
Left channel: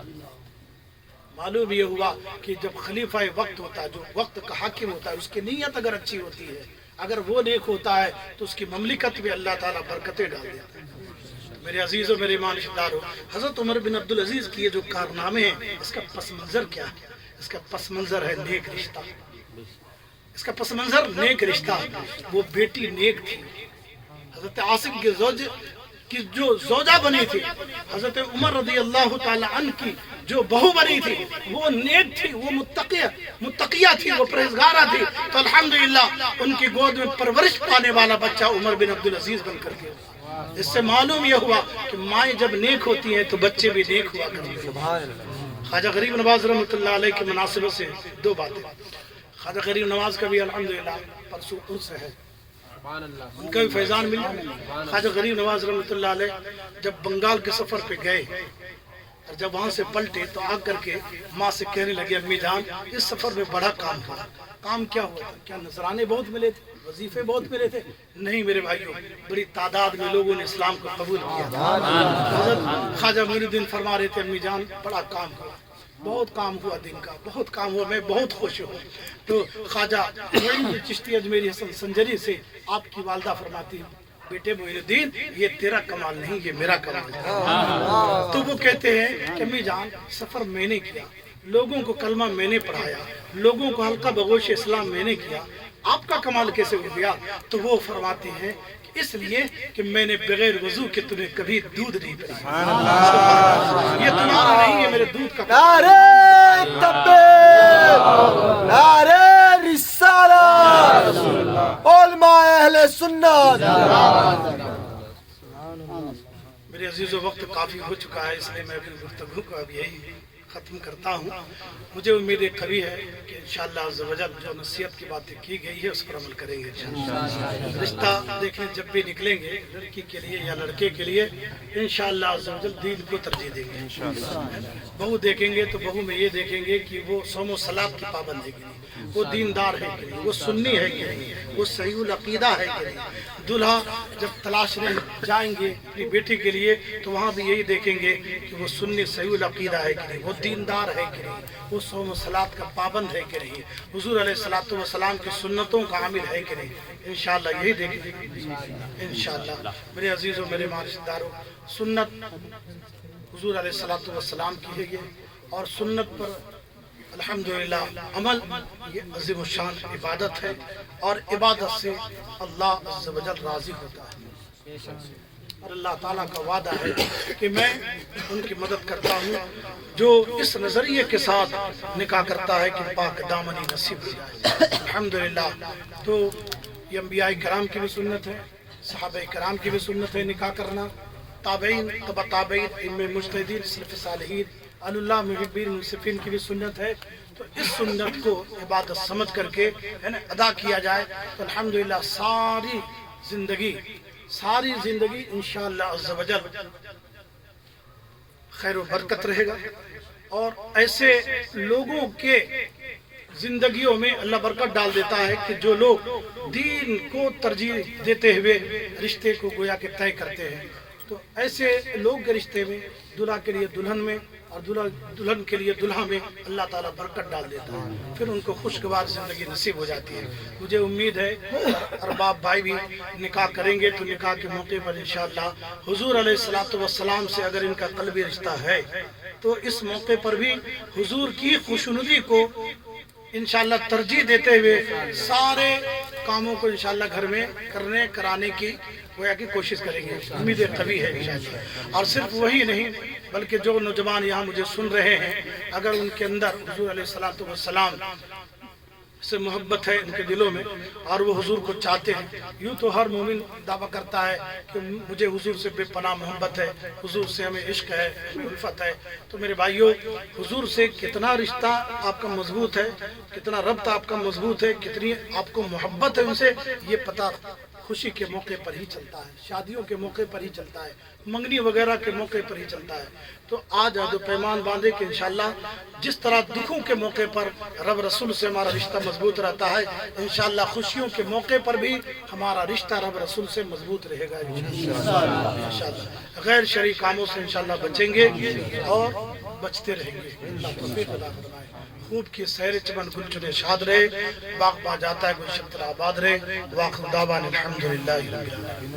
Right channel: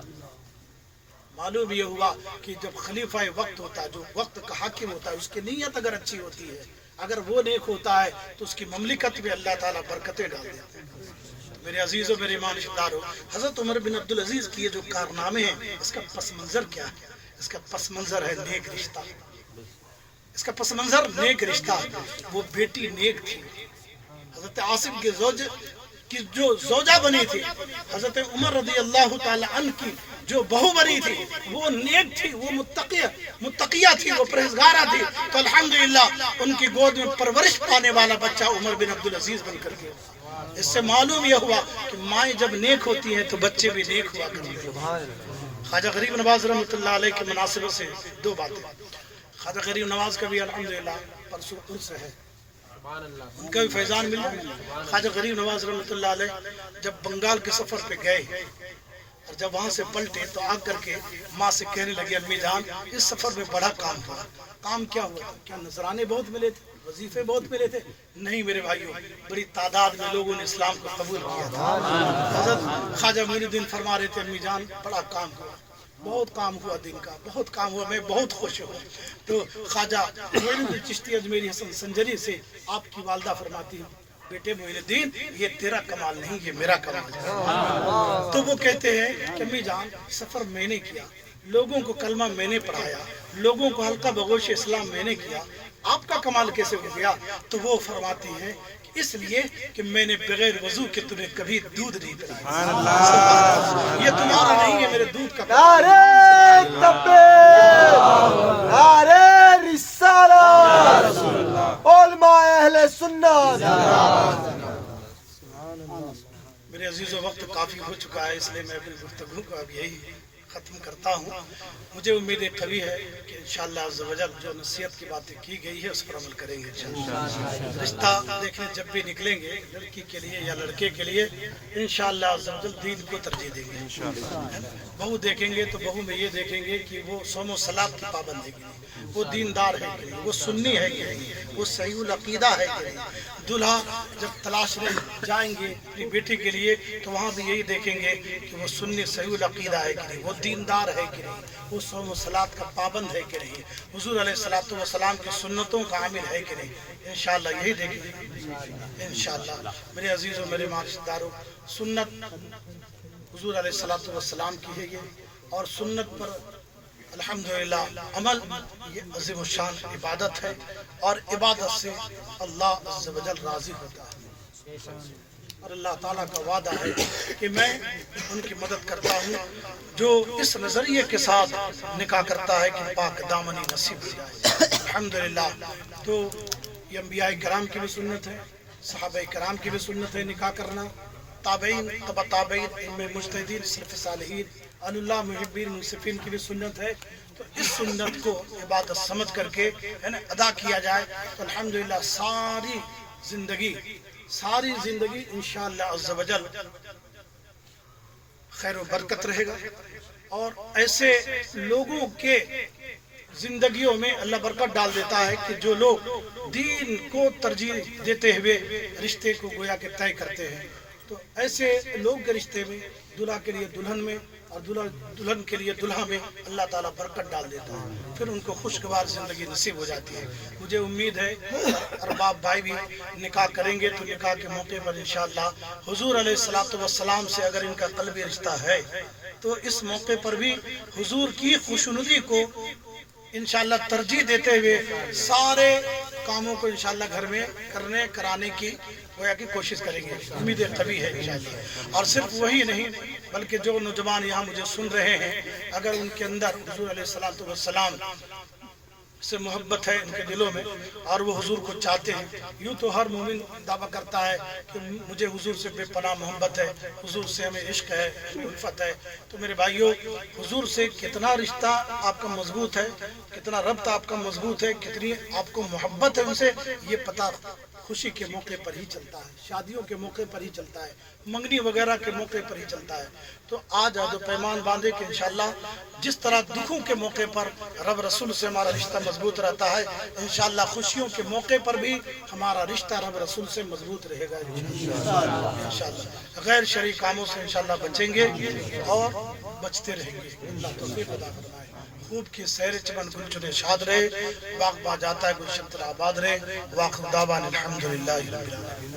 معلوم یہ ہوا کہ جب خلیفہ وقت ہوتا ہے، جو وقت کا حاکم ہوتا ہے، اس کی نیت اگر اچھی ہوتی ہے، اگر وہ نیک ہوتا ہے تو اس کی مملکت میں اللہ تعالیٰ برکتیں ڈال دیتا ہے۔ میرے عزیزوں، میرے ایمان اشتاروں، حضرت عمر بن عبدالعزیز کی یہ جو کارنامے ہیں، اس کا پس منظر کیا ہے؟ اس کا پس منظر ہے نیک رشتہ، اس کا پس منظر نیک رشتہ۔ وہ بیٹی نیک تھی، حضرت عاصم کے کی جو زوجہ بنی تھی، حضرت عمر رضی اللہ تعالی عنہ کی جو بہو بنی تھی، وہ نیک تھی، وہ متقیہ تھی، وہ پرہیزگارہ تھی، تو الحمدللہ ان کی گود میں پرورش پانے والا بچہ عمر بن عبدالعزیز بن کر کے۔ اس سے معلوم یہ ہوا کہ مائیں جب نیک ہوتی ہیں تو بچے بھی نیک ہوا کرتے ہیں۔ خواجہ غریب نواز رحمۃ اللہ علیہ کی مناسبت سے 2 باتیں۔ خواجہ غریب نواز کا بھی الحمدللہ پرسوں عرس ہے، ان کا بھی فیضان ملا۔ خواجہ غریب نواز رحمۃ اللہ علیہ جب بنگال کے سفر پہ گئے اور جب وہاں سے پلٹے تو آ کر کے ماں سے کہنے لگے امی جان اس سفر میں بڑا کام ہوا۔ کام کیا ہوا تھا؟ کیا نذرانے بہت ملے تھے، وظیفے بہت ملے تھے؟ نہیں میرے بھائیوں، بڑی تعداد میں لوگوں نے اسلام کو قبول کیا تھا۔ حضرت خواجہ معین الدین فرما رہے تھے امی جان بڑا کام ہوا، بہت کام ہوا، دن کا بہت کام ہوا، میں بہت خوش ہوں۔ تو خواجہ معین الدین چشتی اجمیری حسن سنجری سے آپ کی والدہ فرماتی ہیں بیٹے معین الدین یہ تیرا کمال نہیں، یہ میرا کمال ہے۔ تو وہ کہتے ہیں کہ امی جان سفر میں نے کیا، لوگوں کو کلمہ میں نے پڑھایا، لوگوں کو حلقہ بگوش اسلام میں نے کیا، آپ کا کمال کیسے ہو گیا؟ تو وہ فرماتے ہیں کہ اس لیے کہ میں نے بغیر وضو کے تمہیں کبھی دودھ نہیں پلایا. سبحان اللہ. یہ تمہارا نہیں ہے، میرے دودھ کا. نعرہ تکبیر، نعرہ رسالت، علماء اہل سنت. میرے عزیزو، وقت کافی ہو چکا ہے، اس لیے میں اپنی گفتگو کو اب یہی ختم کرتا ہوں. مجھے امید قوی ہے کہ انشاءاللہ عز و جل جو نصیحت کی باتیں کی گئی ہے اس پر عمل کریں گے. رشتہ دیکھیں جب بھی نکلیں گے لڑکی کے لیے یا لڑکے کے لیے، انشاءاللہ عز و جل دین کو ترجیح دیں گے. بہو دیکھیں گے تو بہو میں یہ دیکھیں گے کہ وہ صوم و صلاۃ کی پابند ہے کہ نہیں، وہ دیندار ہے کہ نہیں، وہ سنی ہے کہ نہیں، وہ صحیح العقیدہ ہے کہ نہیں. دلہا جب تلاشنے جائیں گے اپنی بیٹی کے لیے تو وہاں بھی یہی دیکھیں گے کہ وہ سنی صحیح العقیدہ ہے کہ نہیں، وہ دیندار ہے کہ نہیں، وہ صوم و صلاۃ کا پابند ہے کہ نہیں، حضور علیہ الصلوۃ والسلام کی سنتوں کا عامل ہے کہ نہیں. انشاءاللہ یہی دیکھیں گے انشاءاللہ. میرے عزیزوں، میرے رشتہ داروں، سنت حضور علیہ الصلوۃ والسلام کی ہے یہ، اور سنت پر الحمدللہ عمل یہ عظیم الشان عبادت ہے، اور عبادت سے اللہ عز و جل راضی ہوتا ہے. اور اللہ تعالیٰ کا وعدہ ہے کہ میں ان کی مدد کرتا ہوں جو اس نظریے کے ساتھ نکاح کرتا ہے کہ پاک دامنی نصیب ہو جائے. الحمدللہ. تو یہ انبیاء کرام کی بھی سنت ہے، صحابہ کرام کی بھی سنت ہے نکاح کرنا، تابعین، تبع تابعین، ائمہ مجتہدین، سلف صالحین، اللہ محبین منصفین کی بھی سنت ہے. تو اس سنت کو عبادت سمجھ کر کے ادا کیا جائے تو الحمدللہ ساری زندگی انشاءاللہ عز و جل خیر و برکت رہے گا. اور ایسے لوگوں کے زندگیوں میں اللہ برکت ڈال دیتا ہے کہ جو لوگ دین کو ترجیح دیتے ہوئے رشتے کو گویا کہ طے کرتے ہیں. تو ایسے لوگ کے رشتے میں دلہا کے لیے دلہن میں اور دلہن کے لیے دلہا میں اللہ تعالیٰ برکت ڈال دیتا ہے، پھر ان کو خوشگوار زندگی نصیب ہو جاتی ہے. مجھے امید ہے ارباب بھائی بھی نکاح کریں گے تو نکاح کے موقع پر انشاءاللہ حضور علیہ الصلوۃ والسلام سے اگر ان کا قلبی رشتہ ہے تو اس موقع پر بھی حضور کی خوشنودی کو انشاءاللہ ترجیح دیتے ہوئے سارے کاموں کو انشاءاللہ گھر میں کرانے کی گویا کی کوشش کریں گے. امید قوی ہے انشاءاللہ. اور صرف وہی نہیں بلکہ جو نوجوان یہاں مجھے سن رہے ہیں، اگر ان کے اندر حضور علیہ الصلوۃ والسلام سے محبت ہے ان کے دلوں میں اور وہ حضور کو چاہتے ہیں، یوں تو ہر مومن دعویٰ کرتا ہے کہ مجھے حضور سے بے پناہ محبت ہے، حضور سے ہمیں عشق ہے، ہمیں الفت ہے. تو میرے بھائیوں، حضور سے کتنا رشتہ آپ کا مضبوط ہے، کتنا ربط آپ کا مضبوط ہے، کتنی آپ کو محبت ہے ان سے، یہ پتہ خوشی کے موقع پر ہی چلتا ہے، شادیوں کے موقع پر ہی چلتا ہے، منگنی وغیرہ کے موقع پر ہی چلتا ہے. تو آج عہد و پیمان باندھے کہ انشاءاللہ جس طرح دکھوں کے موقع پر رب رسول سے ہمارا رشتہ مضبوط رہتا ہے، انشاءاللہ خوشیوں کے موقع پر بھی ہمارا رشتہ رب رسول سے مضبوط رہے گا انشاءاللہ. غیر شرعی کاموں سے انشاءاللہ بچیں گے اور بچتے رہیں گے. اللہ توفیق عطا فرمائے. خوب کی سیر چمن گل چنے شاد رہے، باغ با جاتا ہے گلشن تر آباد رہے. واخر دعوانا الحمدللہ رب العالمین.